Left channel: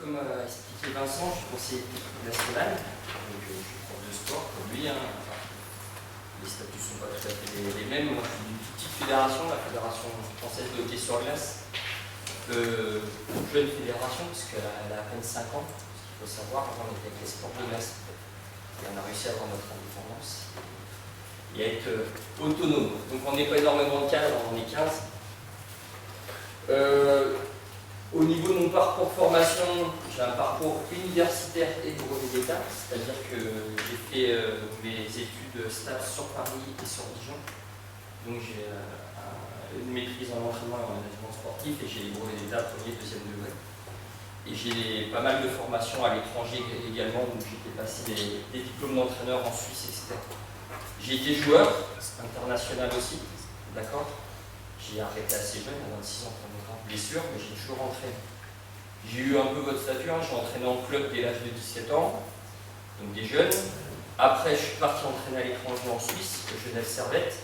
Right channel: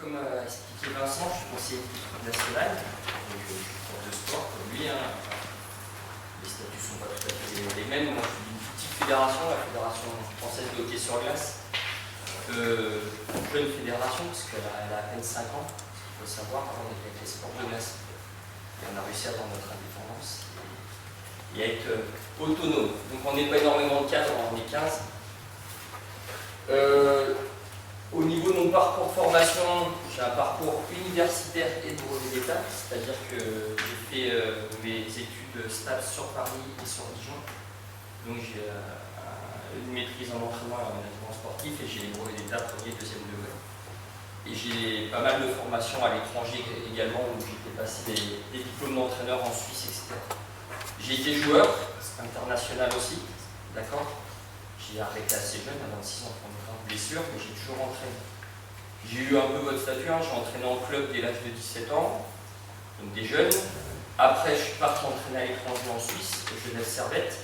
comme a expliqué Vincent, je suis conseiller national, donc je suis prof de sport comme lui. Les statuts ne sont pas tout à fait les mêmes. Moi, je suis d'une petite fédération, la Fédération française de hockey sur glace. Jeune fédération, parce qu'elle a à peine 5 ans. Ce qu'il faut savoir, avant on était avec les sports de glace. Et on a réussi à avoir notre indépendance et à être autonome. Donc on n'est pas énormément de cadres, on est 15. Au niveau de mon parcours de formation, j'ai un parcours universitaire et de brevet d'État, c'est-à-dire que j'ai fait mes études STAPS sur Paris et sur Dijon. Donc j'ai une maîtrise en entraînement et en management sportif et j'ai les brevets d'État premier et deuxième degré. Et j'ai pas mal de formations à l'étranger également, où j'ai fait passer des diplômes d'entraîneur en Suisse, etc. J'ai été joueur international aussi, d'accord. J'ai arrêté assez jeune, à 26 ans, pour une grave blessure, mais j'ai toujours entraîné. J'ai eu un peu votre statut, j'ai entraîné en club dès l'âge de 17 ans, donc des jeunes. Après, je suis parti entraîner à l'étranger en Suisse, au Genève Servette,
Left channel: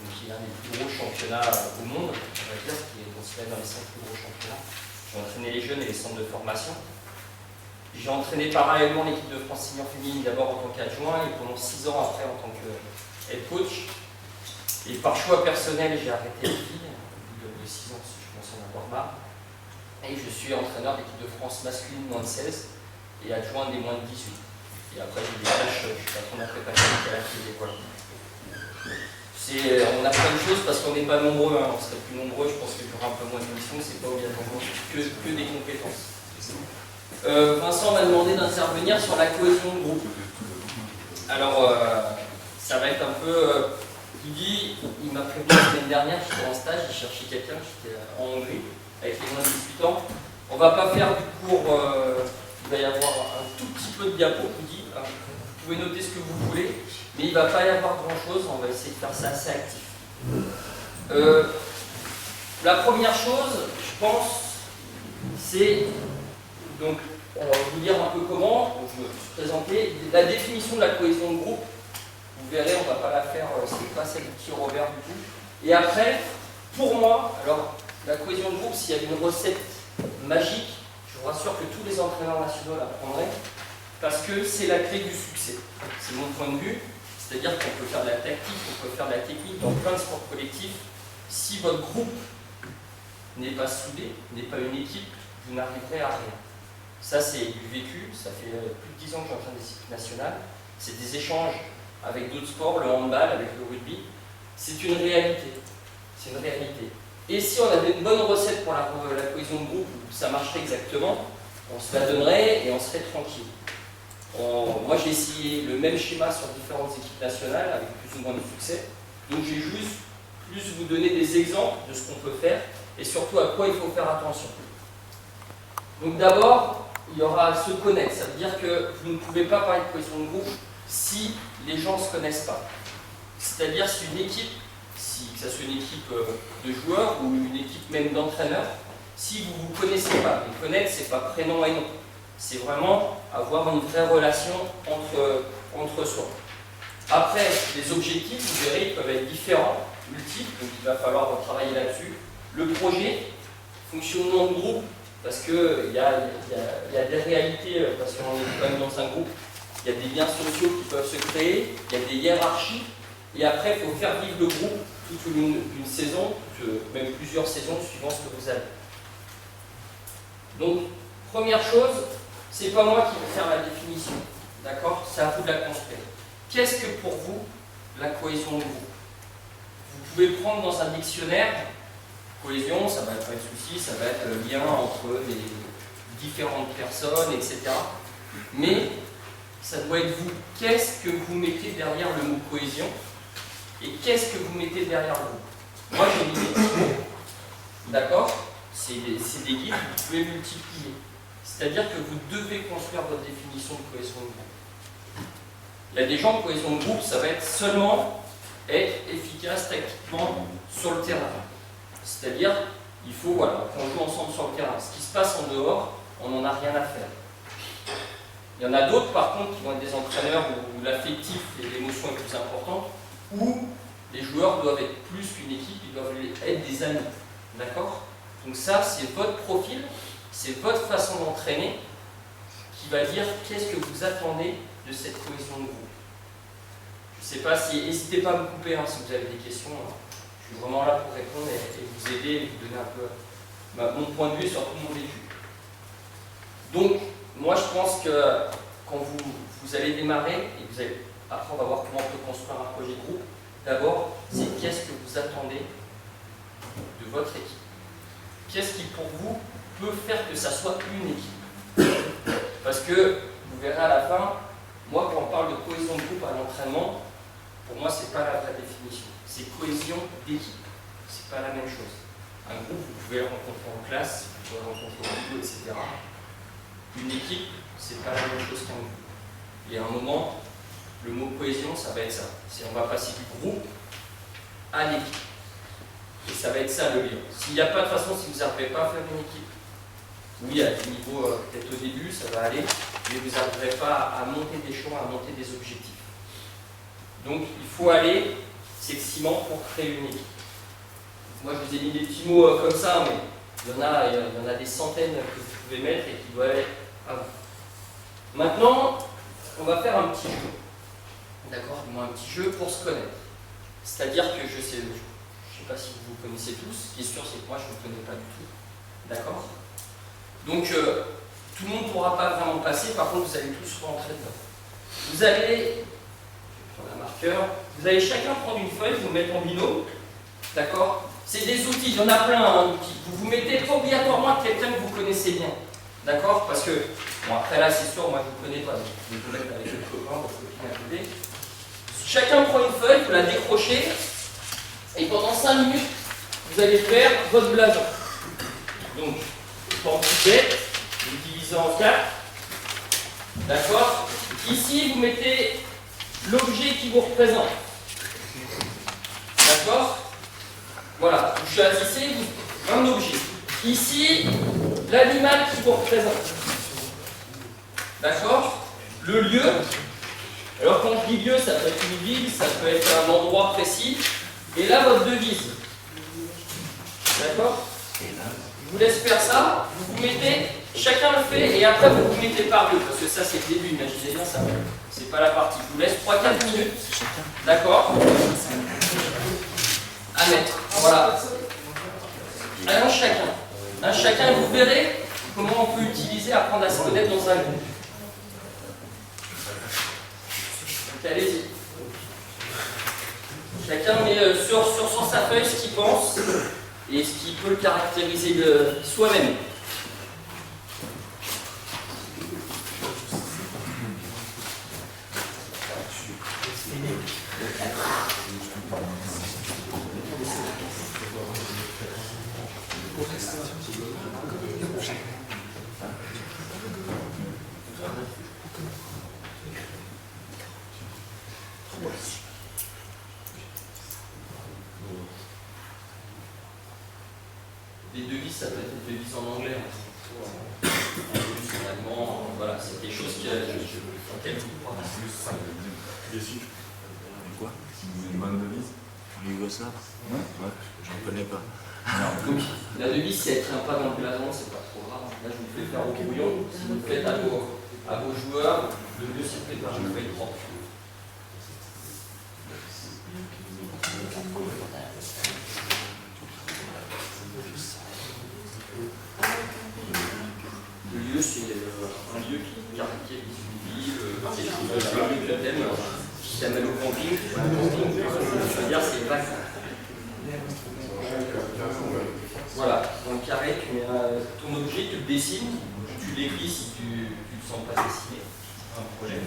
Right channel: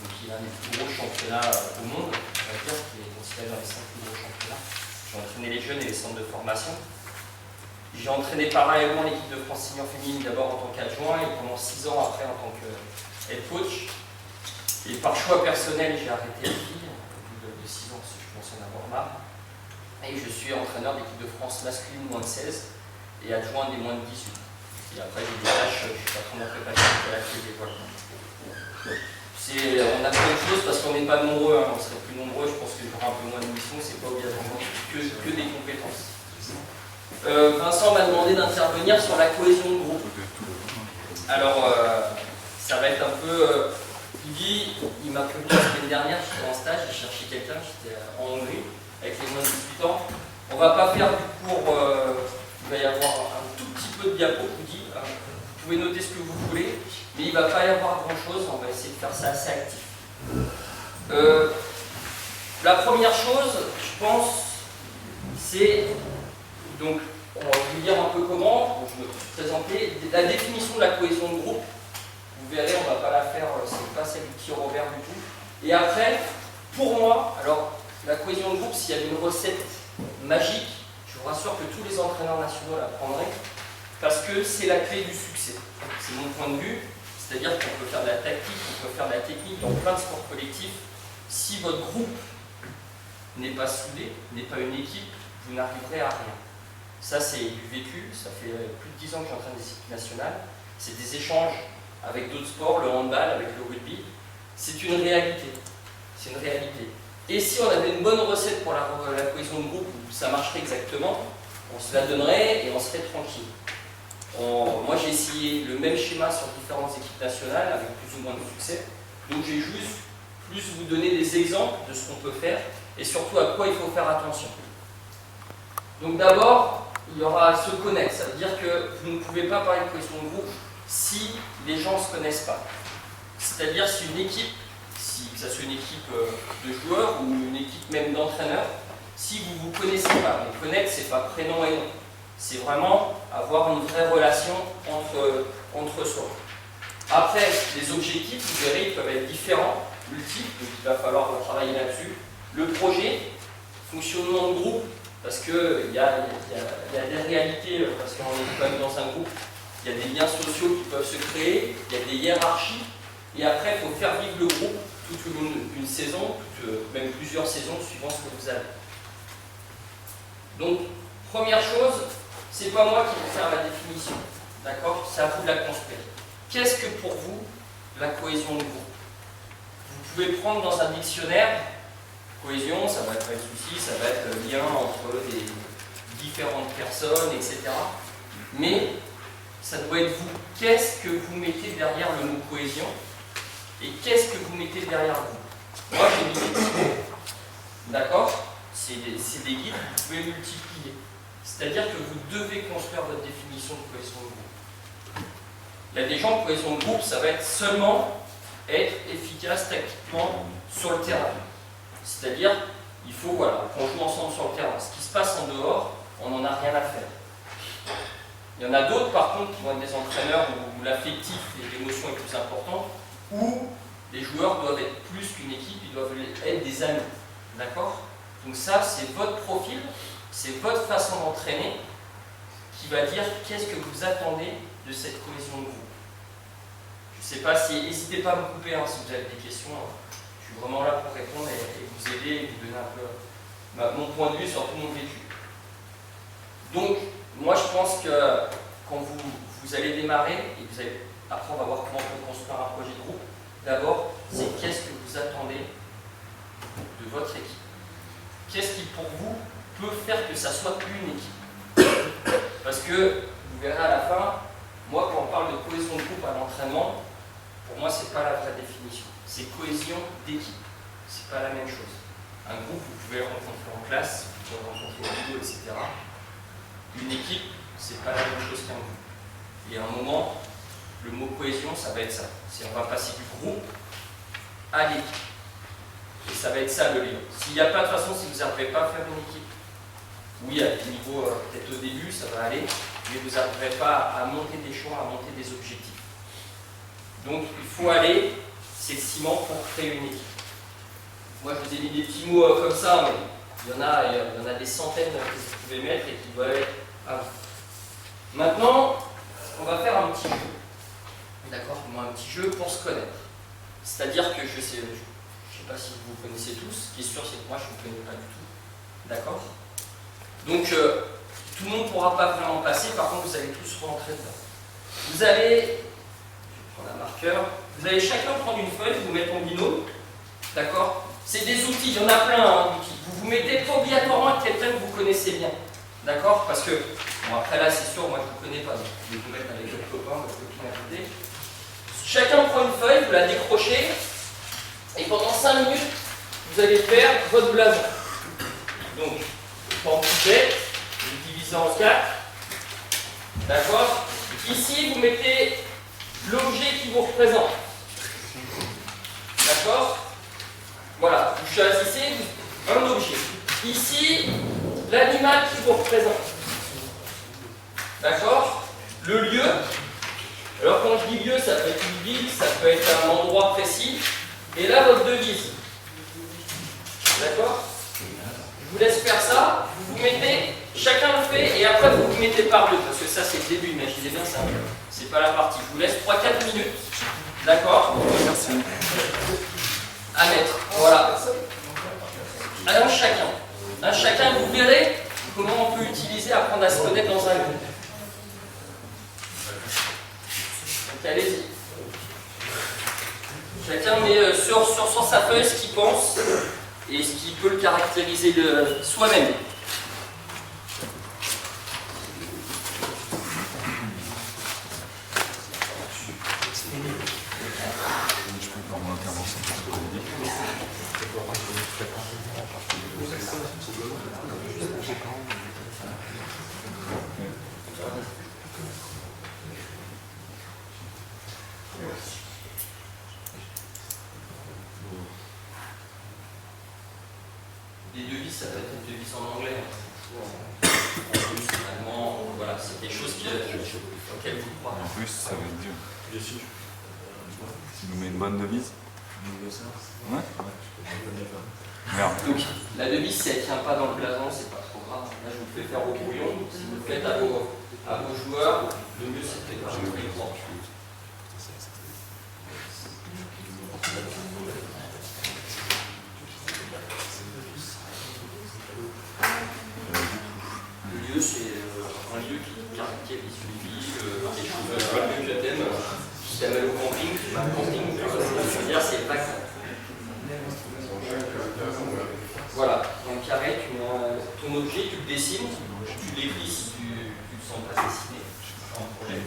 donc qui est l'un des plus gros championnats au monde, on va dire, qui est considéré dans les 5 plus gros championnats. J'ai entraîné les jeunes et les centres de formation. J'ai entraîné parallèlement l'équipe de France senior féminine, d'abord en tant qu'adjoint et pendant 6 ans après en tant que head coach. Et par choix personnel, j'ai arrêté les filles, au bout de 6 ans, parce que je commence à en avoir marre. Et je suis entraîneur d'équipe de France masculine moins de 16 et adjoint des moins de 18. Et après, j'ai des tâches, je suis patron de la prépa physique à la télé, voilà. On a plein de choses parce qu'on n'est pas nombreux, on serait plus nombreux, je pense qu'il y aura un peu moins d'émissions, c'est pas obligatoirement que des compétences. Vincent m'a demandé d'intervenir sur la cohésion de groupe. Alors, ça va être un peu... il m'a prévenu la semaine dernière, j'étais en stage, j'ai cherché quelqu'un, j'étais en Hongrie, avec les moins de 18 ans. On ne va pas faire du cours, il va y avoir un tout petit peu de diapo, je vous dis. Vous pouvez noter ce que vous voulez, mais il ne va pas y avoir grand chose, on va essayer de faire ça assez actif. La première chose, je pense, c'est, donc, on va vous dire un peu comment, je vais vous présenter, la définition de la cohésion de groupe. Vous verrez, on ne va pas la faire, c'est pas celle de petit Robert du tout. Et après, pour moi, alors, la cohésion de groupe, s'il y avait une recette magique, je vous rassure que tous les entraîneurs nationaux la prendraient, parce que c'est la clé du succès. C'est mon point de vue, c'est-à-dire qu'on peut faire de la tactique, on peut faire de la technique dans plein de sports collectifs. Si votre groupe n'est pas soudé, n'est pas une équipe, vous n'arriverez à rien. Ça, c'est du vécu, ça fait plus de 10 ans que j'entraîne des équipes nationales. C'est des échanges avec d'autres sports, le handball, avec le rugby. C'est une réalité. C'est une réalité. Et si on avait une bonne recette pour la cohésion de groupe, où ça marcherait exactement, on se la donnerait et on serait tranquille. Moi, j'ai essayé le même schéma sur différentes équipes nationales, avec plus ou moins de succès. Donc, j'ai juste plus vous donner des exemples de ce qu'on peut faire, et surtout à quoi il faut faire attention. Donc d'abord, il y aura se connaître. Ça veut dire que vous ne pouvez pas parler de cohésion de groupe si les gens ne se connaissent pas. C'est-à-dire si une équipe, que ce soit une équipe de joueurs ou une équipe même d'entraîneurs, si vous ne vous connaissez pas, mais connaître, c'est pas prénom et nom. C'est vraiment avoir une vraie relation entre soi. Après, les objectifs, vous verrez, ils peuvent être différents, multiples, donc il va falloir travailler là-dessus. Le projet, fonctionnement de groupe, parce qu'il y a des réalités, parce qu'on est quand même dans un groupe, il y a des liens sociaux qui peuvent se créer, il y a des hiérarchies, et après, il faut faire vivre le groupe toute une saison, même plusieurs saisons, suivant ce que vous avez. Donc, première chose, c'est pas moi qui vais faire la définition, d'accord? C'est à vous de la construire. Qu'est-ce que pour vous, la cohésion de groupe? Vous pouvez prendre dans un dictionnaire, cohésion, ça va être pas de souci, ça va être lien entre les différentes personnes, etc. Mais ça doit être vous. Qu'est-ce que vous mettez derrière le mot cohésion et qu'est-ce que vous mettez derrière le groupe? Moi, j'ai mis des petits mots, d'accord? C'est des guides, vous pouvez multiplier. C'est-à-dire que vous devez construire votre définition de cohésion de groupe. Il y a des gens, cohésion de groupe, ça va être seulement être efficace tactiquement sur le terrain. C'est-à-dire, il faut qu'on joue ensemble sur le terrain. Ce qui se passe en dehors, on n'en a rien à faire. Il y en a d'autres, par contre, qui vont être des entraîneurs où l'affectif et l'émotion est plus importante, où les joueurs doivent être plus qu'une équipe, ils doivent être des amis. D'accord? Donc ça, c'est votre profil, c'est votre façon d'entraîner, qui va dire qu'est-ce que vous attendez de cette cohésion de groupe. Je ne sais pas si, n'hésitez pas à me couper si vous avez des questions. Je suis vraiment là pour répondre et vous aider et vous donner un peu mon point de vue sur tout mon vécu. Donc, moi je pense que quand vous allez démarrer, et vous allez, après on va voir comment on peut construire un projet de groupe, d'abord, c'est qu'est-ce que vous attendez de votre équipe. Qu'est-ce qui pour vous peut faire que ça soit une équipe. Parce que, vous verrez à la fin, moi quand on parle de cohésion de groupe à l'entraînement, pour moi c'est pas la vraie définition. C'est cohésion d'équipe. C'est pas la même chose. Un groupe, vous pouvez le rencontrer en classe, vous pouvez le rencontrer au boulot, etc. Une équipe, c'est pas la même chose qu'un groupe. Et à un moment, le mot cohésion, ça va être ça. C'est on va passer du groupe à l'équipe. Et ça va être ça le lien. S'il n'y a pas de façon, si vous n'arrivez pas à faire une équipe, oui, à des niveaux, peut-être au début, ça va aller, mais vous n'arriverez pas à monter des choix, à monter des objectifs. Donc, il faut aller, c'est le ciment pour créer une équipe. Moi, je vous ai mis des petits mots comme ça, mais il y en a des centaines que vous pouvez mettre et qui doivent être à vous. Maintenant, on va faire un petit jeu. D'accord, du moins un petit jeu pour se connaître. C'est-à-dire que je sais pas si vous vous connaissez tous. Ce qui est sûr, c'est que moi, je ne vous connais pas du tout. D'accord? Donc, tout le monde ne pourra pas vraiment passer. Par contre, vous allez tous rentrer dedans. Vous allez, je vais prendre un marqueur, vous allez chacun prendre une feuille, vous mettre en binôme. D'accord? C'est des outils, il y en a plein d'outils. Vous mettez pas obligatoirement avec quelqu'un que vous connaissez bien. D'accord? Parce que, bon, après là, c'est sûr, moi je ne vous connais pas. Donc, vous pouvez vous mettre avec votre copain, votre copine à côté. Chacun prend une feuille, vous la décrochez. Et pendant 5 minutes, vous allez faire votre blason. Donc, en petite bête, vous divisez en 4. D'accord? Ici, vous mettez l'objet qui vous représente. D'accord? Voilà, vous choisissez un objet. Ici, l'animal qui vous représente. D'accord? Le lieu. Alors quand je dis lieu, ça peut être une ville, ça peut être un endroit précis. Et là, votre devise. D'accord? Je vous laisse faire ça. Vous vous mettez, chacun le fait, et après vous vous mettez par deux. Parce que ça, c'est le début, imaginez bien ça. C'est pas la partie. Je vous laisse 3-4 minutes. D'accord? À mettre. Voilà. Alors chacun. Un chacun, vous verrez comment on peut utiliser, apprendre à se connaître dans un groupe. Donc allez-y. Chacun met sur sa feuille ce qu'il pense et ce qui peut le caractériser soi-même. Les devises, ça peut être des devises en anglais, en russe, en allemand, voilà, c'est quelque chose auquel vous croyez. En plus, si nous met une bonne devise, nous voit ça. Ouais, je ne connais pas. Merde. Donc la devise, si elle ne tient pas dans le blason, c'est pas trop grave. Là, je vous le fais faire au brouillon. Si vous le faites à vos joueurs, le mieux c'est de préparer une feuille propre. Le lieu, c'est un lieu qui caractérise une ville, quelque chose que tu t'aimes, si tu aimes au camping, je veux dire, c'est le vague. Voilà, dans le carré, tu mets ton objet, tu le dessines, tu l'écris si tu ne te sens pas dessiner. Pas un problème.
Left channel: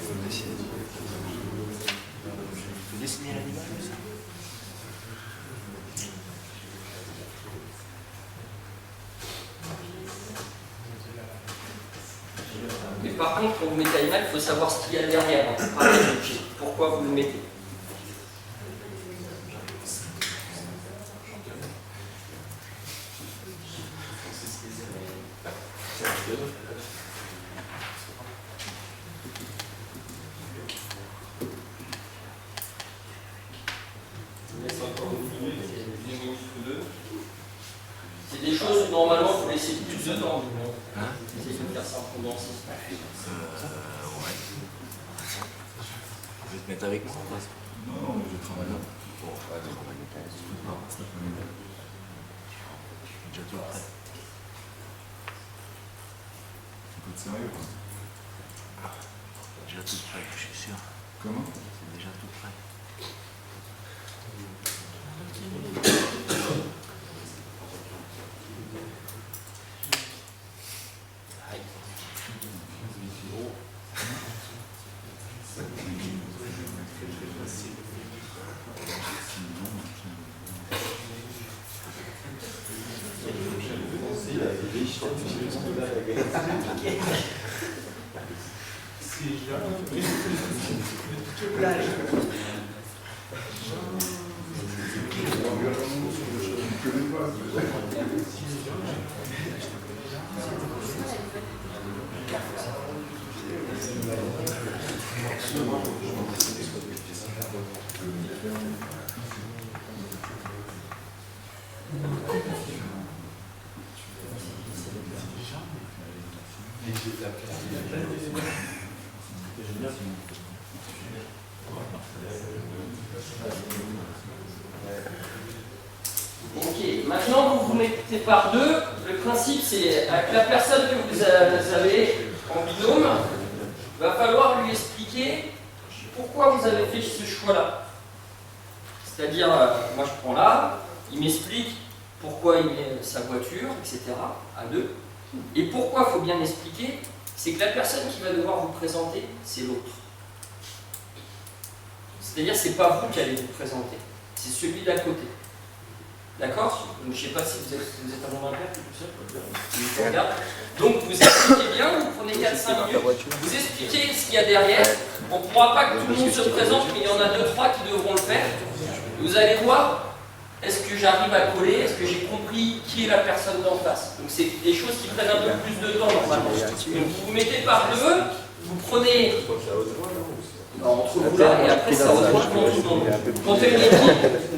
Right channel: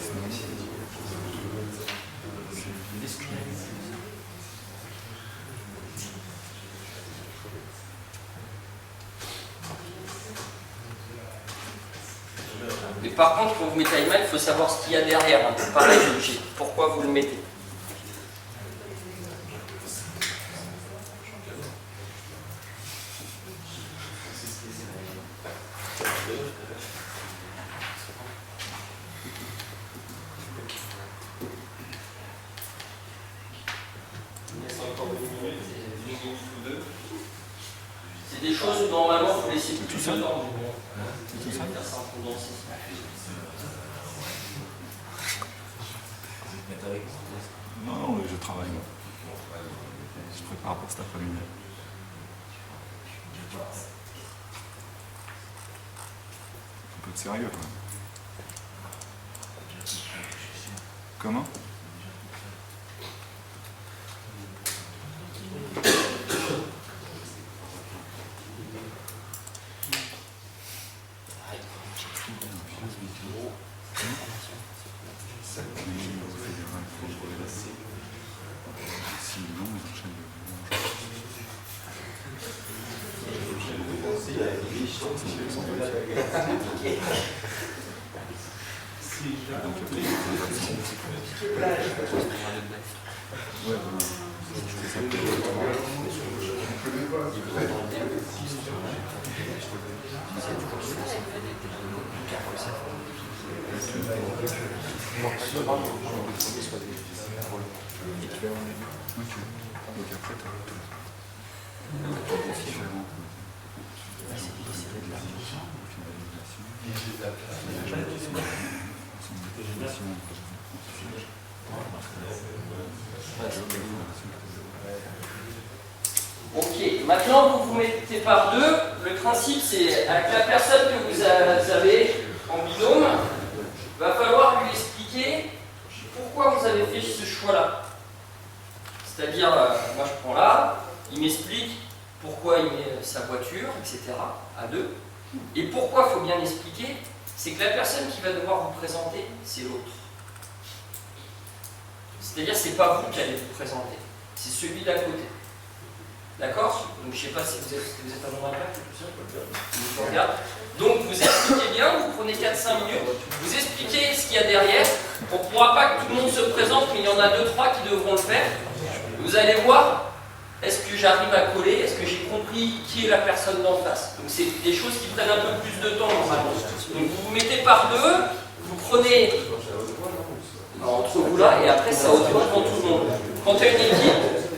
Mais par contre, quand vous mettez animal, il faut savoir ce qu'il y a derrière. Pareil, l'objet. Pourquoi vous le mettez? C'est des choses où normalement vous laissez plus de temps. Je vais faire ça en condensé. Vous êtes mettre avec moi? Non, je travaille. Je fais par rapport à cet après-midi. Déjà tout prêt. Un peu de sérieux quand même. Déjà tout prêt, je suis sûr. Comment? Déjà tout prêt. Ok, maintenant vous vous mettez par deux. Le principe c'est avec la personne que vous avez en binôme, il va falloir lui expliquer pourquoi vous avez fait ce choix-là. C'est-à-dire, moi je prends là, il m'explique pourquoi il met sa voiture, etc. à deux. Et pourquoi il faut bien expliquer, c'est que la personne qui va devoir vous présenter, c'est l'autre. C'est-à-dire, c'est pas vous qui allez vous présenter, c'est celui d'à côté. D'accord? Donc je ne sais pas si vous êtes un nombre impair, tout seul. Donc vous expliquez bien, vous prenez 4-5 minutes, vous expliquez ce qu'il y a derrière. On ne pourra pas que tout le monde se présente, mais il y en a 2-3 qui devront le faire. Vous allez voir, est-ce que j'arrive à coller? Est-ce que j'ai compris qui est la personne d'en face? Donc c'est des choses qui prennent un peu plus de temps normalement. Donc vous vous mettez par deux, vous prenez entre vous là, et après ça haute voix devant tout le monde. Quand tu as une équipe,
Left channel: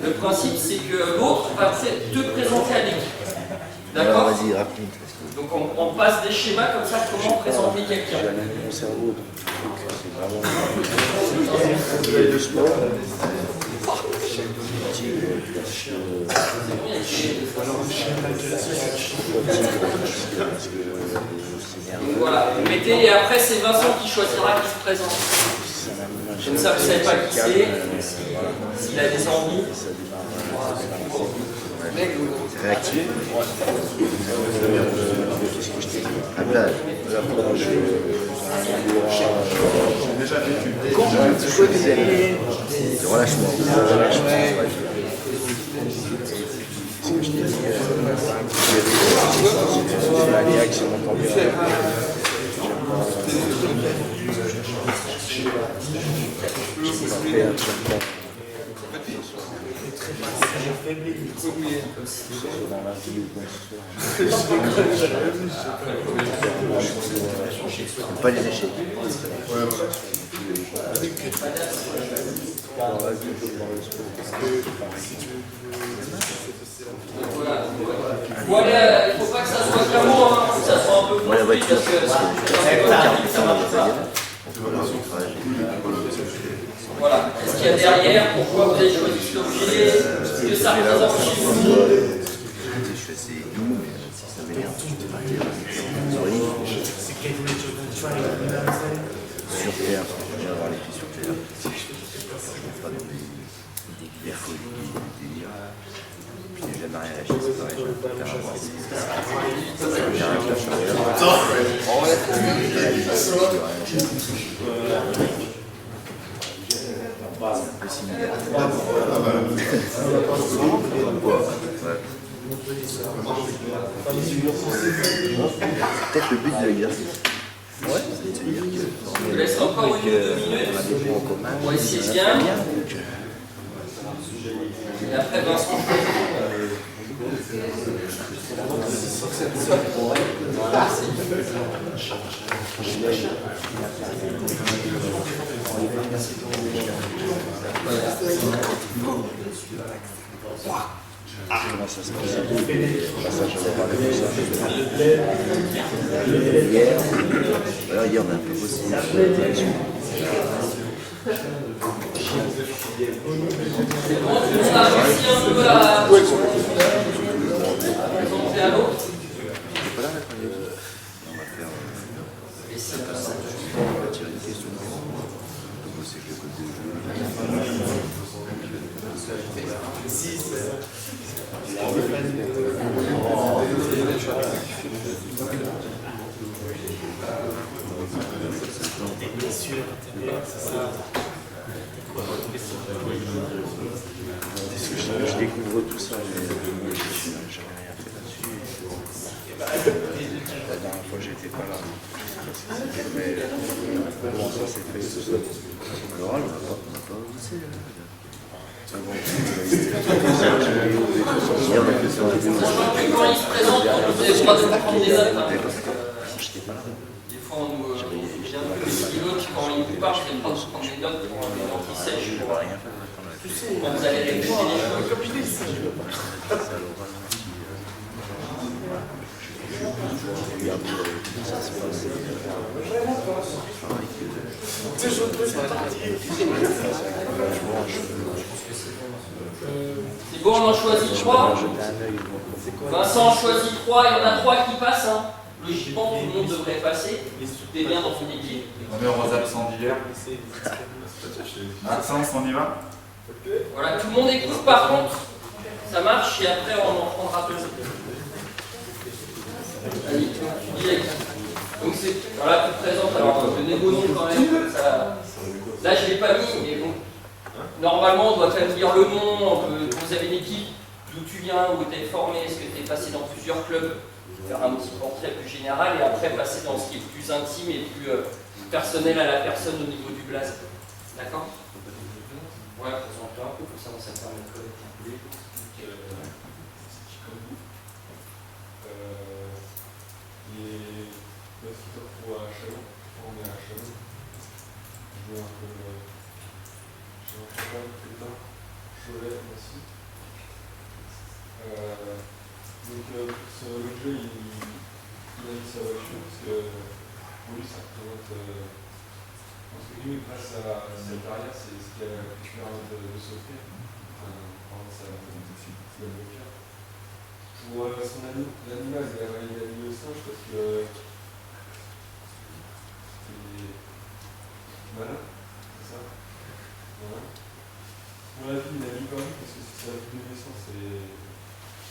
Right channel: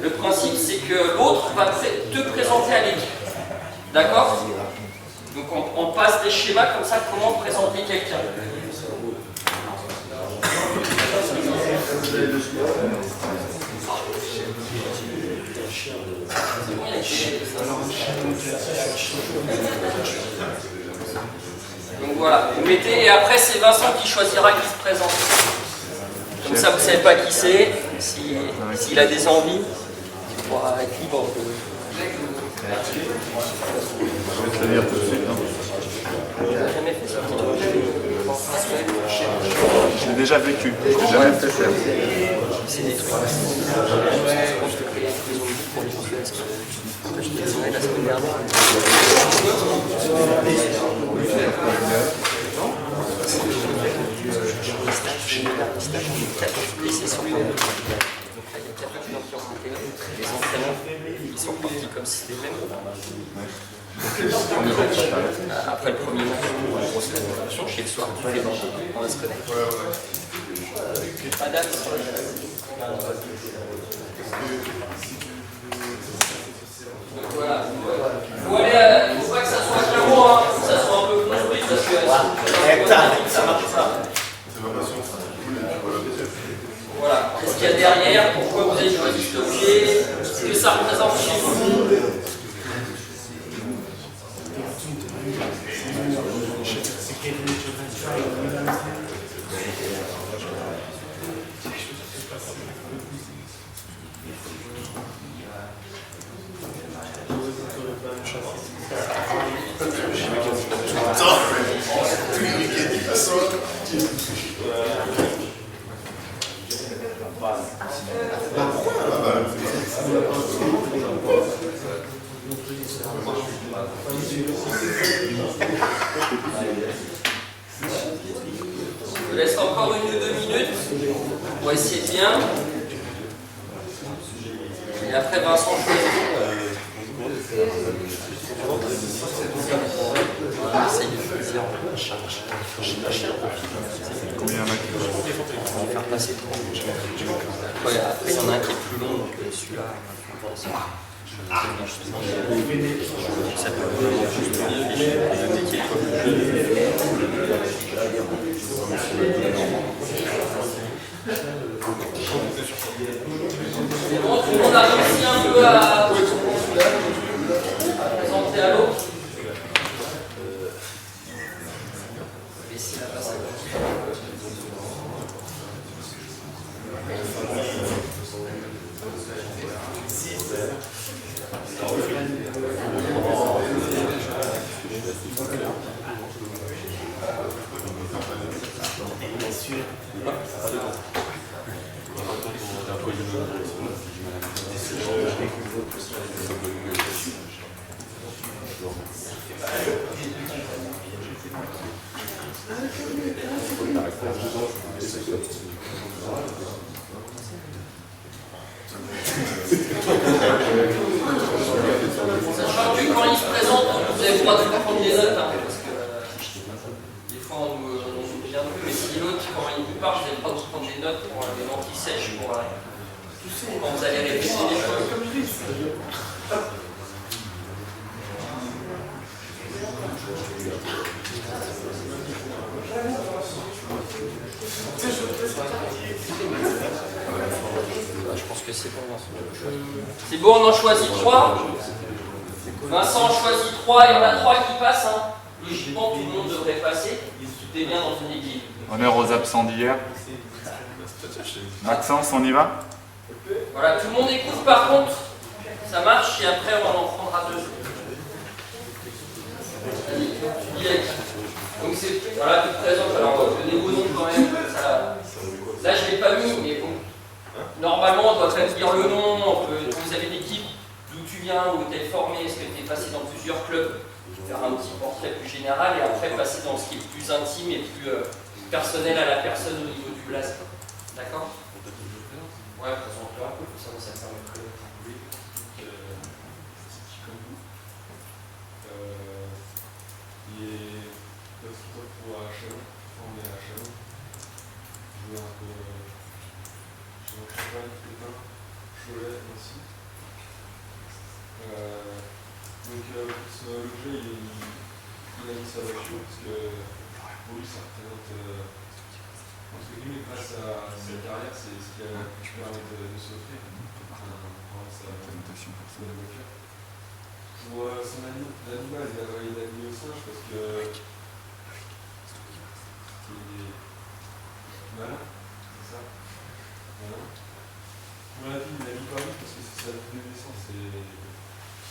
le principe c'est que l'autre va te présenter à l'équipe. D'accord? Donc on passe des schémas comme ça, comment présenter quelqu'un. Donc voilà, vous mettez, et après c'est Vincent qui choisira qui se présente. Comme ça vous ne savez pas qui c'est, s'il a des envies. J'ai déjà vécu. Après le premier jour, chez le soir, on peut pas les déchirer. Madame, donc voilà, il ne faut pas que ça soit carreau, hein, que ça soit un peu construit parce que ça marche pas. Voilà, qu'est-ce qu'il y a derrière? Pourquoi vous avez choisi cet objet? Ce que ça représente chez vous? Je vous laisse encore 1 ou 2 minutes. On va essayer bien. Et après Vincent. Voilà, c'est C'est bon, tout le monde a réussi un peu à présenter à l'autre. Sachant que quand il se présente, vous avez le droit de prendre des notes, hein, parce que des fois on nous oublie un peu, mais si l'autre, quand il vous parle, vous avez le droit de prendre des notes pour les dents qui sèchent, pour quand vous allez répéter les choses. C'est bon, on en choisit 3. Vincent en choisit 3, il y en a 3 qui passent. Hein. Logiquement, tout le monde devrait passer. Tout est bien dans une équipe. Honneur aux absents d'hier. Maxence, on y va? Voilà, tout le monde écoute par contre. Ça marche et après on en prendra 2. Allez, tu dis donc c'est, voilà, tu te présentes. Alors, donnez vos noms quand même. Ça, là, je ne l'ai pas mis, mais bon. Normalement, on doit quand même dire le nom. Vous avez une équipe, d'où tu viens, où tu es formé, est-ce que tu es passé dans plusieurs clubs, faire un petit portrait plus général et après passer dans ce qui est plus intime et plus personnel à la personne au niveau du blaze. D'accord? Ouais, présente-toi un peu, pour ça me permet de connaître un peu. Comme vous. Et lorsqu'il pour Chalon, on est à Chalon. Je jouais un peu. J'ai un champagne, Pépin, Cholet aussi. Donc le jeu, il a mis sa voiture parce que pour lui, ça représente. Entre guillemets, grâce à sa carrière, c'est ce qui a pu permettre de s'offrir. Sa voiture. Pour son l'animal, il a mis le singe parce que c'est malin, c'est ça. Voilà. Pour la vie, il a mis Paris parce que c'est sa vie de naissance et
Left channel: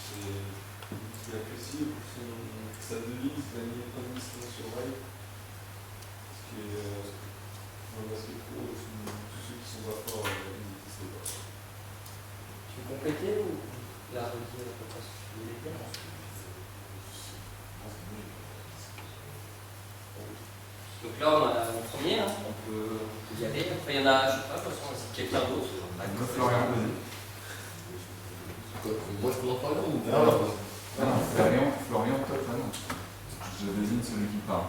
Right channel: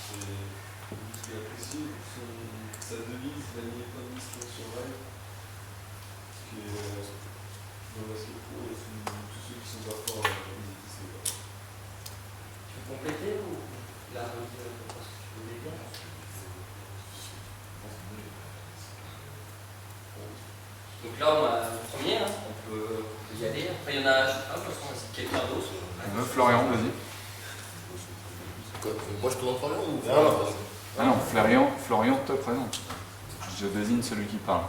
ce qu'il apprécie. Pour sa devise, il a mis Administration Survive. Parce que dans le basket pro, tous ceux qui sont pas forts, ils n'existent pas. Tu veux compléter ou la redire ce que tu voulais dire? Donc là, on a le premier, hein. On peut y aller. Après, il y en a, je sais pas, de toute façon, c'est quelqu'un d'autre. Florian, vas-y. Moi je présente Florian ou Ah non, Florian te présente. Je désigne celui qui parle.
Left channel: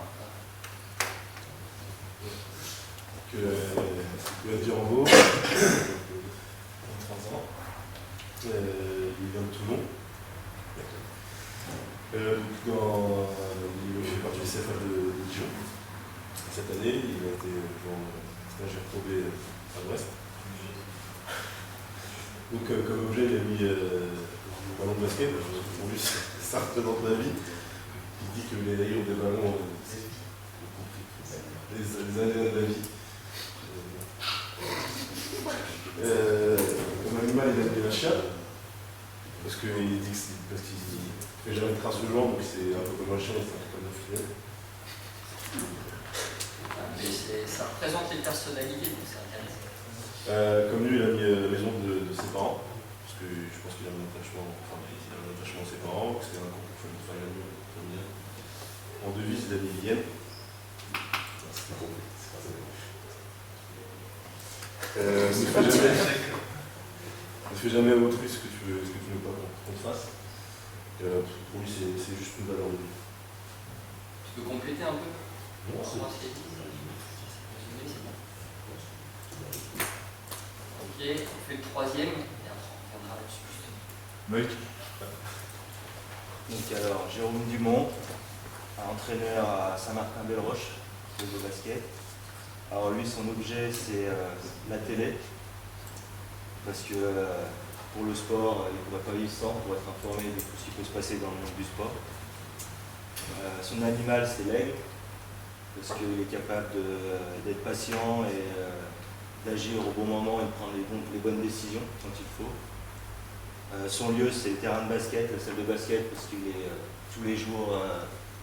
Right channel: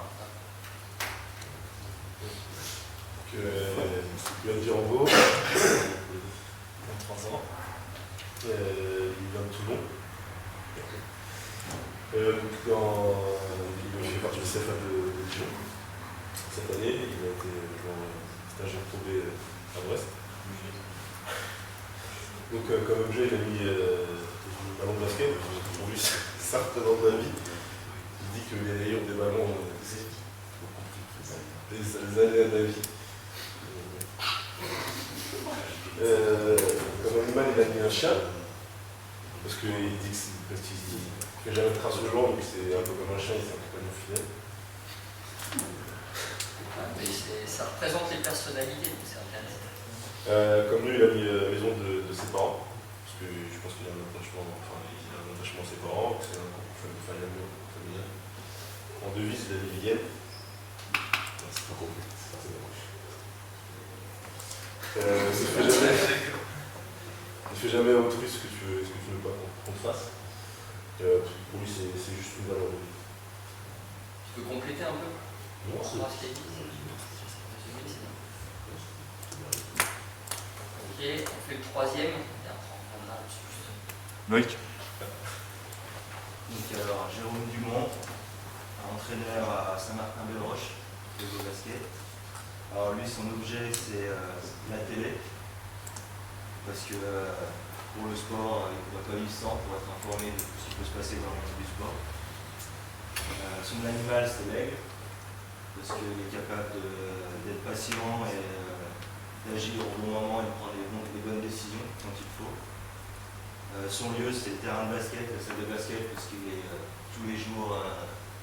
Yann Girambeau, 23 ans, il vient de Toulon. Il fait partie du CFA de Dijon. Cette année, il a été stagiaire probé à Brest. Donc comme objet, il a mis le ballon de basket. Pour lui, ça représente la vie. Il dit que les rayons des ballons, c'est les aléas de la vie. Comme animal, il a mis un chien. Parce qu'il dit que parce qu'il fait jamais de trace au genre, donc c'est un peu comme un chien, il est un compagnon fidèle. Mais ça représente les personnalités, donc c'est intéressant. Comme lui, il a mis la maison de ses parents, parce que je pense qu'il a un attachement, à ses parents, que c'est un couple familial. En devise, il a mis Vienne. C'est pas compliqué. Ne fais jamais à autrui ce que tu veux pas qu'on te fasse. Pour lui, c'est juste une valeur de vie. Tu peux compléter un peu? Non, c'est résumé, c'est bien. Ok, on fait le troisième, et après on reviendra là-dessus. Loïc. Donc alors, Jérôme Dumont, entraîneur à Saint-Martin-Belle-Roche, de Beau Basket. Alors lui, son objet, c'est la télé, parce que pour le sport, il ne pourrait pas vivre sans, pour être informé de tout ce qui peut se passer dans le monde du sport. Son animal, c'est l'aigle, parce qu'il est capable d'être patient et d'agir au bon moment et de prendre les bonnes décisions quand il faut. Son lieu, c'est le terrain de basket, la salle de basket, parce qu'il est tous les jours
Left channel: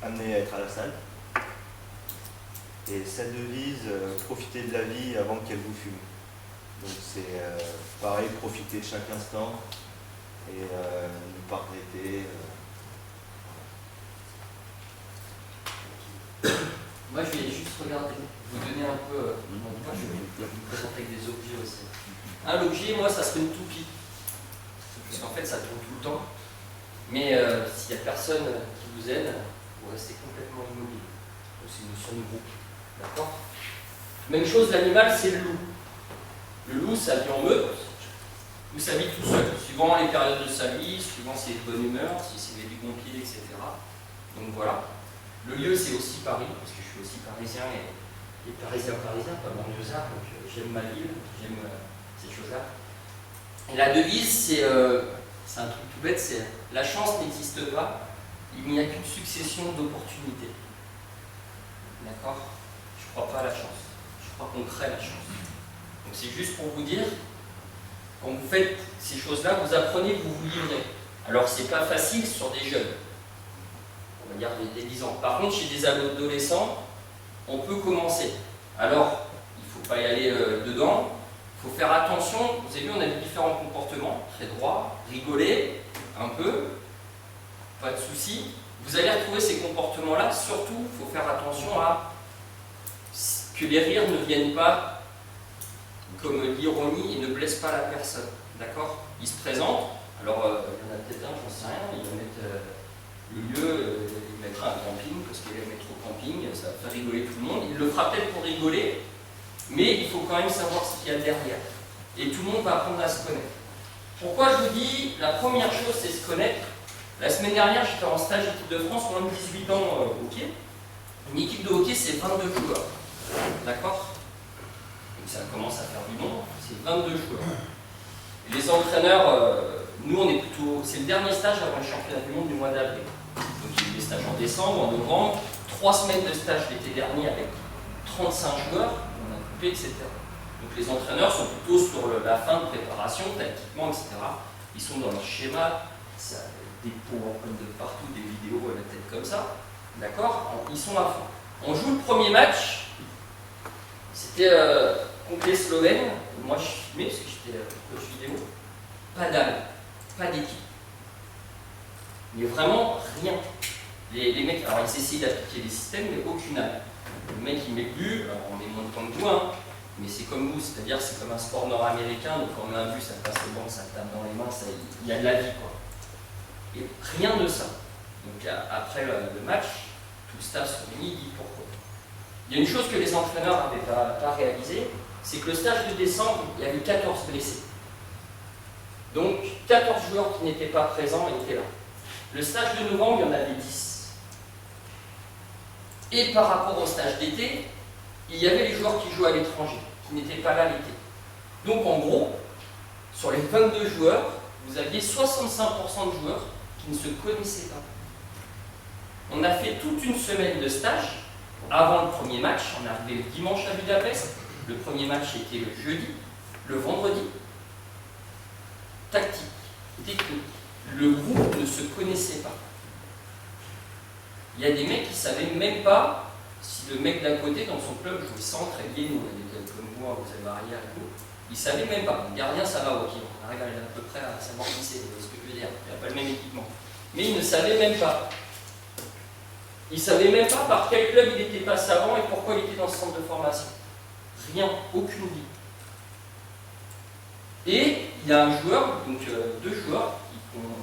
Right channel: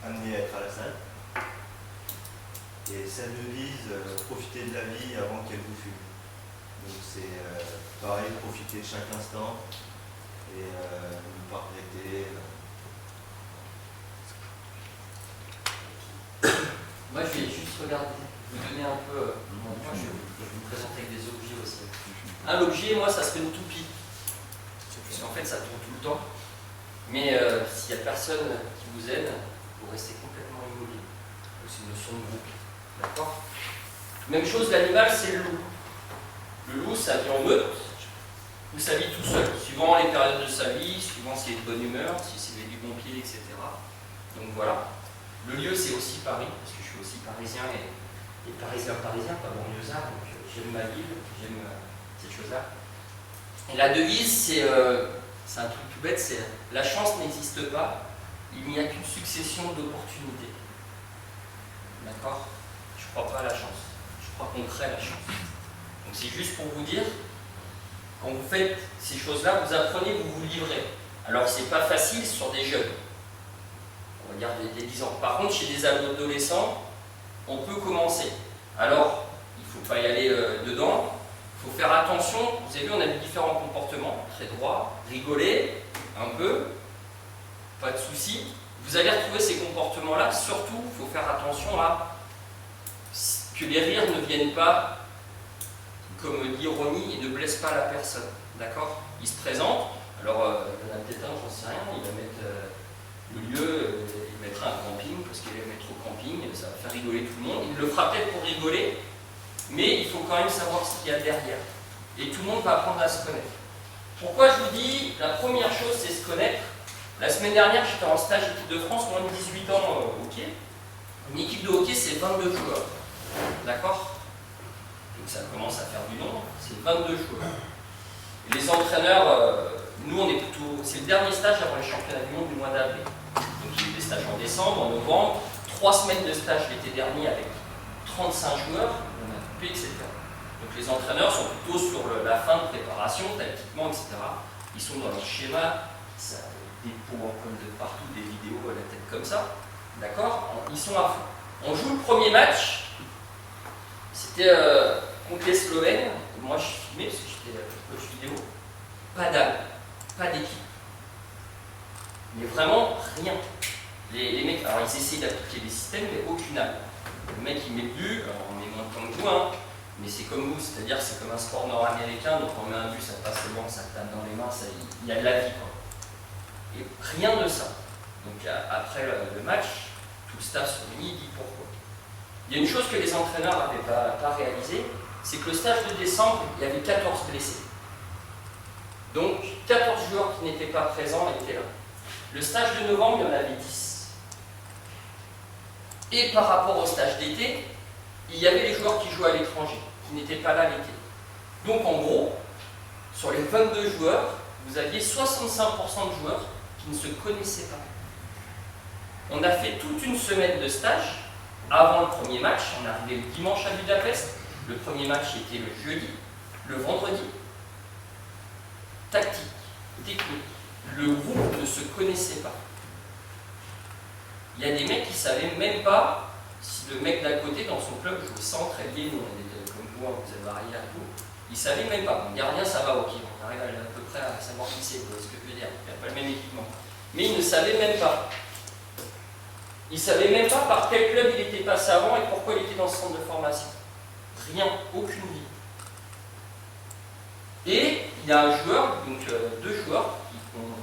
amené à être à la salle. Et sa devise, profiter de la vie avant qu'elle vous fume. Donc c'est pareil, profiter de chaque instant et ne pas regretter. Moi, je vais juste regarder, vous donner un peu. Moi, je vais vous présenter avec des objets aussi. L'objet, moi, ça serait une toupie. Parce qu'en fait, ça tourne tout le temps. Mais s'il n'y a personne qui vous aide, vous restez complètement immobile. C'est une notion de groupe. D'accord? Même chose, l'animal, c'est le loup. Le loup, ça vit en meute ou ça vit tout seul, suivant les périodes de sa vie, suivant s'il est de bonne humeur, s'il est du bon pied, etc. Donc voilà. Le lieu, c'est aussi Paris, parce que je suis aussi parisien et parisien, pas banlieusard, donc j'aime ma ville, j'aime cette chose-là. Et la devise, c'est un truc tout bête, c'est la chance n'existe pas, il n'y a qu'une succession d'opportunités. D'accord? Je ne crois pas à la chance, je crois qu'on crée la chance. Donc c'est juste pour vous dire, quand vous faites ces choses-là, vous apprenez, vous vous livrez. Alors c'est pas facile sur des jeunes, on va dire des 10 ans. Par contre, chez des adolescents, on peut commencer. Alors, il ne faut pas y aller dedans, il faut faire attention. Vous avez vu, on a vu différents comportements, très droit, rigoler un peu, pas de souci. Vous allez retrouver ces comportements-là, surtout, il faut faire attention à que les rires ne viennent pas comme l'ironie et ne blessent pas la personne. D'accord? Il se présente, alors il y en a peut-être un, j'en sais rien, il va mettre le lieu, il mettra un camping, parce qu'il va mettre au camping, ça va faire rigoler tout le monde. Il le fera peut-être pour rigoler, mais il faut quand même savoir ce qu'il y a derrière. Et tout le monde va apprendre à se connaître. Pourquoi je vous dis, la première chose, c'est se connaître. La semaine dernière, j'étais en stage équipe de France, moins de 18 ans hockey. Une équipe de hockey, c'est 22 joueurs. D'accord? Donc ça commence à faire du nombre, c'est 22 joueurs. Et les entraîneurs, nous on est plutôt... C'est le dernier stage avant les championnats du monde du mois d'avril. Donc il y a eu des stages en décembre, en novembre, 3 semaines de stage l'été dernier avec 35 joueurs, on a coupé, etc. Donc les entraîneurs sont plutôt sur la fin de préparation, tactiquement, etc. Ils sont dans leur schéma, ça, des PowerPoint de partout, des vidéos à la tête comme ça. D'accord? Ils sont à fond. On joue le premier match, c'était contre les Slovènes. Moi je filmais parce que j'étais coach vidéo. Pas d'âme, pas d'équipe. Mais vraiment rien. Les mecs, alors ils essayent d'appliquer des systèmes, mais aucune âme. Le mec il met le but, alors on met moins de points que vous, hein, mais c'est comme vous, c'est-à-dire c'est comme un sport nord-américain, donc quand on met un but, ça passe au banc, ça tape dans les mains, il y a de la vie quoi. Et rien de ça. Donc après le match, tout le staff se réunit, il dit pourquoi. Il y a une chose que les entraîneurs n'avaient pas réalisé, c'est que le stage de décembre, il y avait 14 blessés. Donc 14 joueurs qui n'étaient pas présents étaient là. Le stage de novembre, il y en avait 10. Et par rapport au stage d'été, il y avait les joueurs qui jouaient à l'étranger, qui n'étaient pas là l'été. Donc en gros, sur les 22 joueurs, vous aviez 65% de joueurs qui ne se connaissaient pas. On a fait toute une semaine de stage avant le premier match. On est arrivé le dimanche à Budapest. Le premier match était le jeudi. Le vendredi, tactique, technique. Le groupe ne se connaissait pas. Il y a des mecs qui ne savaient même pas si le mec d'à côté dans son club jouait centre, ailier, nous on a des tels comme vous, vous avez arrière et tout. Ils ne savaient même pas. Le gardien, ça va, ok, on arrive à peu près à savoir qui c'est, vous voyez ce que je veux dire. Il n'y a pas le même équipement. Mais ils ne savaient même pas. Ils ne savaient même pas par quel club il était passé avant et pourquoi il était dans ce centre de formation. Rien, aucune vie. Et il y a un joueur, donc 2 joueurs, qui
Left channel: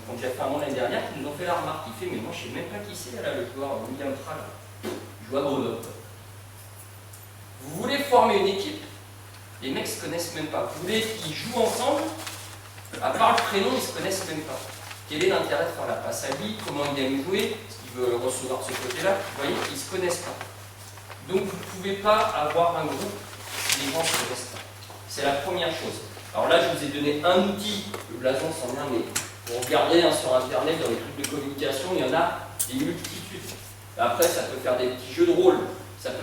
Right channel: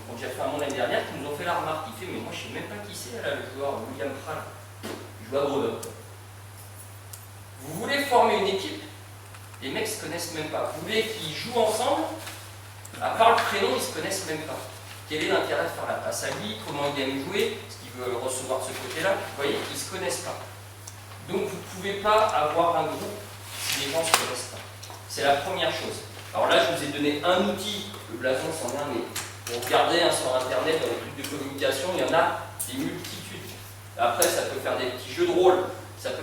ont déjà fait un an l'année dernière, qui nous ont fait la remarque. Il fait, mais moi je ne sais même pas qui c'est, là, le joueur William Pral. Il joue à Grenoble. Vous voulez former une équipe, les mecs ne se connaissent même pas. Vous voulez qu'ils jouent ensemble, à part le prénom, ils ne se connaissent même pas. Quel est l'intérêt de faire la passe à lui? Comment il aime jouer? Est-ce qu'il veut recevoir de ce côté-là? Vous voyez, ils ne se connaissent pas. Donc vous ne pouvez pas avoir un groupe si les gens ne se connaissent pas. C'est la première chose. Alors là, je vous ai donné un outil, le blason c'en est un, mais vous regardez sur Internet, dans les trucs de communication, il y en a des multitudes. Après, ça peut faire des petits jeux de rôle,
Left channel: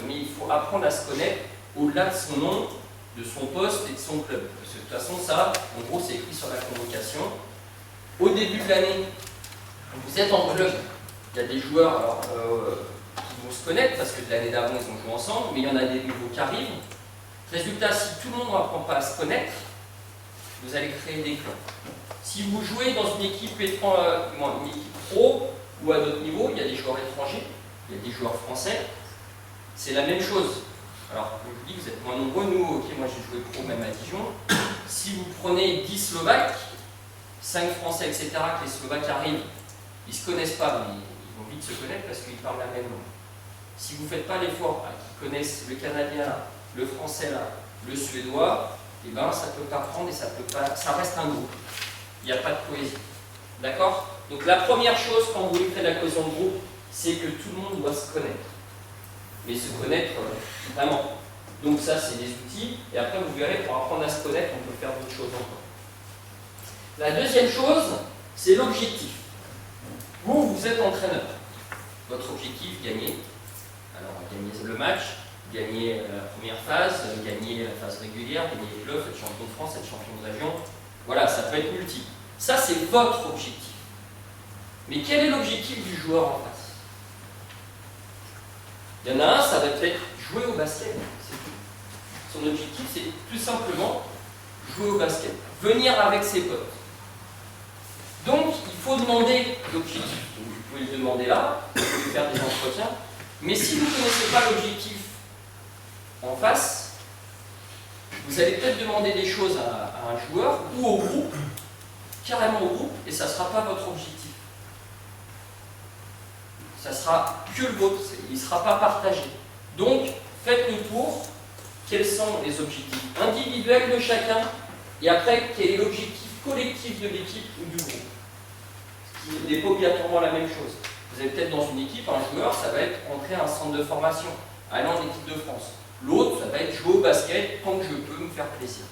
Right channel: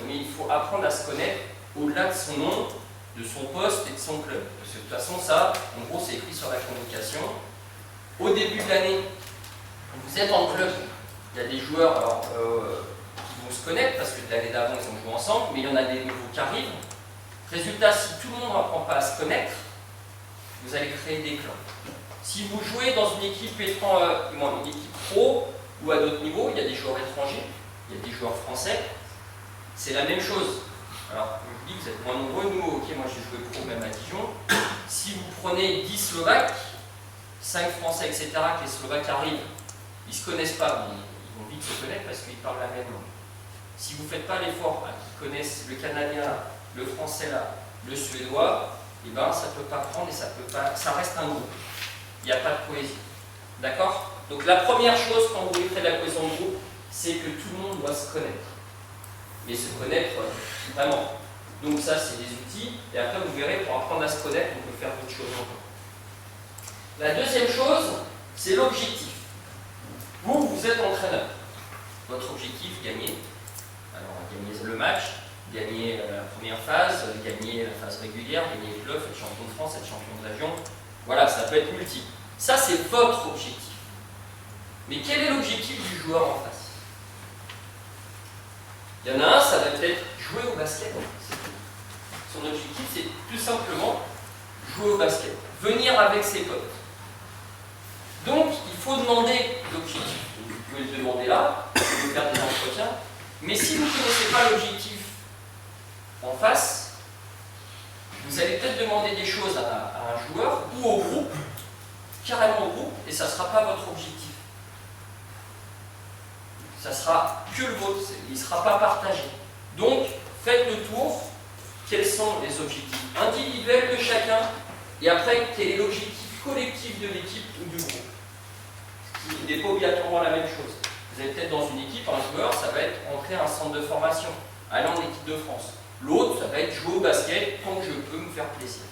mais il faut apprendre à se connaître au-delà de son nom, de son poste et de son club. Parce que de toute façon, ça, en gros, c'est écrit sur la convocation. Au début de l'année, vous êtes en club, il y a des joueurs alors, qui vont se connaître, parce que de l'année d'avant, ils ont joué ensemble, mais il y en a des nouveaux qui arrivent. Résultat, si tout le monde n'apprend pas à se connaître, vous allez créer des clans. Si vous jouez dans une équipe pro ou à d'autres niveaux, il y a des joueurs étrangers, il y a des joueurs français, c'est la même chose. Alors, comme je vous dis, vous êtes moins nombreux, nous, ok, moi j'ai joué pro même à Dijon. Si vous prenez 10 Slovaques, 5 Français, etc., que les Slovaques arrivent, ils ne se connaissent pas, mais ils vont vite se connaître parce qu'ils parlent la même langue. Si vous ne faites pas l'effort à qu'ils connaissent le Canadien là, le Français là, le Suédois, eh ben, ça ne peut pas prendre et ça reste un groupe. Il n'y a pas de cohésion. D'accord? Donc la première chose quand vous voulez créer de la cohésion de groupe, c'est que tout le monde doit se connaître. Mais se connaître vraiment. Donc ça, c'est des outils. Et après, vous verrez, pour apprendre à se connaître, on peut faire d'autres choses encore. La deuxième chose, c'est l'objectif. Vous êtes entraîneur. Votre objectif, gagner. Alors, gagner le match, gagner la première phase, gagner la phase régulière, gagner les playoffs, être champion de France, être champion de région. Voilà, ça peut être multiple. Ça, c'est votre objectif. Mais quel est l'objectif du joueur en face? Il y en a un, ça va peut-être jouer au basket. C'est tout. Son objectif, c'est tout simplement jouer au basket. Venir avec ses potes. Donc, il faut demander l'objectif. Vous pouvez le demander là, vous pouvez faire des entretiens. Mais si vous ne connaissez pas l'objectif en face, vous allez peut-être demander des choses à un joueur ou au groupe, carrément au groupe, et ça ne sera pas votre objectif. Ça sera que le vôtre, il ne sera pas partagé. Donc, faites le tour, quels sont les objectifs individuels de chacun, et après, quel est l'objectif collectif de l'équipe ou du groupe. Ce qui n'est pas obligatoirement la même chose. Vous êtes peut-être dans une équipe, un joueur, ça va être entrer à un centre de formation, aller en équipe de France. L'autre, ça va être jouer au basket tant que je peux me faire plaisir.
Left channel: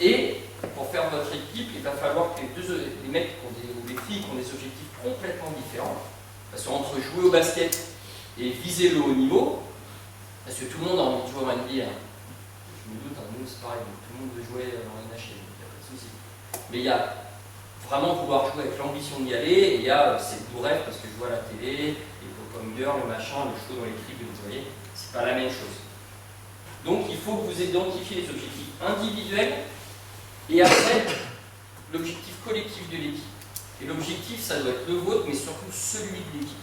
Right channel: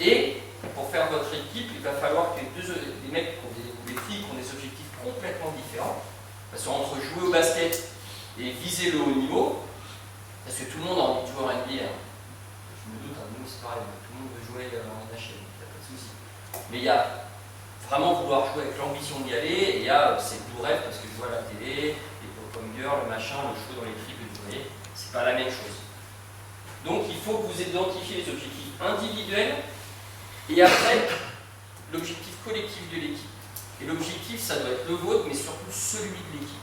Et pour faire votre équipe, il va falloir que les mecs ou les filles qui ont des objectifs complètement différents, parce qu'entre jouer au basket et viser le haut niveau, parce que tout le monde a envie de jouer en NBA, hein. Je me doute, hein, nous c'est pareil, tout le monde veut jouer en NHL, donc il n'y a pas de souci. Mais il y a vraiment vouloir jouer avec l'ambition d'y aller, et il y a ces doux rêves, parce que je vois à la télé, les pop-up girls, le machin, le show dans les tribunes, vous voyez, c'est pas la même chose. Donc il faut que vous identifiez les objectifs individuels, et après, l'objectif collectif de l'équipe. Et l'objectif, ça doit être le vôtre, mais surtout celui de l'équipe.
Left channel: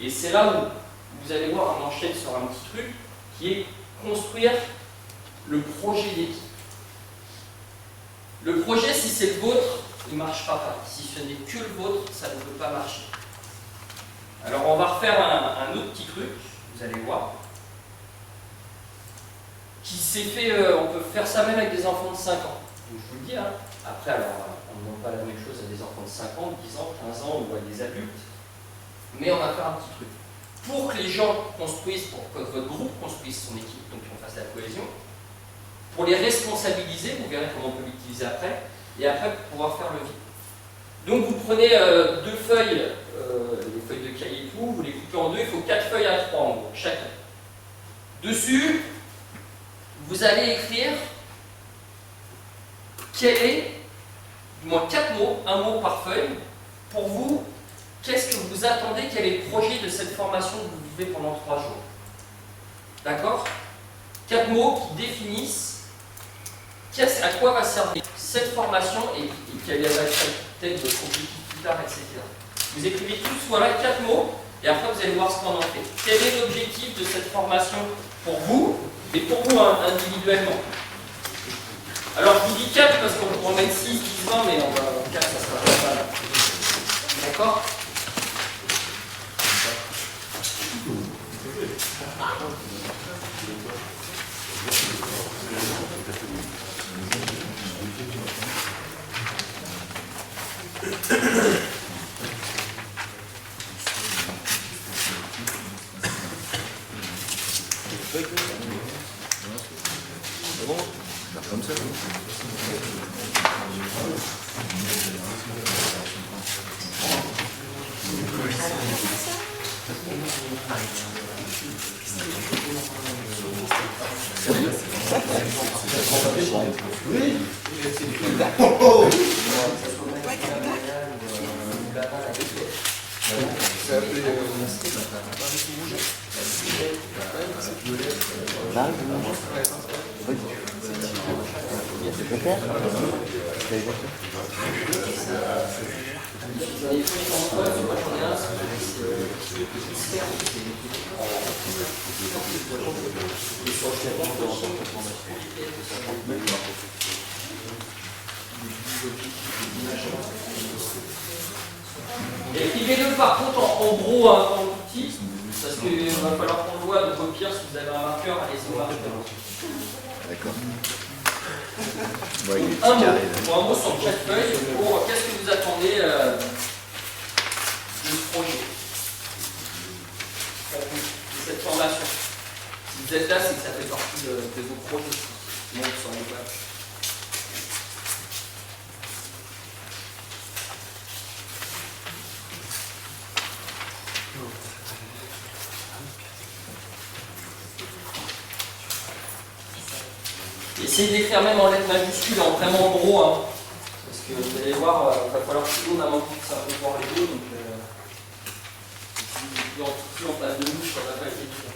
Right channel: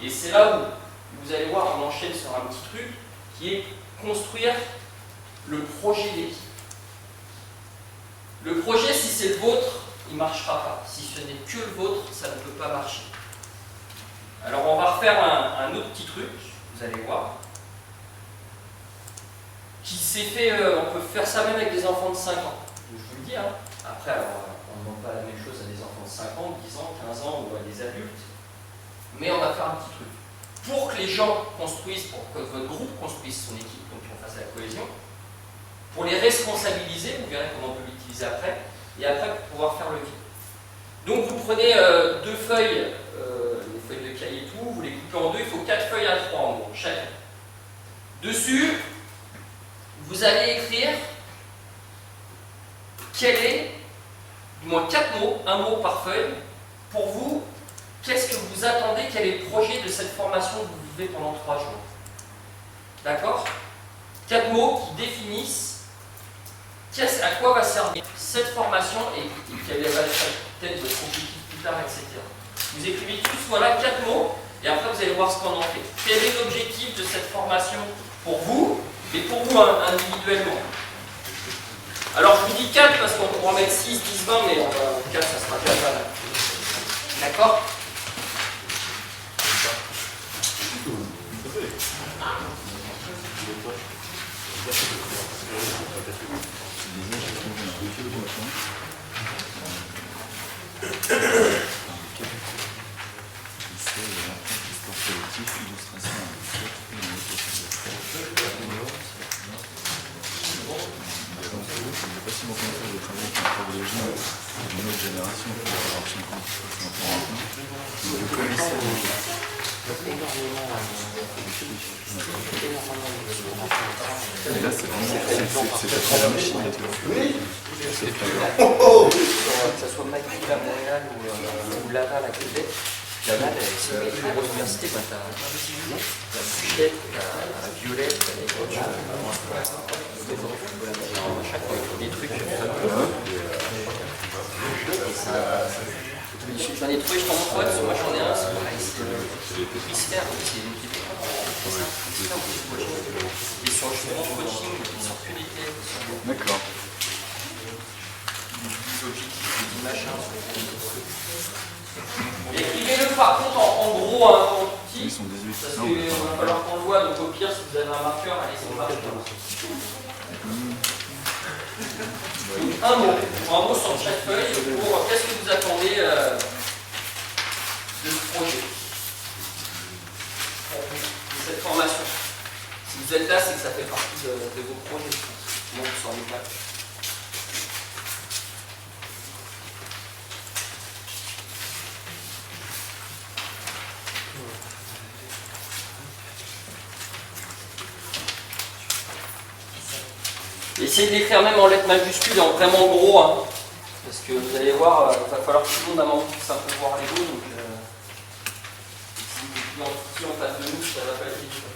Et c'est là où vous allez voir, on enchaîne sur un petit truc, qui est construire le projet d'équipe. Le projet, si c'est le vôtre, il ne marchera pas. Si ce n'est que le vôtre, ça ne peut pas marcher. Alors on va refaire un autre petit truc, vous allez voir, qui s'est fait, on peut faire ça même avec des enfants de 5 ans. Donc, je vous le dis, hein. Après, alors, on ne demande pas la même chose à des enfants de 5 ans, 10 ans, 15 ans ou à des adultes, mais on va faire un petit truc. Pour que les gens construisent, pour que votre groupe construise son équipe, donc qu'on fasse la cohésion, pour les responsabiliser, vous verrez comment on peut l'utiliser après, et après pour pouvoir faire le vide. Donc vous prenez 2 feuilles, les feuilles de cahier et tout, vous les coupez en 2, il faut 4 feuilles à 3 en gros, chacun. Dessus, vous allez écrire quel est, du moins 4 mots, un mot par feuille, pour vous, qu'est-ce que vous attendez, quel est le projet de cette formation que vous vivez pendant 3 jours. D'accord? 4 mots qui définissent à quoi va servir cette formation et quel va être peut-être votre objectif plus tard, etc. Vous écrivez tous, voilà, 4 mots, et après vous allez voir ce qu'on en fait. Quel est l'objectif de cette formation pour vous, et pour vous individuellement? Alors je vous dis 4 parce qu'on pourra mettre 6, 10, 20, mais 4 ça sera pas mal. D'accord? Dans les trucs, je prends mon poids, moi j'en ai un, c'est mystère, et sur le D'accord. Écrivez-le par contre en gros, hein, en tout petit, parce qu'il va falloir qu'on le voit, donc au pire, si vous avez un marqueur, allez-y au marqueur. D'accord. Un mot sur chaque feuille pour qu'est-ce que vous attendez de ce projet, de cette formation. Si vous êtes là, c'est que ça fait partie de vos projets. Sinon, vous s'en êtes là. Essayez d'écrire même en lettres majuscules, en vraiment gros, hein, parce que vous allez voir, il va falloir que tout le monde a envie de simplement voir les mots, donc si vous êtes en petit en face de nous, ça va pas être évident.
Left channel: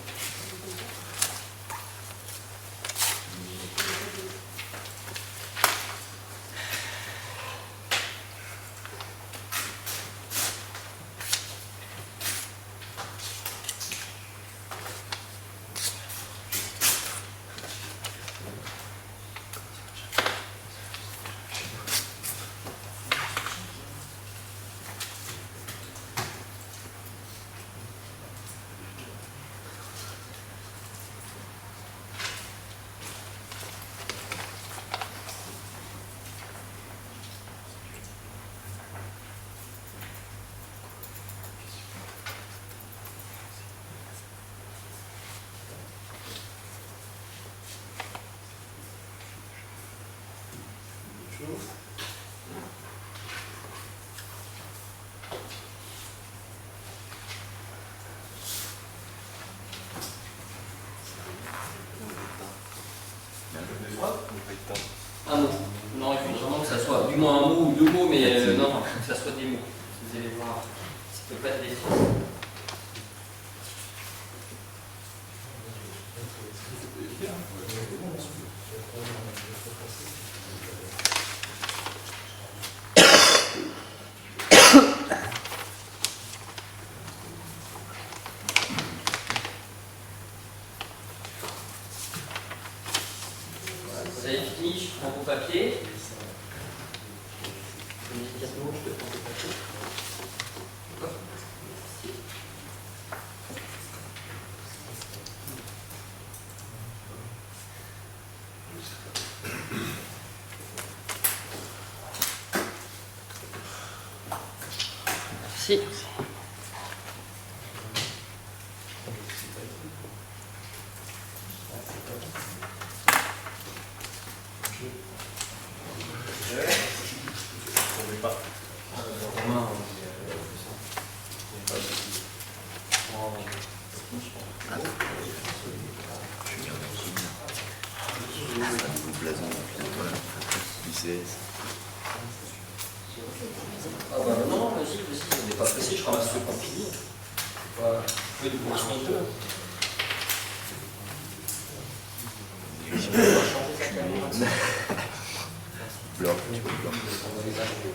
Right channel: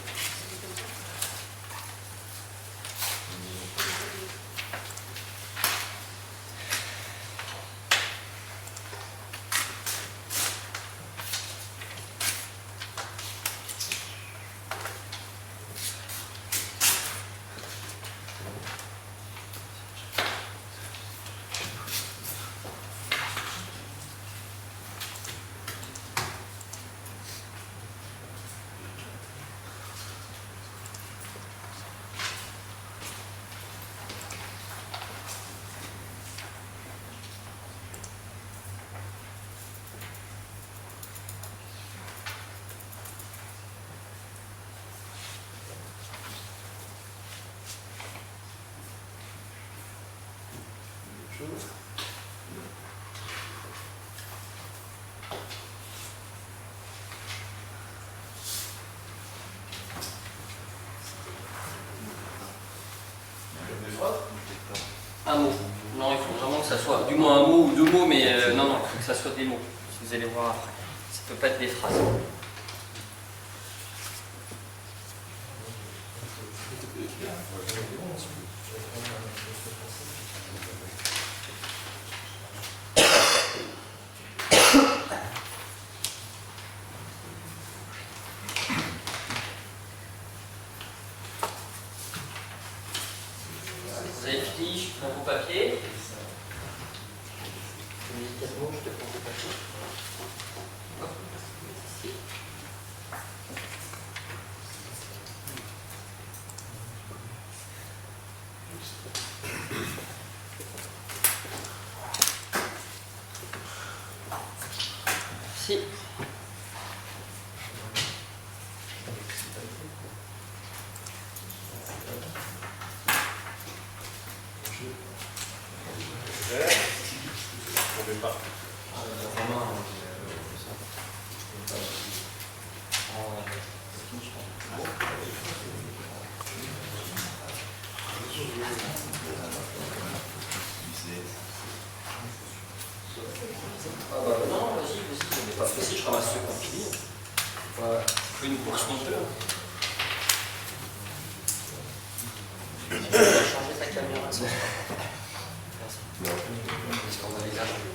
Un mot. Non, il faut vraiment que ça soit du moins un mot ou deux mots, mais non, il faut que ça soit des mots. Vous allez voir, ça ne peut pas être des phrases. Vous avez fini, je prends vos papiers. Immédiatement, je te prends vos papiers. Si. Ah bah non, vas-y, on n'est pas pressé, je ramasse le compili. C'est pas une course monteur. On va changer ta caméra de ça. On va les acheter.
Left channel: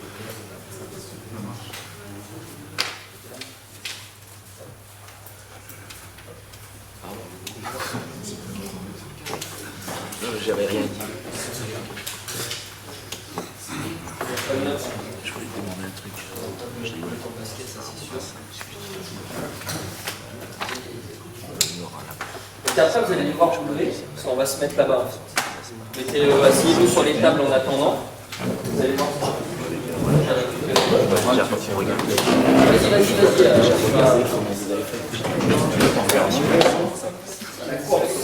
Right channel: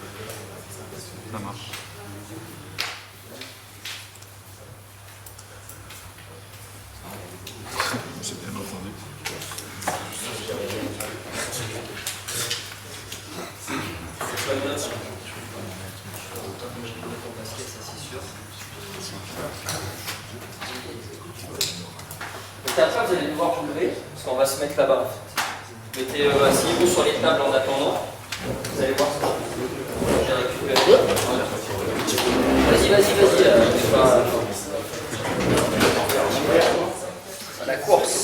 Ça marche. J'avais rien dit. C'est pas bien. Ton basket, ça c'est sûr. Donc après, vous allez devoir vous lever, parce qu'on va se mettre là-bas en fait. Vous mettez asseyez-vous sur les tables en attendant. Vous allez voir ça. J'ai récupéré. C'est pas... À la course.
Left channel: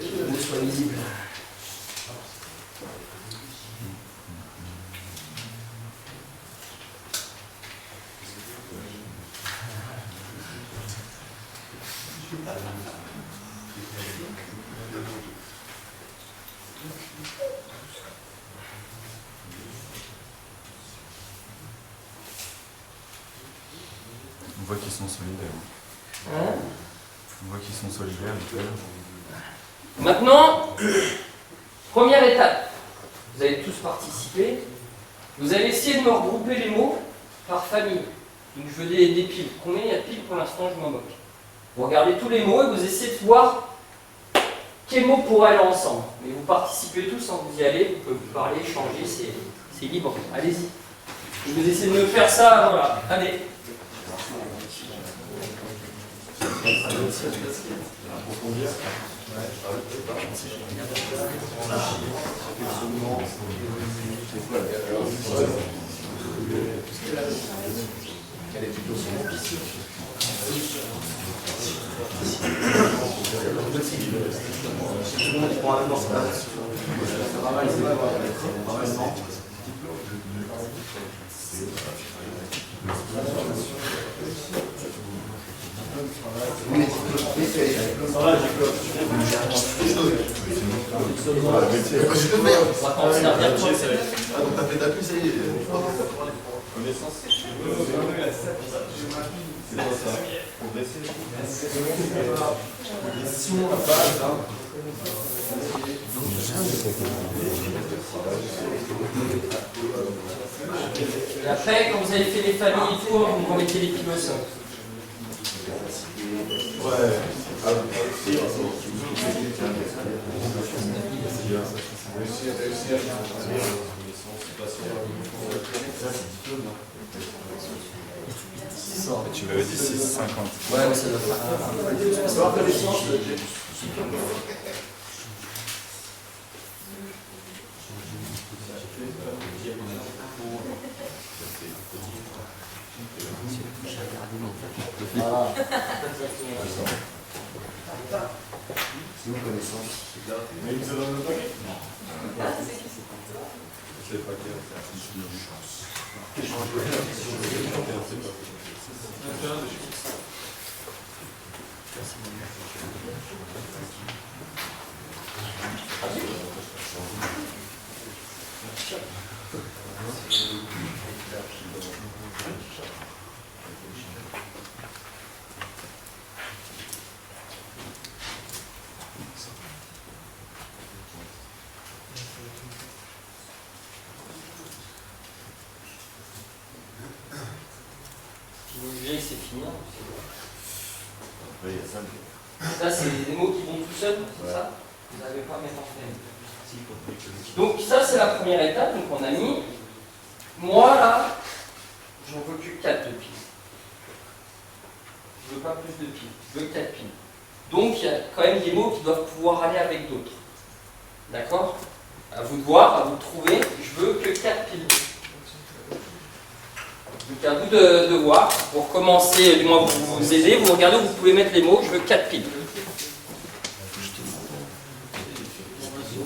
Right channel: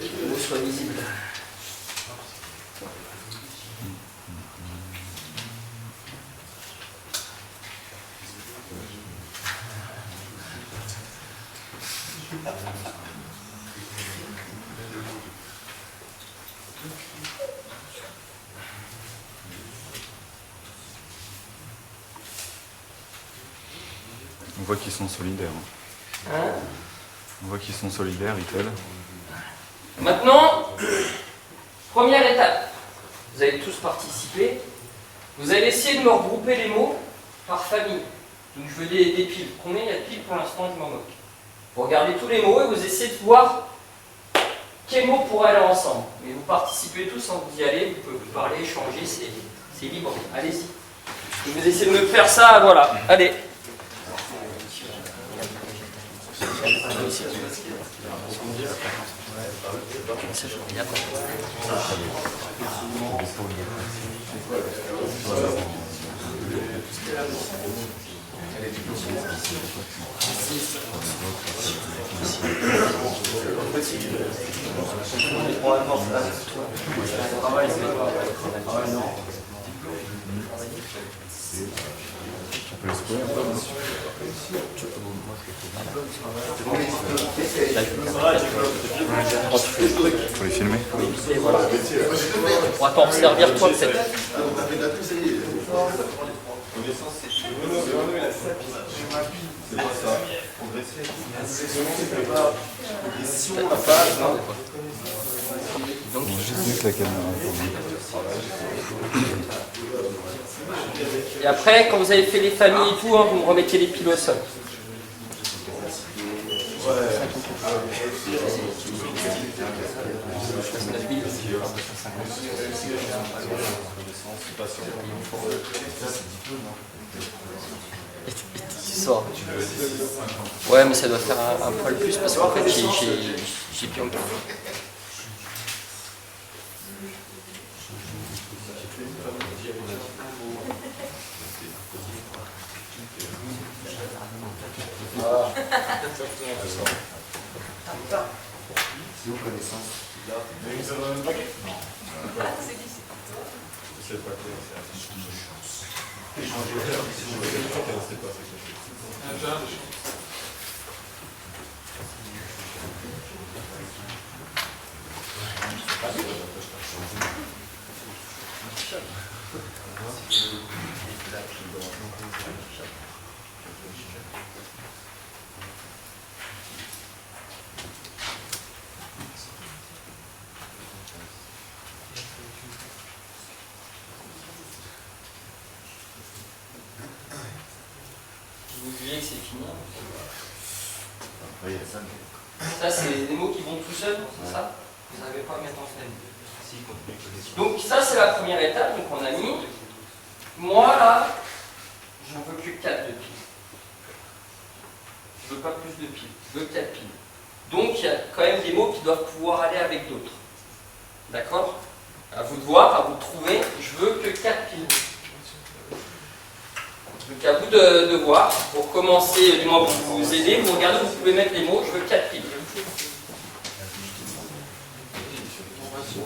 Les mots soient visibles. On voit qu'ils sont solidaires. Hein? On voit qu'ils sont solidaires, ils peuvent. Maintenant, première étape. Vous allez tous participer. Vous allez essayer de me regrouper les mots par famille. Donc je veux des piles. Combien il y a de piles pour l'instant? Je m'en moque. Vous regardez tous les mots et vous essayez de voir quels mots pourraient aller ensemble. Mais vous participez tous, hein, vous y allez, vous pouvez parler, échanger, c'est libre. Allez-y. Et vous essayez de me faire ça, voilà. Allez. On va t'en servir toi de cette. C'est pas ça. Progresser. Si on n'a pas ça. Et après, quand vous avez fait les familles et tout, hein, vous me remettez les piles au sol. Tu m'avais dit 6,50. Ouais, mais ça doit faire un peu plus parce qu'en fait, j'ai plus. Ah. C'est où connaissance? Mais ils ont un paquet? Non. C'est le paquet, Vous jugez que c'est fini. Oui, il y a ça. Ça, c'est des mots qui vont tout seuls, c'est ça? Vous n'avez pas à mettre en famille. Donc ça, c'est la première étape. Donc on a mis. Moi, là, j'en veux que 4 de piles. Je veux pas plus de piles. Je veux 4 piles. Donc il y a quand même des mots qui doivent pouvoir aller avec d'autres. D'accord? À vous de voir, à vous de trouver. Je veux que 4 piles. Donc à vous de voir. Pour commencer, du moins pour vous aider, vous regardez où vous pouvez mettre les mots. Je veux 4 piles. Ça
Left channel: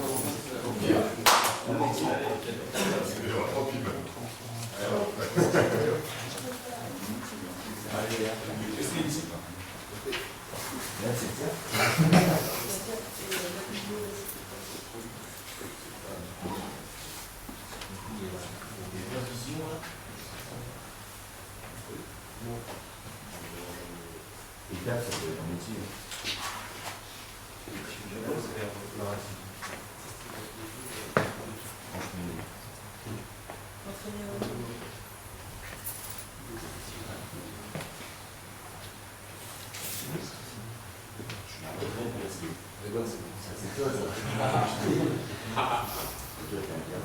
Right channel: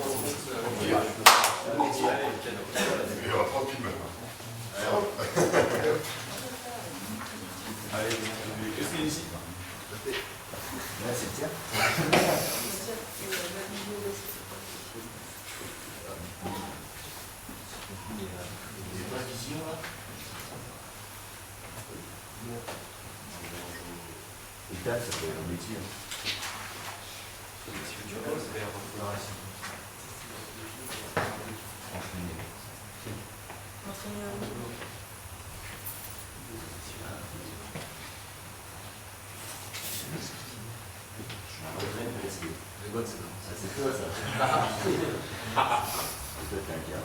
peut être un métier. C'est toi, ça. Toi, t'es un gars.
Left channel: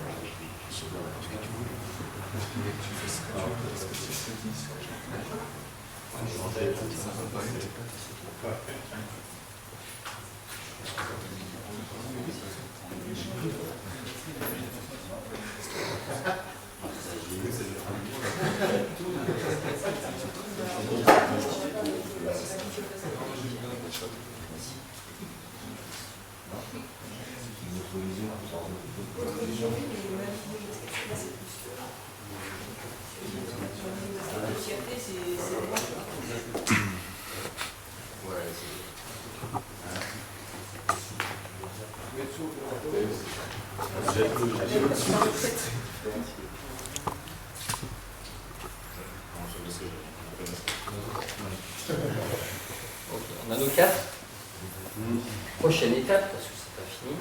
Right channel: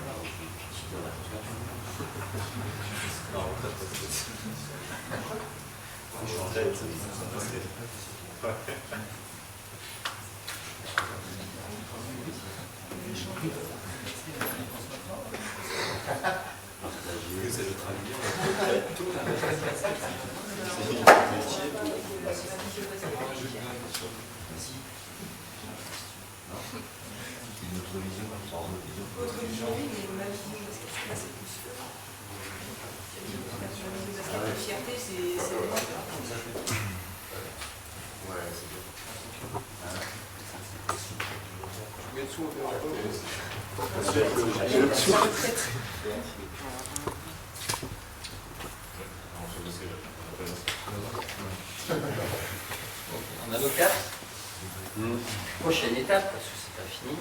Votre vision, oui, mais ma vision, parce que là, c'est plus. La fierté, c'est moi. On a nos cartes. Prochaine étape, parce que c'est pas fini.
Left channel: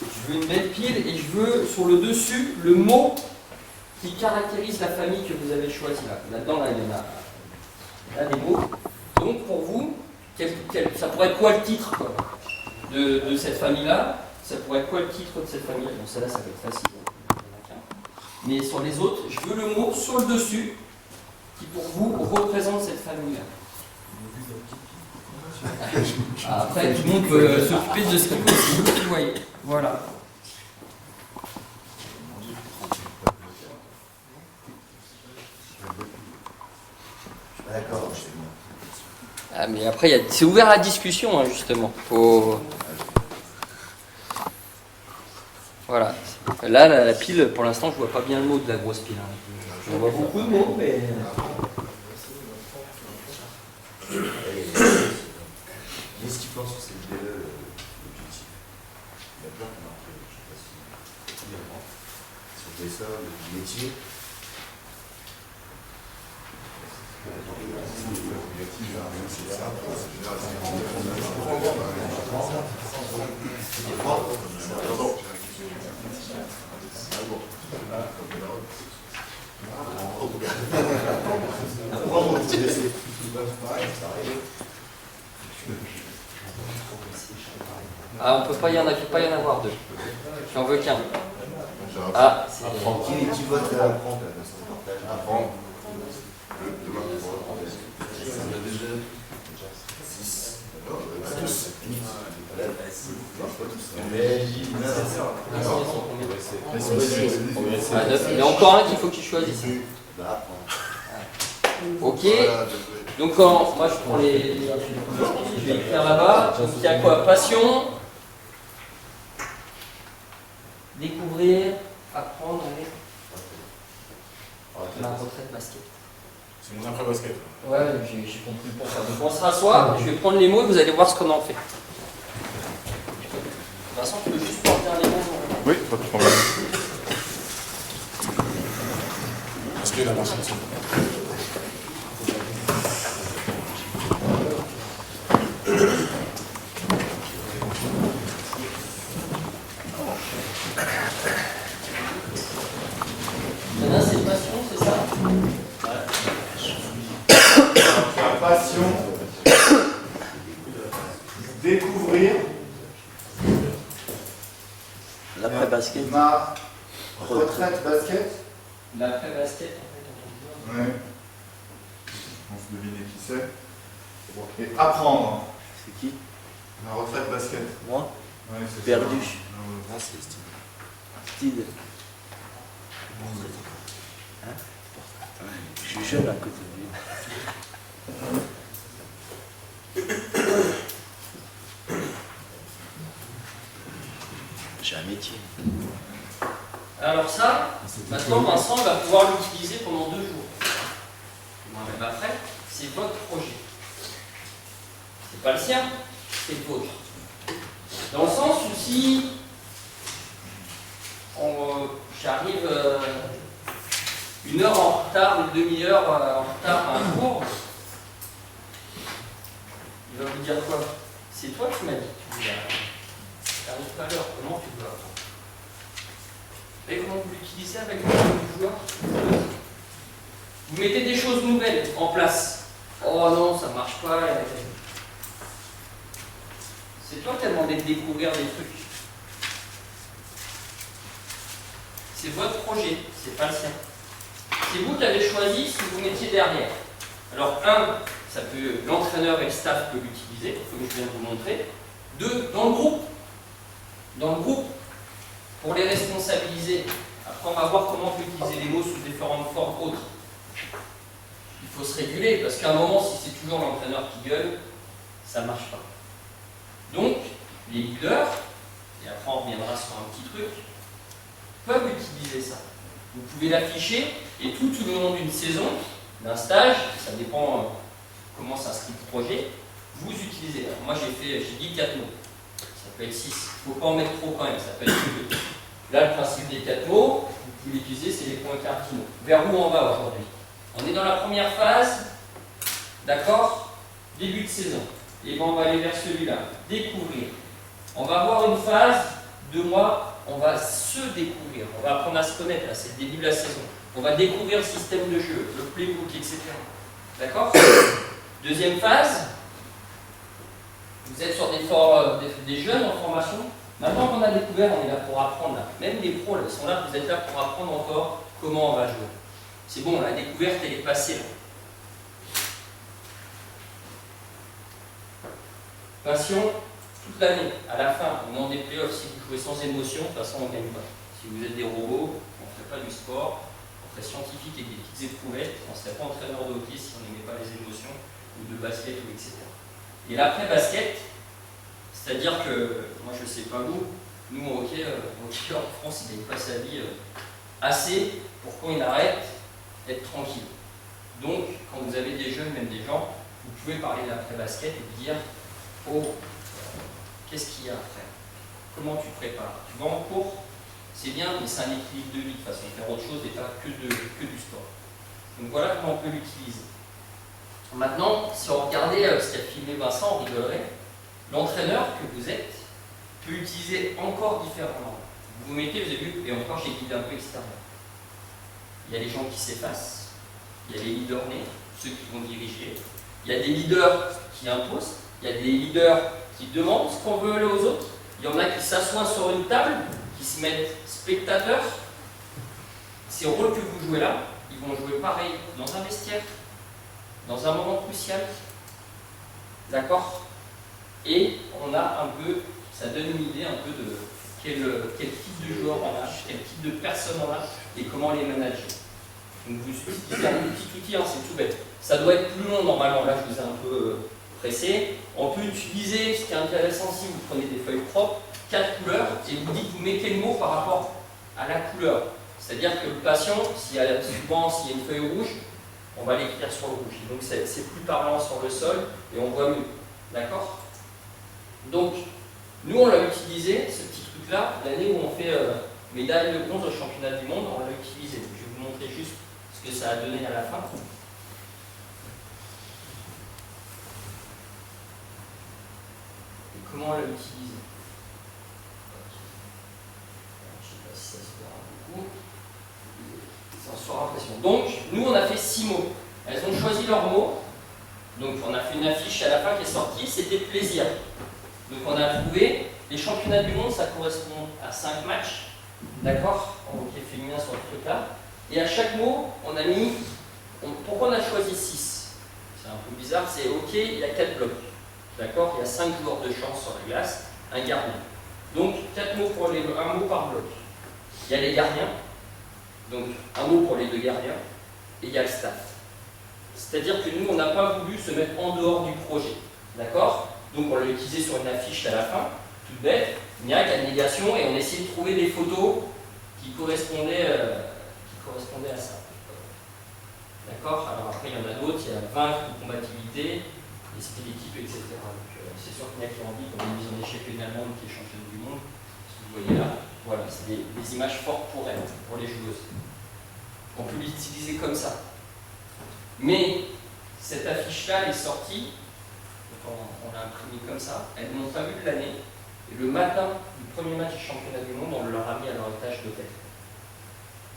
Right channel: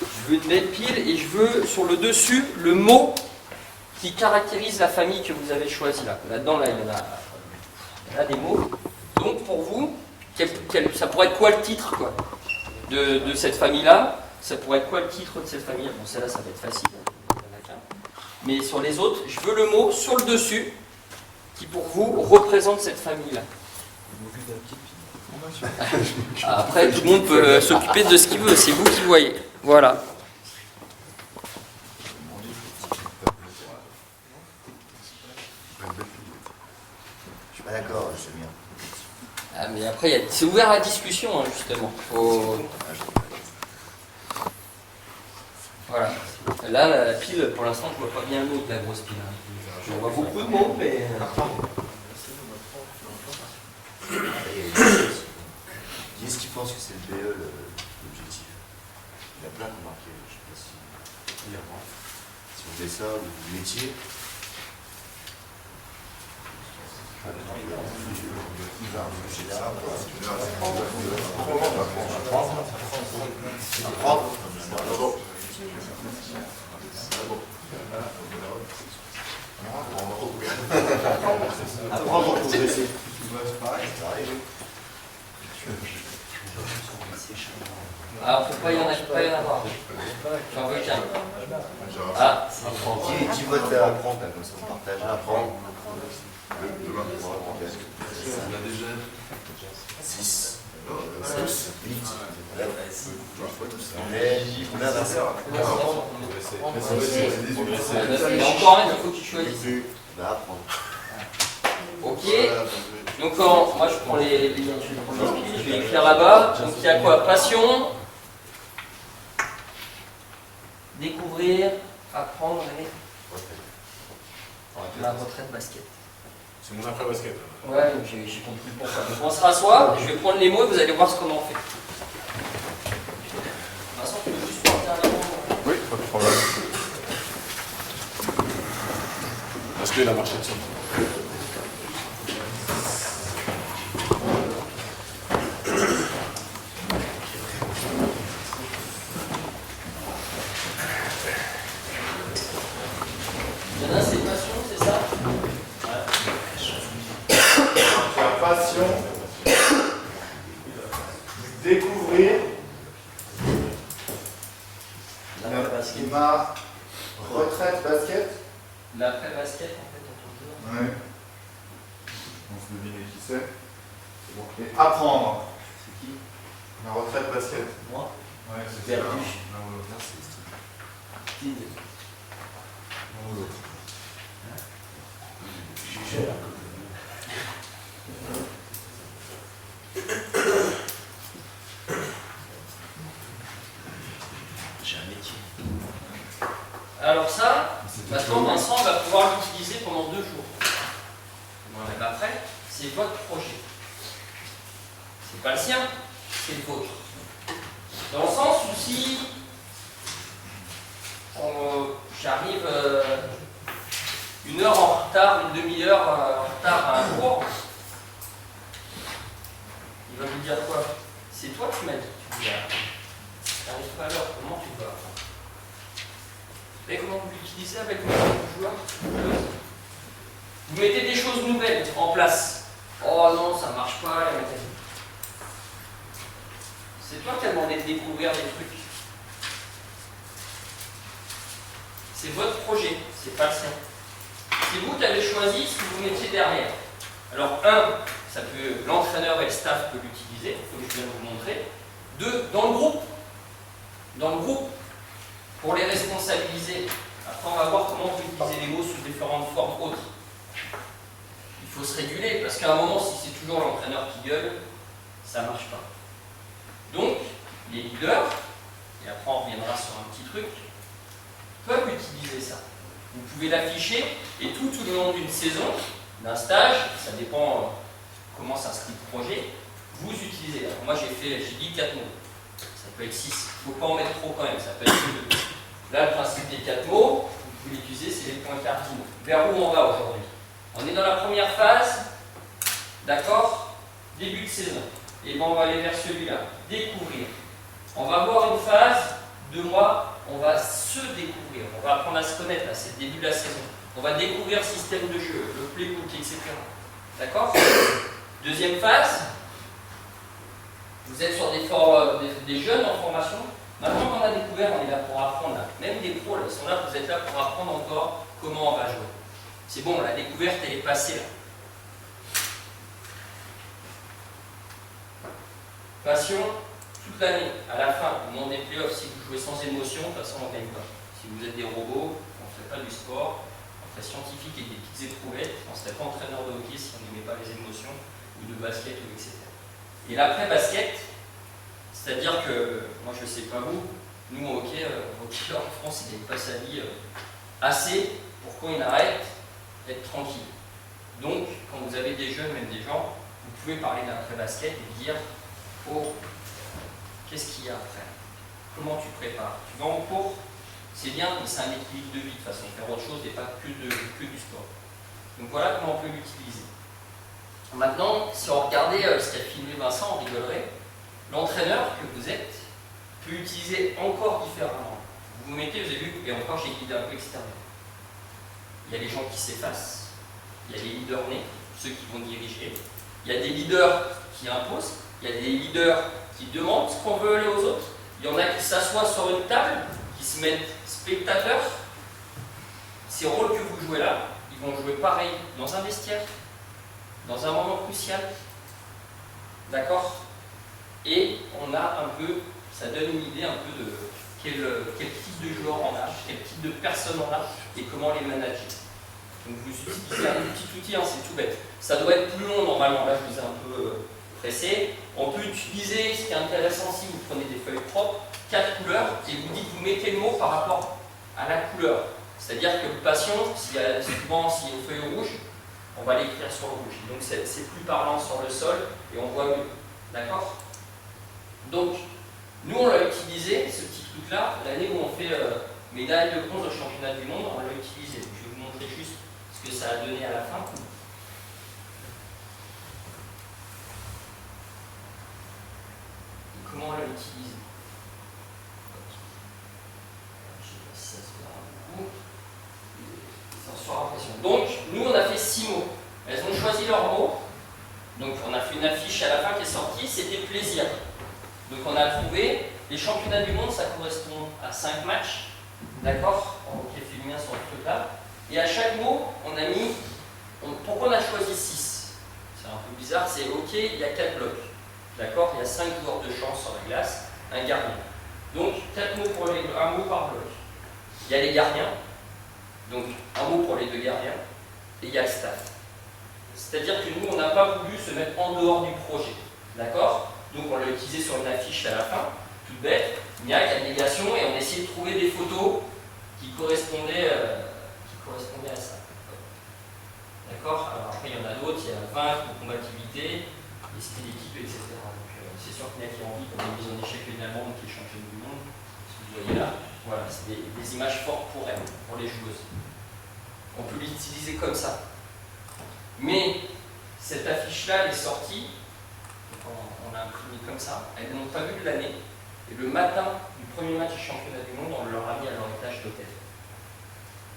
Je veux une belle pile et je veux sur le dessus le mot qui caractérise la famille que vous avez choisie là. Là-dedans, là, il y en a des mots. Donc pour vous, ça pourrait être quoi le titre quoi, de cette famille-là? Ça pourrait être quoi le titre de cette famille? Bon, celle-là, ça va être facile. Il y en a qu'un. Mais sur les autres, je veux le mot sur le dessus qui pour vous représente cette famille-là. Après, tout le monde peut s'occuper de ce qu'il veut, c'est vous qui voyez. Voilà. Je suis pas d'accord, je sais bien. Ah, mais après, c'est ouvert à la discussion, hein, justement. Voilà. Là, la pile, pour l'instant, je vois pas bien le mot de la grosse pile. Hein. Je vois beaucoup de mots, mais... Qui est-ce qui pense que c'est le BE l'objectif? Il y a plein qui ont marqué, je ne sais pas si on fait ça, le métier. Apprendre à progresser. Ah, on peut pas y en avoir deux. J'en veux qu'un. Ah, Qui vote à apprendre, comme ça on partage à apprendre. 6. 8. On est combien d'adversaires? il y a encore un, il faut que tu choisisses. Bah, apprendre. Ok. Donc, moi je prends je vais écrire là-bas. Donc, il y a quoi? Passion, découvrir, apprendre et la retraite basket. C'est mon après-basket. Ouais, j'ai compris pourquoi. Donc, on se rassoit, je vais prendre les mots et vous allez voir ce qu'on en fait. Vincent, tu veux juste porter un mot? Oui, pas de problème. Est-ce qu'il a marché dessus? Il y en a, c'est passion, c'est ça? Passion, découvrir L'après-basket. ma retraite basket. L'après-basket, en fait, en tant que joueur. Ouais. On se devine qui c'est. Bon. Et apprendre. C'est qui? Ma retraite basket. Moi? Ouais, c'est Perdu. ça. Ah, c'est Steve. Steve. Hein? Je suis jeune à côté de lui. J'ai un métier. Alors ça, maintenant Vincent va pouvoir l'utiliser pendant 2 jours. Moi-même après, c'est votre projet. C'est pas le sien, c'est le vôtre. Dans le sens où si j'arrive 1 heure en retard, une demi-heure en retard à un cours, il va vous dire quoi? C'est toi qui m'as dit, tu n'arrives pas à l'heure, comment tu vas? Vous voyez comment vous l'utilisez avec vos joueurs? Vous mettez des choses nouvelles en place. Oh non, ça marche pas. C'est toi qui as demandé de découvrir des trucs. C'est votre projet, c'est pas le sien. C'est vous qui avez choisi ce que vous mettiez derrière. Alors, l'entraîneur et le staff peuvent l'utiliser, comme je viens de vous montrer. 2, dans le groupe. Dans le groupe, pour les responsabiliser. Après, on va voir comment on peut utiliser les mots sous différentes formes autres. Il faut se réguler, parce qu'à un moment, si c'est toujours l'entraîneur qui gueule, ça ne marche pas. Donc, les leaders, et après on reviendra sur un petit truc, peuvent utiliser ça. Vous pouvez l'afficher, et tout le long d'une saison, d'un stage, ça dépend comment s'inscrit le projet, vous utilisez. Alors moi j'ai dit 4 mots, ça peut être 6, il ne faut pas en mettre trop quand même, ça peut être 2. Là le principe des 4 mots, vous pouvez l'utiliser, c'est les points cardinaux. Vers où on va aujourd'hui? On est dans la première phase, d'accord? Début de saison. Et bien on va aller vers celui-là, découvrir. On va avoir une phase, 2 mois, on va se découvrir, on va apprendre à se connaître, là c'est le début de la saison. On va découvrir le système de jeu, le playbook, etc. D'accord? Deuxième phase, vous êtes sur des jeunes en formation. Maintenant qu'on a découvert, on est là pour apprendre. Là. Même les pros, là, ils sont là, vous êtes là pour apprendre encore comment on va jouer. C'est bon, la découverte, elle est passée là. Passion, toute l'année, à la fin, au moment des playoffs, si vous jouez sans émotion, de toute façon, on ne gagne pas. Si vous êtes des robots, on ne ferait pas du sport, on ferait scientifique avec des petites éprouvettes, on ne serait pas entraîneur de hockey si on n'aimait pas les émotions, ou de basket, ou etc. Et l'après-basket, c'est-à-dire que, moi je ne sais pas vous, nous au hockey en France, il ne gagne pas sa vie assez pour quand il arrête d'être tranquille. Donc, quand vous avez des jeunes, même des gens, vous pouvez parler de l'après-basket et dire « Oh, qu'est-ce qu'il y a après? Comment tu prépares? Tu vas en cours? C'est bien, mais c'est un équilibre de vie de façon, faire autre chose et pas que du sport. » Donc voilà comment on peut l'utiliser. Maintenant, si on regardait ce qu'a filmé Vincent, on rigolerait. L'entraîneur que vous êtes peut utiliser encore différemment. Vous vous mettez, vous avez vu, et encore j'ai guidé un peu extérieur. Il y a les gens qui s'effacent, il y a les leaders nés, ceux qui vont diriger, il y a des leaders qui imposent, il y a des leaders qui demandent ce qu'on veut aux autres, il y en a qui s'assoient sur une table, qui se mettent spectateurs. Ces rôles que vous jouez là, ils vont jouer pareil dans un vestiaire, dans un moment crucial. D'accord? Et on a un peu, ça donne une idée un peu de quel type de joueur on a, quel type de personne on a et comment les manager. Donc vous utilisez un petit outil, hein, c'est tout bête. Ça doit être plus long normalement, là je vous ai un peu pressé. On peut utiliser, ce qui est intéressant si vous prenez des feuilles propres, 4 couleurs et vous dites, vous mettez le mot par rapport à la couleur. C'est-à-dire que le patient, souvent s'il y a une feuille rouge, on va l'écrire sur le rouge. Donc c'est plus parlant sur le sol et on voit mieux. D'accord? Donc, nous on l'a utilisé, ce petit truc-là, l'année où on fait médaille de bronze au championnat du monde, on l'a utilisé. Donc, je vais vous montrer juste ce que ça a donné à la fin. Et comment on l'a utilisé. Je ne sais pas si ça se verra beaucoup. C'est en surimpression. Donc, nous on a fait 6 mots. Elles ont choisi leurs mots. Donc, on a fait une affiche à la fin qui est sortie, c'était plaisir. Donc on a trouvé, les championnats du monde, ça correspond à 5 matchs, d'accord, en hockey féminin sur ce truc-là. Et à chaque mot, on a mis, pourquoi on a choisi 6? C'est un peu bizarre, c'est ok, il y a 4 blocs, d'accord, il y a 5 joueurs de champ sur la glace, un gardien. Donc 4 mots pour les blocs, un mot par bloc. Il y a les gardiens, donc un mot pour les 2 gardiens, et il y a le staff. C'est-à-dire que nous, on n'a pas voulu se mettre en dehors du projet, d'accord? Donc on l'a utilisé sur une affiche à la fin. toute bête, il y a abnégation et on essayait de trouver des photos qui correspondaient à ça. D'accord? Alors après, il y en a d'autres, il y a vaincre, compatibilité, esprit d'équipe, etc. Donc c'est sûr qu'il y en a qui ont envie qu'on ait mise en échec une Allemande qui est championne du monde, ce que vous voyez là. Voilà, c'est des images fortes pour elles, pour les joueuses. On peut l'utiliser comme ça. Mais cette affiche-là, elle est sortie, donc on l'a imprimée comme ça, elles n'ont pas vu de l'année, et le matin du premier match du championnat du monde, on leur a mis à leur étage d'hôtel.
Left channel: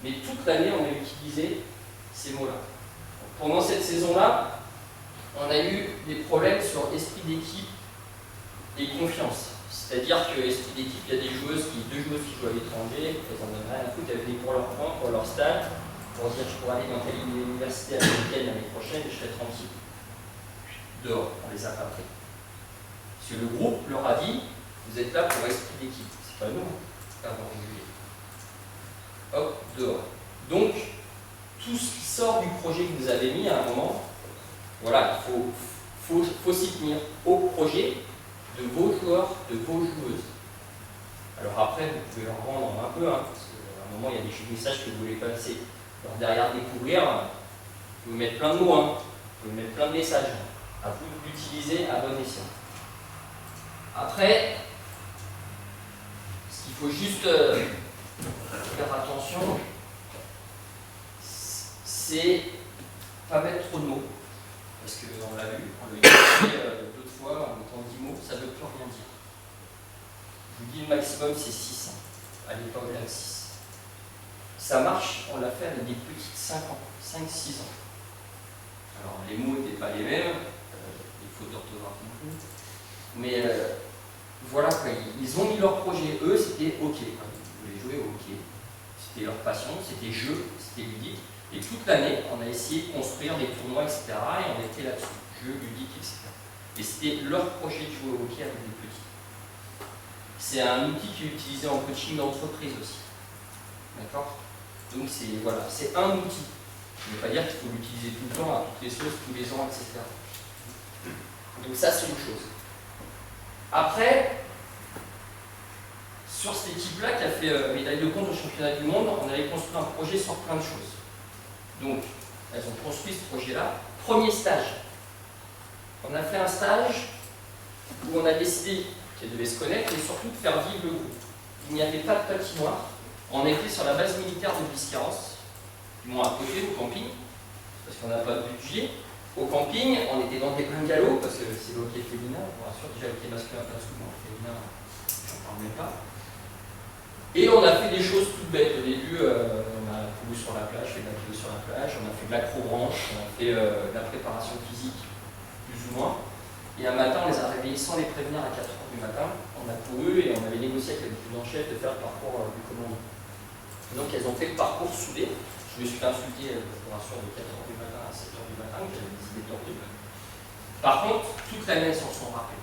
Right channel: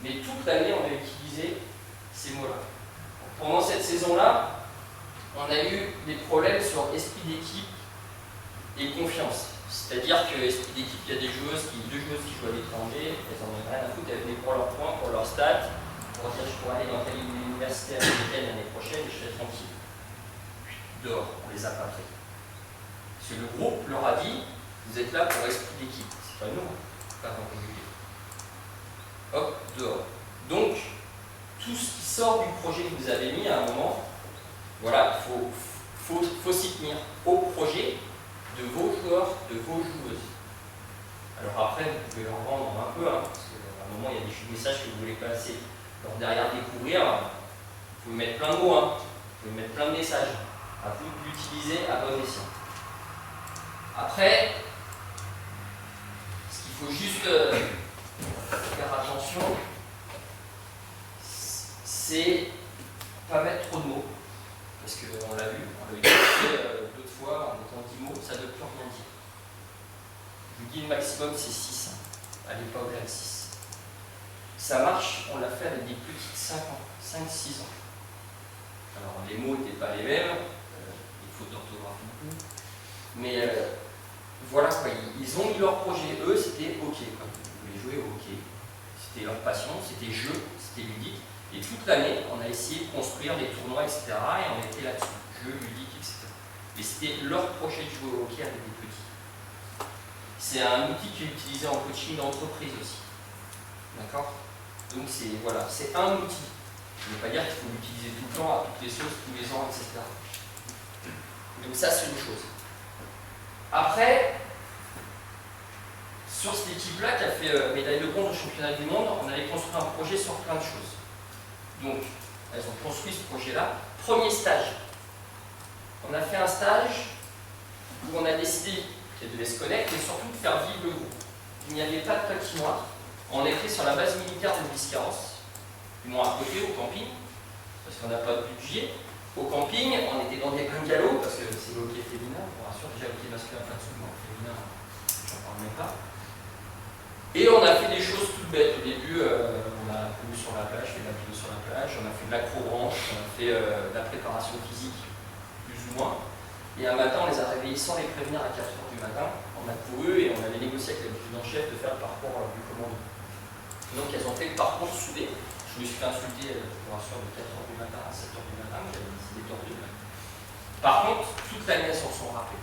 Mais toute l'année, on a utilisé ces mots-là. Pendant cette saison-là, on a eu des problèmes sur esprit d'équipe et confiance. C'est-à-dire que esprit d'équipe, il y a deux joueuses qui jouent à l'étranger, elles en ont rien à foutre, elles venaient pour leurs points, pour leur stats, pour dire je pourrais aller dans telle université américaine l'année prochaine et je serai tranquille. Dehors, on les a pas pris. Parce que le groupe leur a dit, vous êtes là pour esprit d'équipe. C'est pas nous, pas pour régulier. Hop, dehors. Donc, tout ce qui sort du projet que vous avez mis à un moment, voilà, il faut s'y tenir au projet de vos joueurs, de vos joueuses. Alors après, vous pouvez leur vendre un peu, hein, parce qu'à un moment, il y a des messages que vous voulez passer. Alors derrière découvrir, vous pouvez mettre plein de mots, hein, vous pouvez mettre plein de messages. À vous d'utiliser à bon escient. Après, ce qu'il faut juste faire attention, c'est pas mettre trop de mots. Parce qu'on l'a vu, on l'a utilisé d'autres fois en mettant 10 mots, ça ne veut plus rien dire. Je vous dis le maximum c'est 6, hein. Allez pas au-delà de 6. Ça marche, on l'a fait avec des petites 5 ans, 5-6 ans. Alors les mots n'étaient pas les mêmes, les fautes d'orthographe non plus, mais voilà quoi, ils ont mis leur projet, eux c'était ok, quoi. Ils voulaient jouer au hockey, c'était leur passion, c'était jeu, c'était ludique. Et toute l'année, on a essayé de construire des tournois, etc. Et on était là-dessus, jeux ludiques, etc. Et c'était leur projet de jouer au hockey avec des petits. C'est un outil qui est utilisé en coaching d'entreprise aussi. D'accord? Donc c'est voilà, c'est un outil. Ça ne veut pas dire qu'il faut l'utiliser tout le temps, à toutes les sauces, tous les ans, etc. Donc ça, c'est une chose. Après, sur cette équipe-là qui a fait médaille de bronze au championnat du monde, on avait construit un projet sur plein de choses. Donc, elles ont construit ce projet-là. Premier stage. On a fait un stage où on a décidé qu'elles devaient se connaître et surtout de faire vivre le groupe. Il n'y avait pas de patinoire. On était sur la base militaire de Biscarrosse, du moins à côté, au camping, parce qu'on n'a pas de budget. Au camping, on était dans des bungalows, parce que c'est le hockey féminin, je vous rassure, déjà le hockey masculin, pas de sous, mais le féminin, j'en parle même pas. Et on a fait des choses toutes bêtes. Au début, on a couru sur la plage, fait de la vélo sur la plage, on a fait de l'acrobranche, on a fait de la préparation physique, plus ou moins. Et un matin, on les a réveillés sans les prévenir à 4h du matin. On a couru et on avait négocié avec l'adjudant-chef de faire le parcours du commando. Donc elles ont fait le parcours soudé. Je me suis fait insulter, je vous rassure, de 4h du matin à 7h du matin, j'avais des idées tordues. Par contre, toute l'année, elles s'en sont rappelées.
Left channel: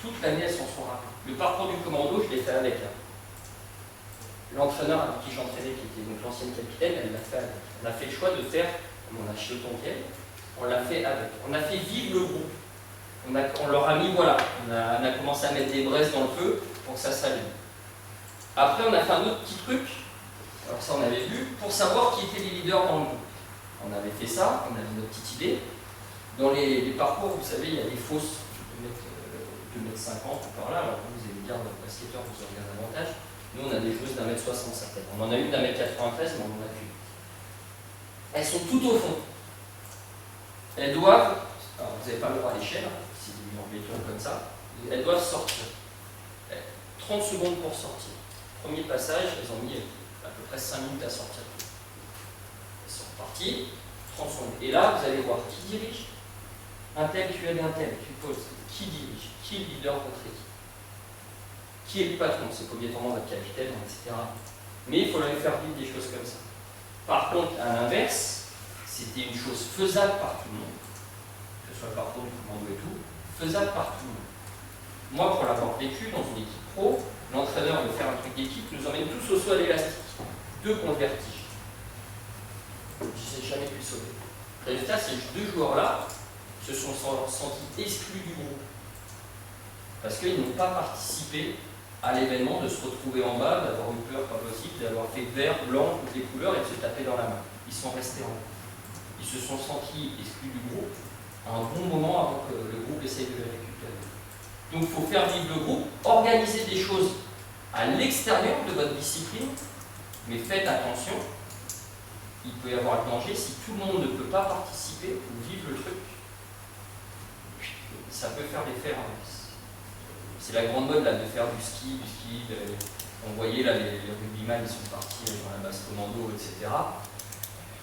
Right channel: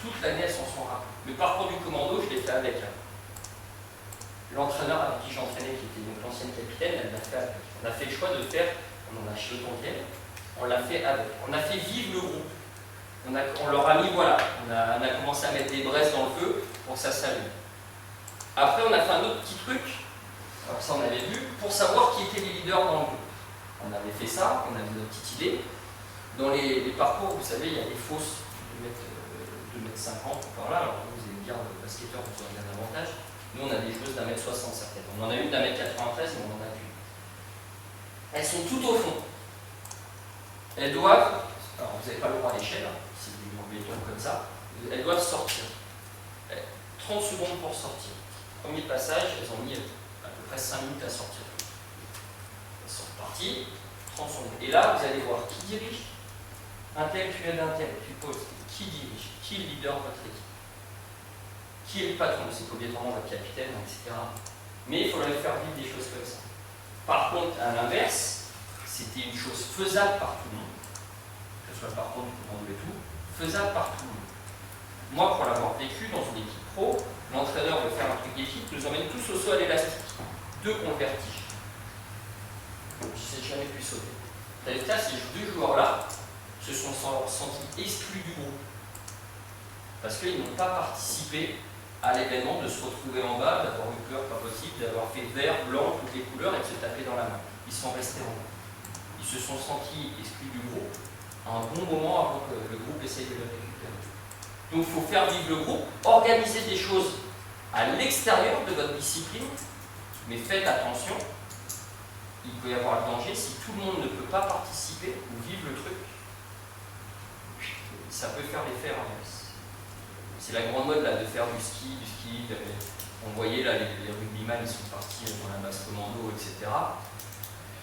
Toute l'année, elles s'en sont rappelées. Le parcours du commando, je l'ai fait avec elle. L'entraîneur avec qui j'entraînais, qui était donc l'ancienne capitaine, elle l'a fait avec. On a fait le choix de faire, on en a acheté autant qu'elle, on l'a fait avec. On a fait vivre le groupe. On leur a mis, voilà, on a commencé à mettre des braises dans le feu pour que ça s'allume. Après, on a fait un autre petit truc, alors ça on avait vu, pour savoir qui étaient les leaders dans le groupe. On avait fait ça, on avait notre petite idée. Dans les parcours, vous savez, il y a des fausses de 2,50 m ou par là, alors vous allez me dire, basketteur, vous aurez un avantage. Nous, on a des joueuses d'1,60 m certaines. On en a une d'1,93 m, mais on en a qu'une. Elles sont toutes au fond. Elles doivent, alors vous n'avez pas le droit à l'échelle, c'est des murs béton comme ça, elles doivent sortir. 30 secondes pour sortir. Premier passage, elles ont mis à peu près 5 minutes à sortir. Elles sont reparties, 30 secondes. Et là, vous allez voir qui dirige. Un tel, tu aides un tel, tu poses. Qui dirige? Qui est le leader de votre équipe? Qui est le patron? C'est pas obligatoirement notre capitaine, etc. Mais il faut leur faire vivre des choses comme ça. Par contre, à l'inverse, c'était une chose faisable par tout le monde, que ce soit le parcours du commando et tout, faisable par tout le monde. Moi, pour l'avoir vécu dans une équipe pro, l'entraîneur veut faire un truc d'équipe, nous emmène tous au saut à l'élastique. 2 contre le vertige. Je n'ai jamais pu sauter. Résultat, ces 2 joueurs-là se sont sentis exclus du groupe. Parce qu'ils n'ont pas participé à l'événement, de se retrouver en bas, d'avoir eu peur, pas possible, d'avoir fait vert, blanc, toutes les couleurs et de se taper dans la main. Ils sont restés en haut. Ils se sont sentis exclus du groupe à un bon moment avant que le groupe essaye de les récupérer. Donc il faut faire vivre le groupe, organiser des choses à l'extérieur de votre discipline, mais faites attention, il peut y avoir le danger si tout le monde ne peut pas participer ou vivre le truc. Ça peut faire l'effet inverse. C'est la grande mode là, de faire du ski. On voyait là, les rugbyman, ils sont partis dans la basse commando, etc.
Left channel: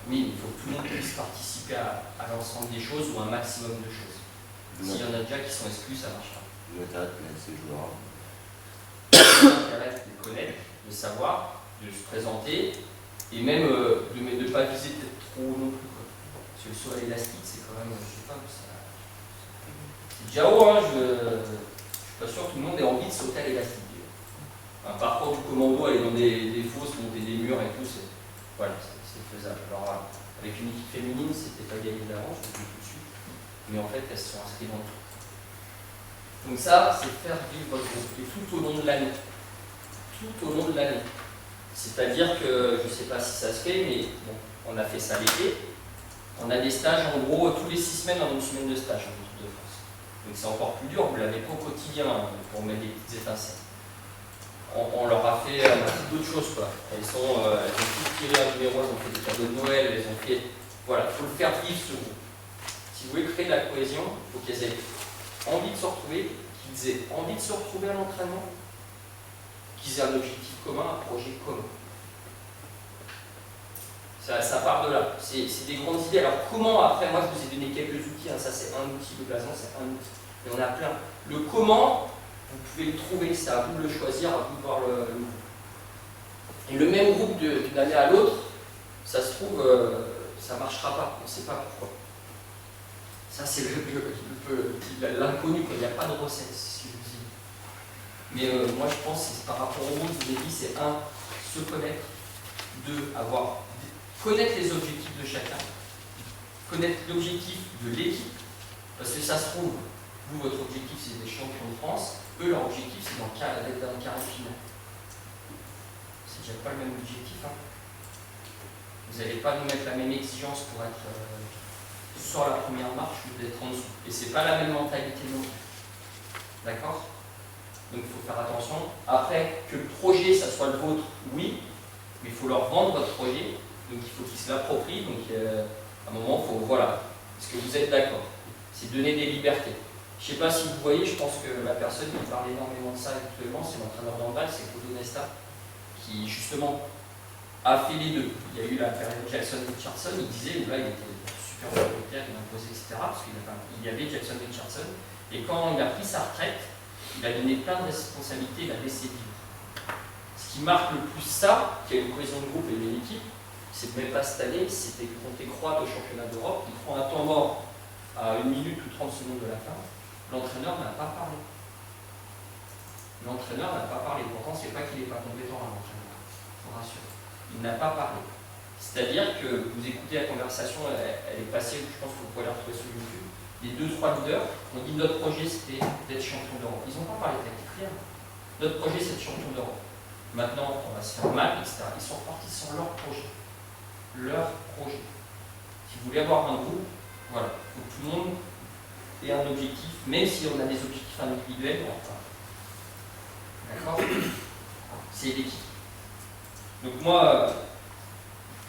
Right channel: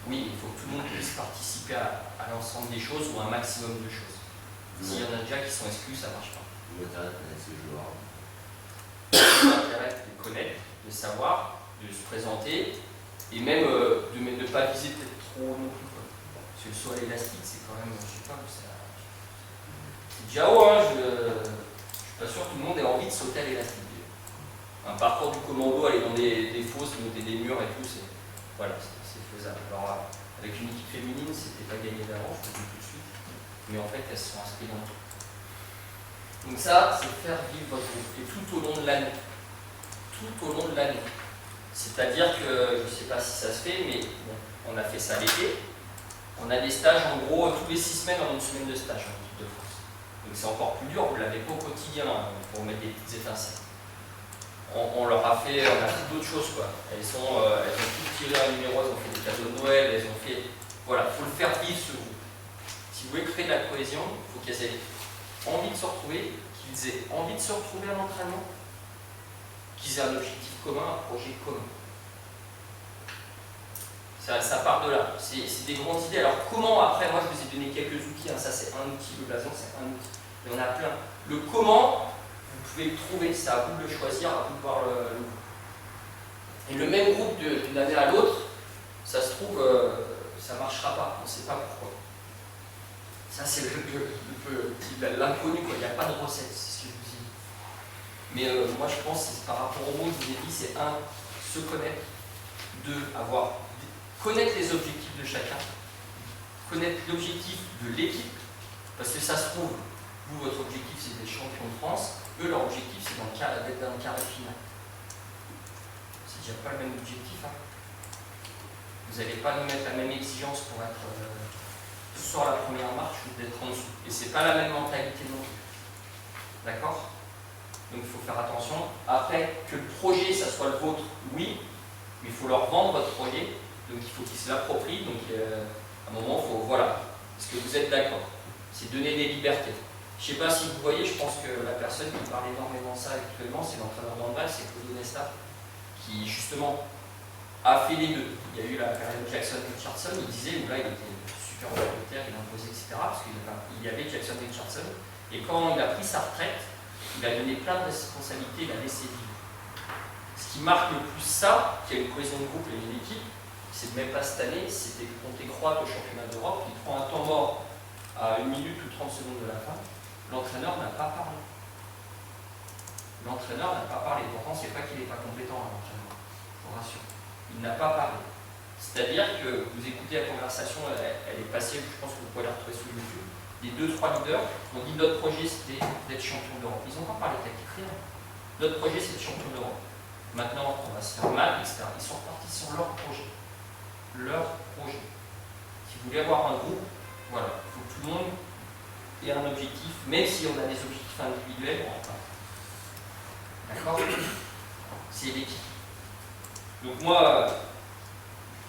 Oui, il faut que tout le monde puisse participer à l'ensemble des choses ou à un maximum de choses. S'il y en a déjà qui sont exclus, ça ne marche pas. L'intérêt de connaître ces joueurs. L'intérêt de les connaître, de savoir, de se présenter, et même de ne pas viser peut-être trop non plus. Quoi. Parce que le saut à l'élastique, c'est quand même, je sais pas où ça... C'est déjà haut, hein, je suis pas sûr que tout le monde ait envie de sauter à l'élastique. Un parcours du commando, aller dans des fosses, monter des murs et tout, voilà, c'est faisable. Alors avec une équipe féminine, c'était pas gagné d'avance, je vous le dis tout de suite, mais en fait elles se sont inscrites dans le truc. Donc ça, c'est faire vivre votre groupe, et tout au long de l'année. Tout au long de l'année. C'est-à-dire que, je ne sais pas si ça se fait, mais bon, on a fait ça l'été. On a des stages, en gros, tous les 6 semaines, on a une semaine de stage en équipe de France. Donc c'est encore plus dur, vous ne l'avez pas au quotidien pour mettre des petites étincelles. On leur a fait, on a fait d'autres choses, quoi. Elles ont toutes tiré un numéro, elles ont fait des cadeaux de Noël, elles ont fait... Voilà, il faut le faire vivre ce groupe. Si vous voulez créer de la cohésion, il faut qu'elles aient envie de se retrouver, qu'ils aient envie de se retrouver à l'entraînement, qu'ils aient un objectif commun, un projet commun. Ça part de là. C'est des grandes idées. Alors comment, après, moi je vous ai donné quelques outils, hein. Ça c'est un outil, le blason c'est un outil. Il y en a plein. Le comment, vous pouvez le trouver, c'est à vous de le choisir, à vous de voir le groupe. Et le même groupe d'une année à l'autre, ça se trouve, ça ne marchera pas, on ne sait pas pourquoi. Ça c'est l'inconnu, il n'y a pas de recette, c'est ce que je vous ai dit. Mais moi je pense que c'est par rapport au monde, je vous ai dit, c'est se connaître, connaître les objectifs de chacun, connaître l'objectif de l'équipe, parce que ça se trouve, vous, votre objectif c'est d'être champion de France, eux, leur objectif c'est d'être dans le carré final. C'est déjà pas le même objectif. Hein. Vous n'allez pas nous mettre la même exigence pour être sur la première marche ou d'être en dessous. Et c'est pas la même mentalité non plus. D'accord? Donc il faut faire attention. Après, que le projet, ça soit le vôtre, oui, mais il faut leur vendre votre projet. Donc il faut qu'ils se l'approprient. Donc à un moment, il faut, voilà, est-ce que vous êtes d'accord? C'est donner des libertés. Je ne sais pas si vous voyez, je pense que la personne qui parle énormément de ça actuellement, c'est l'entraîneur d'handball, c'est Claude Onesta, qui justement a fait les deux. Il y a eu la période Jackson-Richardson, il disait, où là il était super autoritaire, il imposait, etc. Parce qu'il y avait Jackson-Richardson. Et quand il a pris sa retraite, il a donné plein de responsabilités, il a laissé vivre. Ce qui marque le plus ça, qui a une cohésion de groupe et une équipe, c'est même pas cette année, c'était contre les Croates au championnat d'Europe, il prend un temps mort à 1 minute ou 30 secondes de la fin. L'entraîneur n'a pas parlé. L'entraîneur n'a pas parlé. Pourtant, ce n'est pas qu'il n'est pas compétent, hein, l'entraîneur. Je vous rassure. Il n'a pas parlé. C'est-à-dire que vous écoutez la conversation, elle est passée, je pense que vous pouvez la retrouver sur YouTube. Les 2-3 leaders ont dit notre projet c'était d'être champion d'Europe. Ils n'ont pas parlé tactique, rien. Notre projet c'est d'être champion d'Europe. Maintenant, on va se faire mal, etc. Ils sont repartis sur leur projet. Leur projet. Si vous voulez avoir un groupe, voilà, il faut que tout le monde ait un objectif, même si on a des objectifs individuels, on repart. D'accord? C'est l'équipe. Donc moi,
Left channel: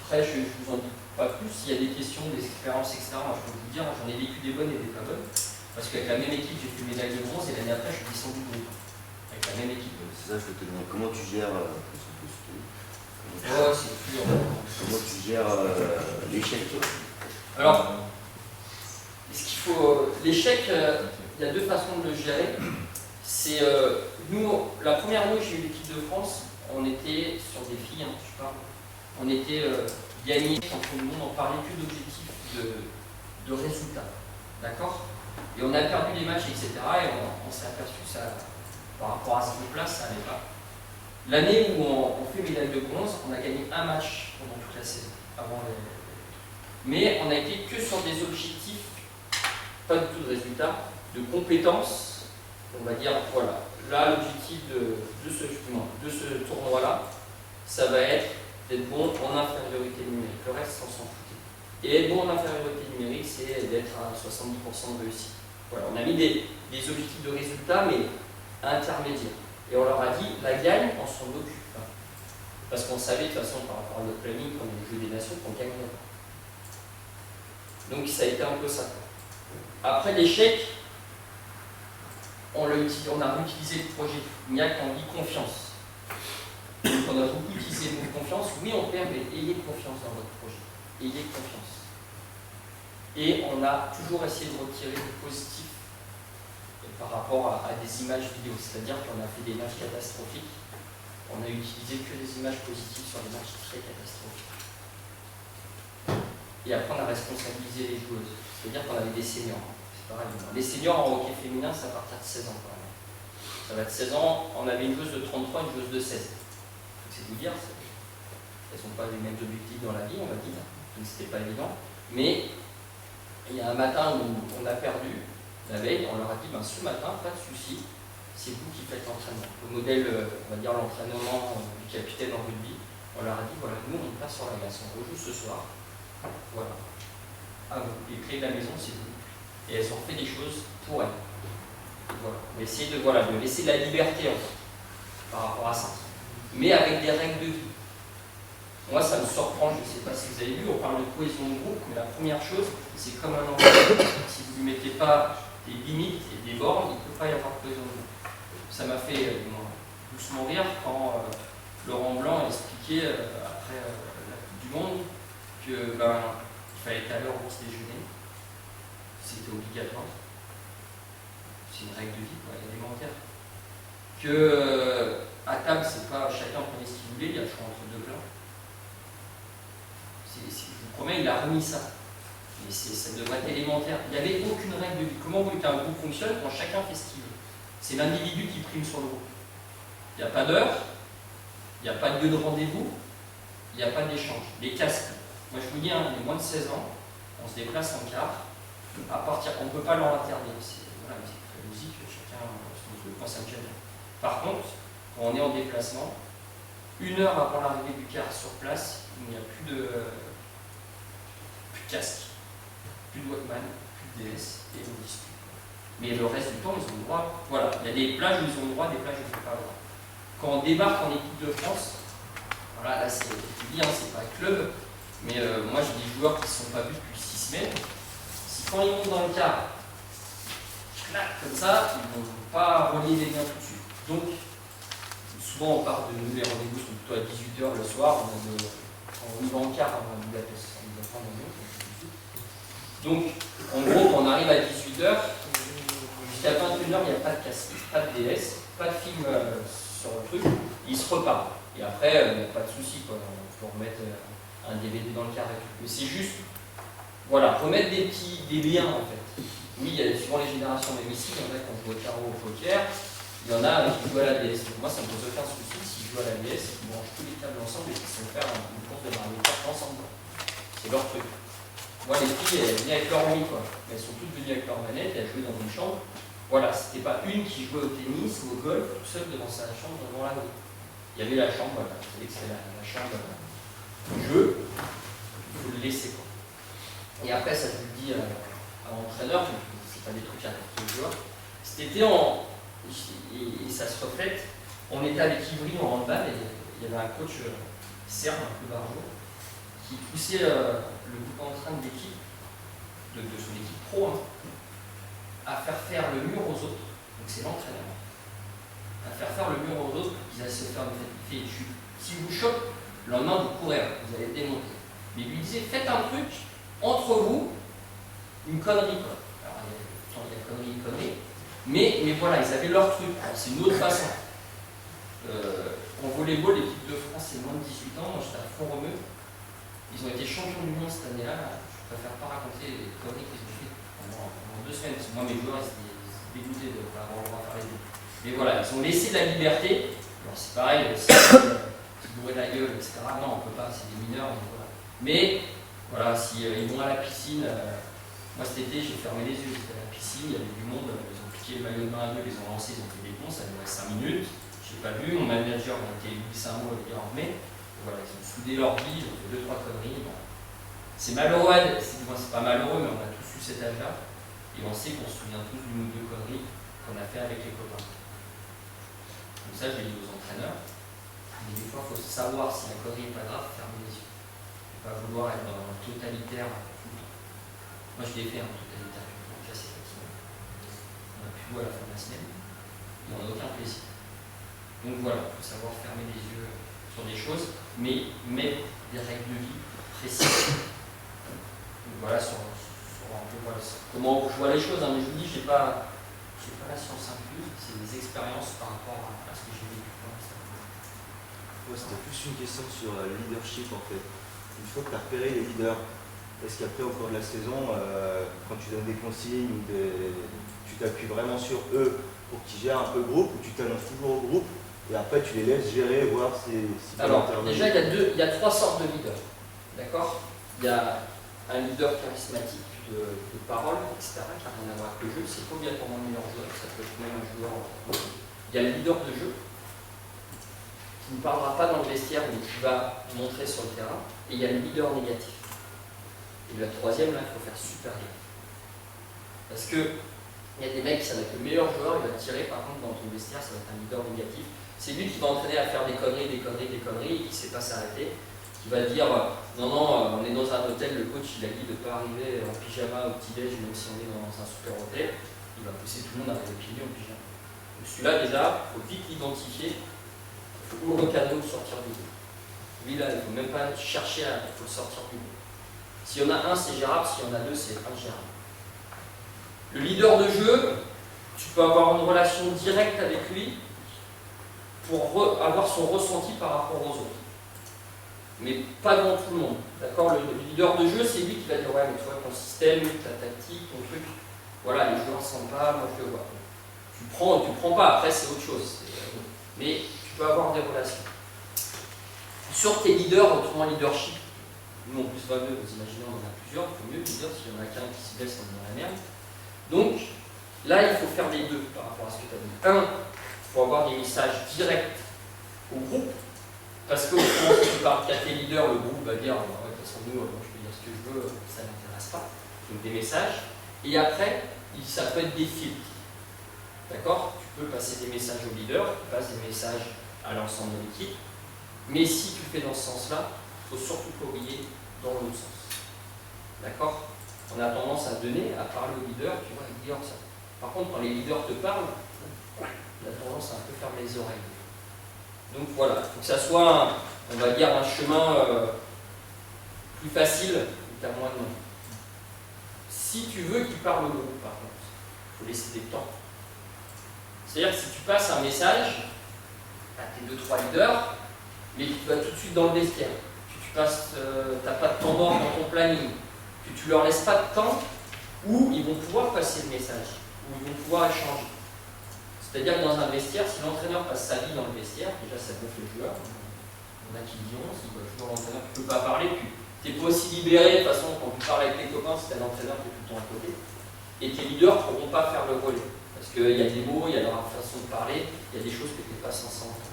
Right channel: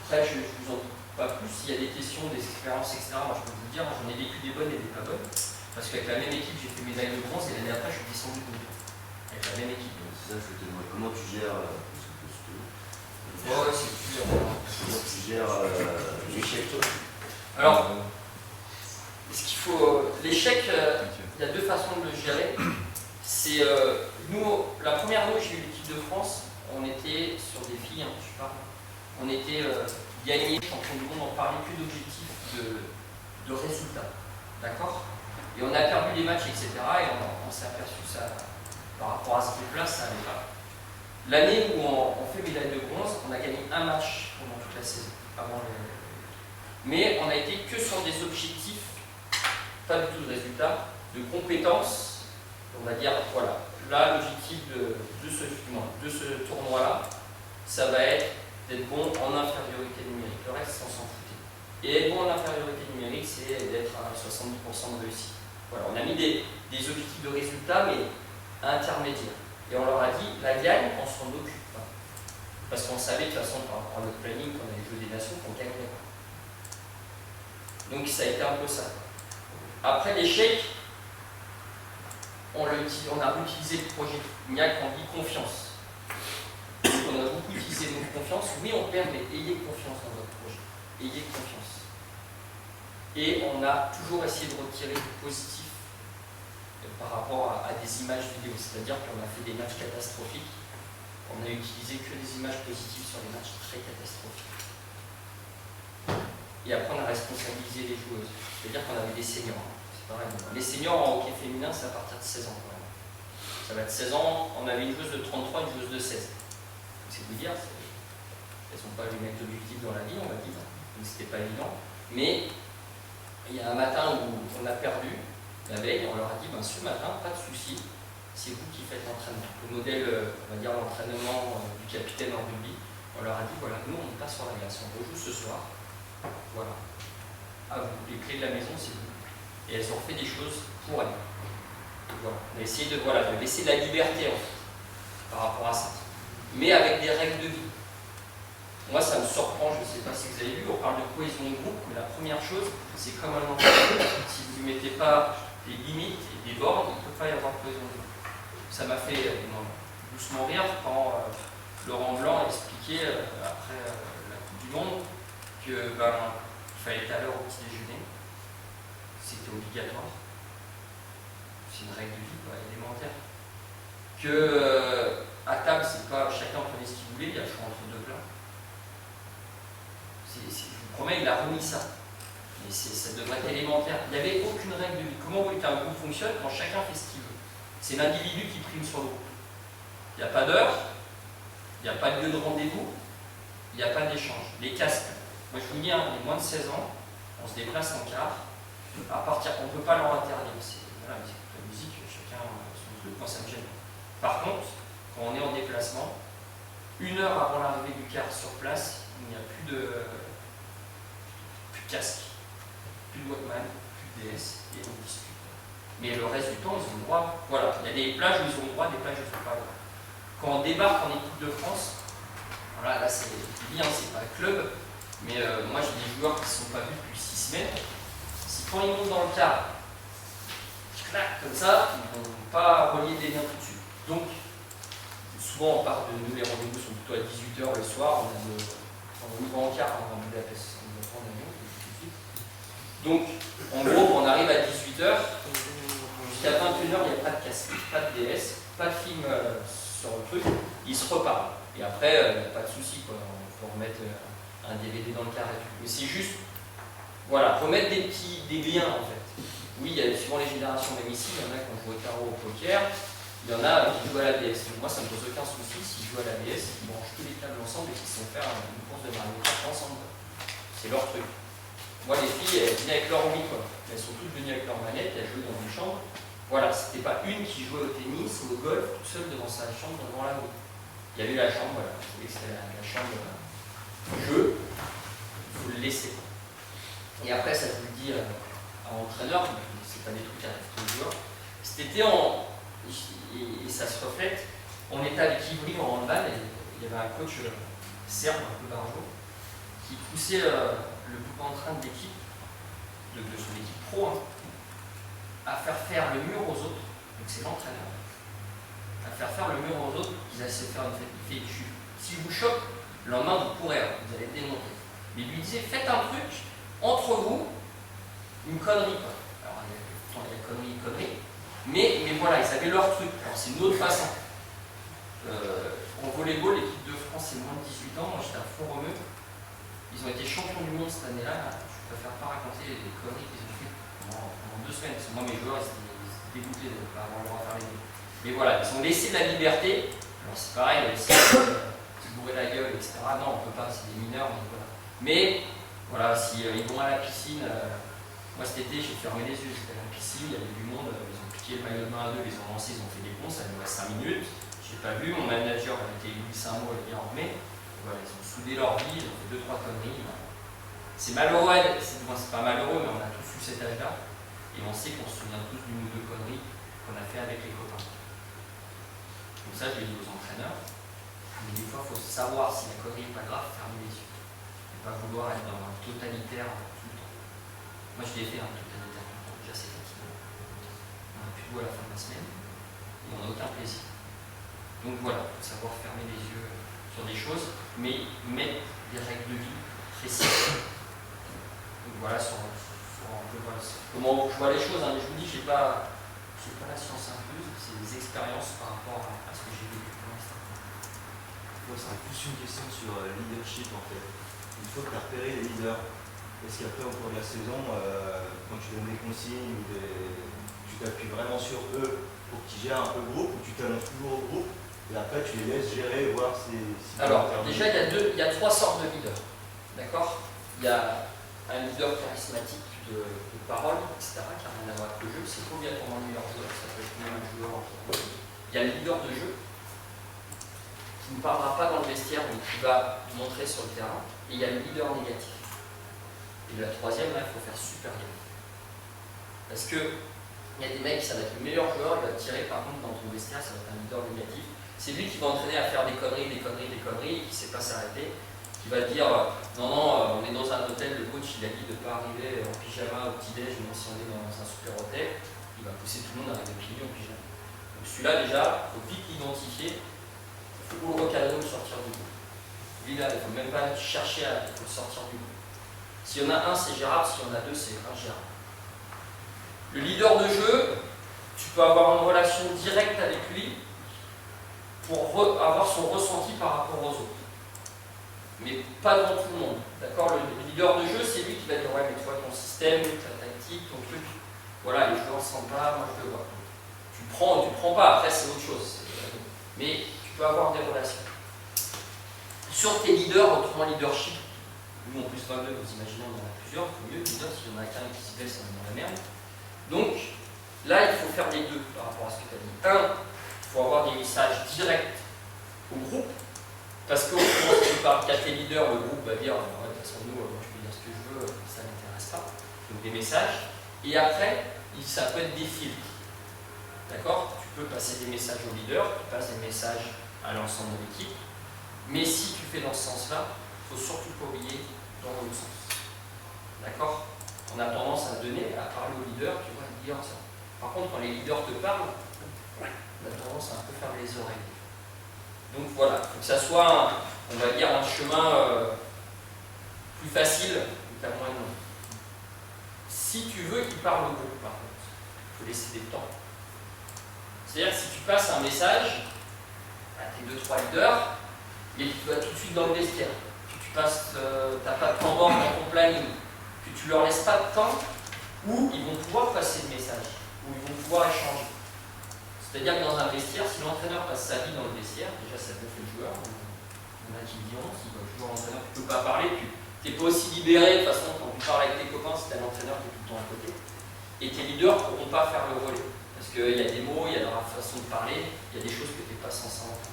après je ne vous en dis pas plus, s'il y a des questions, des expériences, etc., moi je peux vous dire, j'en ai vécu des bonnes et des pas bonnes, parce qu'avec la même équipe, j'ai fait médaille de bronze, et l'année après, je suis descendu de groupe. Avec la même équipe. C'est ça, je vais te demander comment tu gères, ouais, c'est dur. Comment tu gères l'échec, toi? Alors, ce qu'il faut, l'échec, il y a deux façons de le gérer. C'est nous, la première année où j'ai eu l'équipe de France, on était sur des filles, hein, je parle, on était gagnés, champion du monde, on parlait que d'objectifs de résultats, d'accord? Et on a perdu les matchs, etc. Et on s'est aperçu que ça, par rapport à ce groupe-là, ça n'allait pas. L'année où on fait médaille de bronze, on a gagné un match pendant toute la saison, avant les... Mais on n'a été que sur des objectifs, pas du tout de résultats, de compétences on va dire, voilà, là l'objectif de ce tournoi-là, ça va être d'être bon en infériorité numérique. Le reste, on s'en foutait. Et être bon en infériorité numérique, c'est d'être à 70% de réussite. Voilà, on a mis des objectifs de résultat, mais intermédiaires. Et on leur a dit, la gagne, on s'en occupe pas. Parce qu'on savait de toute façon, par rapport à notre planning, qu'on allait jouer des nations, qu'on gagnerait pas. Donc ça a été un peu ça. Après l'échec, on a réutilisé le projet. Il n'y a qu'on dit confiance. Donc on a beaucoup utilisé le mot confiance. Oui, on perd, mais ayez confiance dans votre projet. Ayez confiance. Et on a toujours essayé de retirer du positif par rapport à des images vidéo. C'est-à-dire qu'on a fait des matchs catastrophiques. On a utilisé que des images positives sur les matchs très catastrophiques. Et après, on a responsabilisé les joueuses. C'est-à-dire qu'on avait des seniors. C'est pareil. Les seniors en hockey féminin, c'est à partir de 16 ans quand même. Ça va être 16 ans. On avait une joueuse de 33 et une joueuse de 16. C'est vous dire, elles n'ont pas les mêmes objectifs dans la vie, on va dire. Donc c'était pas évident. Mais il y a un matin où on a perdu, la veille, on leur a dit, ben, ce matin, pas de souci, c'est vous qui faites l'entraînement. Le modèle, on va dire l'entraînement du capitaine en rugby, on leur a dit, voilà, nous on passe sur la glace, on rejoue ce soir. Voilà, à vous, les clés de la maison, c'est vous. Et elles ont fait des choses pour elles. Et voilà. On a essayé de laisser la liberté en fait, par rapport à ça. Mais avec des règles de vie. Moi, ça me surprend, je ne sais pas si vous avez vu, on parle de cohésion de groupe, mais la première chose, c'est comme un enfant. Si vous ne lui mettez pas des limites et des bornes, il ne peut pas y avoir de cohésion de groupe. Ça m'a fait doucement rire quand Laurent Blanc expliquait, après la Coupe du Monde, que il fallait être à l'heure au petit déjeuner. C'était obligatoire. C'est une règle de vie, quoi, élémentaire. Que à table, c'est pas chacun prenait ce qu'il voulait, il y a le choix entre deux plats. Je vous promets, il a remis ça. Mais ça devrait être élémentaire. Il n'y avait aucune règle de vie. Comment vous voulez qu'un groupe fonctionne quand chacun fait ce qu'il veut? C'est l'individu qui prime sur le groupe. Il n'y a pas d'heure, il n'y a pas de lieu de rendez-vous, il n'y a pas d'échange. Les casques, moi je vous dis, les moins de 16 ans, on se déplace en car. On ne peut pas leur interdire. Voilà, la musique, chacun son truc, moi ça me gêne. Par contre, quand on est en déplacement, 1 heure avant l'arrivée du car sur place, il n'y a plus de casque, plus de Walkman, plus de DS, et on discute. Mais le reste du temps, ils ont le droit. Voilà, il y a des plages où ils ont le droit, des plages où ils n'ont pas le droit. Quand on débarque en équipe de France, voilà, là c'est bien, c'est pas club, mais moi j'ai des joueurs qui ne se sont pas vus depuis 6 semaines. Si quand ils montent dans le car, clac, comme ça, ils ne vont pas relier des liens tout de suite. Donc, souvent on part de nous, les rendez-vous sont plutôt à 18h le soir, quand on y va en car, on va à Budapest, on va prendre l'avion, tout de suite. Donc, en gros, quand on arrive à 18h, jusqu'à 21h, il n'y a pas de casque, pas de DS, pas de film sur le truc, ils se reparlent. Et après, il n'y a pas de souci, quoi. On peut remettre un DVD dans le car et tout. Mais c'est juste, voilà, remettre des liens en fait. Oui, il y a suivant les générations, même ici, il y en a qui ont joué au tarot, au poker, il y en a qui jouent à la DS. Donc moi, ça ne me pose aucun souci s'ils jouent à la DS et qu'ils branchent tous les câbles ensemble et qu'ils se font faire une course de Mario Kart ensemble. C'est leur truc. Moi, les filles, elles venaient avec leur Wii, quoi. Mais elles sont toutes venues avec leur manette et elles jouaient dans une chambre. Voilà, c'était pas une qui jouait au tennis ou au golf toute seule devant sa chambre, devant la Wii. Il y avait la chambre, voilà. Vous savez que c'était la chambre du jeu. Il faut le laisser, quoi. Et après, ça je vous le dis à l'entraîneur, c'est pas des trucs à répéter aux joueurs. Cet été, et ça se reflète, on était avec Ivry en handball et il y avait un coach serbe, un peu barjot, qui poussait le groupe en train de l'équipe, de son équipe pro, à faire le mur aux autres. Donc c'est l'entraîneur. À faire le mur aux autres pour qu'ils aillent se faire une fête. Il fait, si je vous choque, le lendemain vous courez, vous allez démonter. Mais il lui disait, faites un truc entre vous, une connerie, quoi. Alors il y a connerie, mais voilà, ils avaient leur truc. C'est une autre façon. En volleyball, l'équipe de France, c'est moins de 18 ans. Moi, j'étais à Font-Romeu. Ils ont été champions du monde cette année-là. Je préfère pas raconter les conneries qu'ils ont fait pendant 2 semaines. Parce que moi, mes joueurs, ils étaient dégoûtés de ne pas avoir le droit de faire les deux. Mais voilà, ils ont laissé de la liberté. Alors, c'est pareil, si ils bourraient la gueule, etc. Non, on peut pas, c'est des mineurs, mais voilà. Mais, voilà, si ils vont à la piscine, Moi cet été j'ai fermé les yeux, j'étais à la piscine, il y avait du monde, ils ont piqué le maillot de bain à deux, ils ont lancé, ils ont fait des cons, ça durait 5 minutes, j'ai pas vu, mon manager a été glissé un mot, les gars en mai, et voilà, ils ont soudé leur vie, ils ont fait 2-3 conneries. Ben, c'est malheureux, c'est pas malheureux, mais on a tous eu cet âge-là, et on sait qu'on se souvient tous d'une ou deux conneries qu'on a fait avec les copains. Comme ça, je le dis aux entraîneurs, mais des fois il faut savoir si la connerie n'est pas grave, fermer les yeux, et pas vouloir être dans le totalitaire tout le temps. Moi je l'ai fait un totalitaire tout le temps, déjà c'est fatigant. On n'a plus de goût à la fin de la semaine, et on n'a aucun plaisir. Donc voilà, il faut savoir fermer les yeux sur des choses, mais mettre des règles de vie précises. Donc voilà, sur comment je vois les choses, hein, mais je vous dis, j'ai pas la science incluse, c'est des expériences par rapport à ce que j'ai vécu pour l'instant. Moi, c'était plus une question sur le leadership en fait. Une fois que tu as repéré les leaders, est-ce qu'après, au cours de la saison, quand tu donnes des consignes ou tu t'appuies vraiment sur eux pour qu'ils gèrent un peu le groupe, ou tu t'annonces toujours au groupe et après tu les laisses gérer, voir si alors, déjà, il y a 3 sortes de leaders. D'accord? Il y a un leader charismatique de parole, etc., qui n'a rien à voir avec le jeu. C'est pas obligatoirement le meilleur joueur, ça peut être même un joueur. Il y a le leader de jeu qui ne parlera pas dans le vestiaire, mais qui va montrer sur le terrain. Et il y a le leader négatif. Et la troisième, là, il faut faire super gaffe. Parce que il y a des mecs, ça va être le meilleur joueur, il va te tirer, par contre, dans ton vestiaire, ça va être un leader négatif. C'est lui qui va entraîner à faire des conneries, et qui ne sait pas s'arrêter, qui va dire non, on est dans un hôtel, le coach il a dit de ne pas arriver en pyjama au petit-déj, même si on est dans un super hôtel, il va pousser tout le monde à arriver pieds nus en pyjama. Donc celui-là, déjà, il faut vite l'identifier, il faut le recadrer ou le sortir du groupe. Lui, là, il ne faut même pas chercher il faut le sortir du groupe. S'il y en a un, c'est gérable, s'il y en a deux, c'est ingérable. Le leader de jeu, tu peux avoir une relation directe avec lui pour avoir son ressenti par rapport aux autres. Mais pas devant tout le monde. D'accord? Le leader de jeu, c'est lui qui va dire ouais, mais toi, ton système, ta tactique, ton truc, voilà, les joueurs ne sentent pas, moi je le vois. Tu prends pas, après c'est autre chose. Mais tu peux avoir des relations. Sur tes leaders, autrement leadership, nous en plus 22, vous imaginez, on en a plusieurs, il faut mieux leader, s'il y en a qu'un qui se blesse, on est dans la merde. Donc, là, il faut faire les deux par rapport à ce que tu as dit. Un, il faut avoir des messages directs au groupe, parce qu'autrement, si tu parles qu'à tes leaders, le groupe va dire ouais, de toute façon, nous, je peux dire ce que je veux, ça ne m'intéresse pas. Donc, des messages. Et après, ça peut être des filtres. D'accord? Tu peux passer des messages au leader, tu passes des messages à l'ensemble de l'équipe. Mais si tu fais dans ce sens-là, il ne faut surtout pas oublier dans l'autre sens. D'accord? On a tendance à donner, à parler aux leaders, tu vois, les leaders, ça. Par contre, quand les leaders te parlent, on a tendance à un peu fermer les oreilles. Donc voilà, il faut que ça soit, on va dire, un chemin plus facile qu'à moins de nom. Si tu veux qu'il parle au groupe, par contre, il faut laisser des temps. C'est-à-dire que si tu passes un message à tes 2-3 leaders, mais tu vas tout de suite dans le vestiaire, que tu passes, t'as pas de temps mort dans ton planning, que tu leur laisses pas de temps où ils vont pouvoir passer le message, où ils vont pouvoir échanger. C'est-à-dire que dans un vestiaire, si l'entraîneur passe sa vie dans le vestiaire, déjà ça bluffe le joueur, on a qui diront, s'il voit toujours l'entraîneur, tu ne peux pas parler, tu n'es pas aussi libéré, de toute façon quand tu parles avec tes copains, c'est un entraîneur qui est tout le temps à côté, et tes leaders ne pourront pas faire le relais, parce qu'il y a des mots, il y a leur façon de parler, il y a des choses que tu n'es pas censé entendre.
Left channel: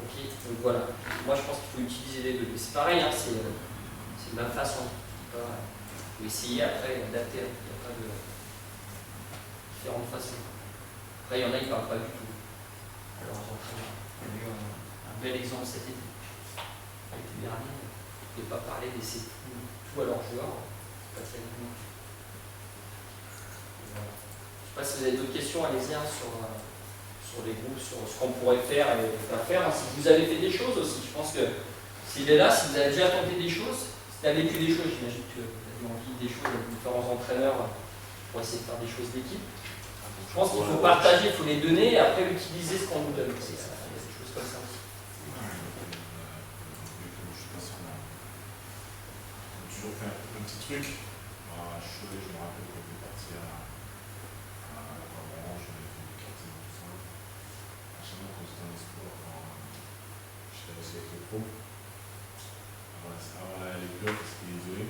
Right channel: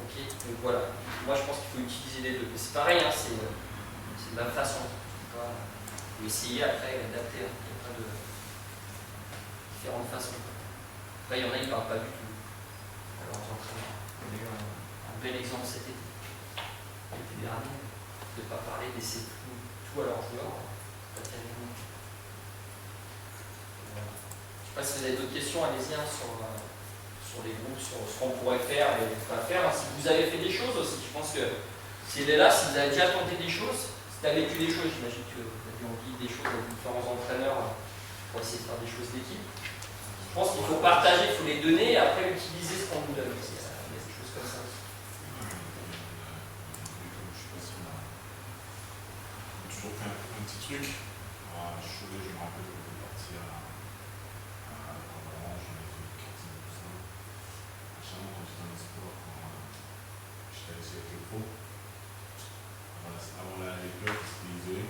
Ok, donc voilà, moi je pense qu'il faut utiliser les deux, c'est pareil, hein, c'est de la même façon, il faut essayer après d'adapter, il n'y a pas de différentes façons. Après, il y en a, ils ne parlent pas du tout. Alors, on a eu un bel exemple cet été. L'été dernier, de ne pas parler, laisser tout à leurs joueurs, c'est pas très bien. Voilà. Je ne sais pas si vous avez d'autres questions, allez-y hein, sur les groupes, sur ce qu'on pourrait faire et pas faire. Hein. Si vous avez fait des choses aussi, je pense que s'il est là, si vous avez déjà tenté des choses, si tu as vécu des choses, j'imagine que vous avez envie des choses avec différents entraîneurs pour essayer de faire des choses d'équipe. Je pense qu'il faut partager, il faut les donner et après utiliser ce qu'on nous donne. Il y a des choses comme ça aussi. Je sais pas si on a toujours fait un petit truc. À Cholet, je me rappelle qu'on peut partir à Orange, on avait fait du karting et tout ça. À Chalon, quand j'étais en espoir, quand j'étais avec le pro, avant les clubs, c'était isolé.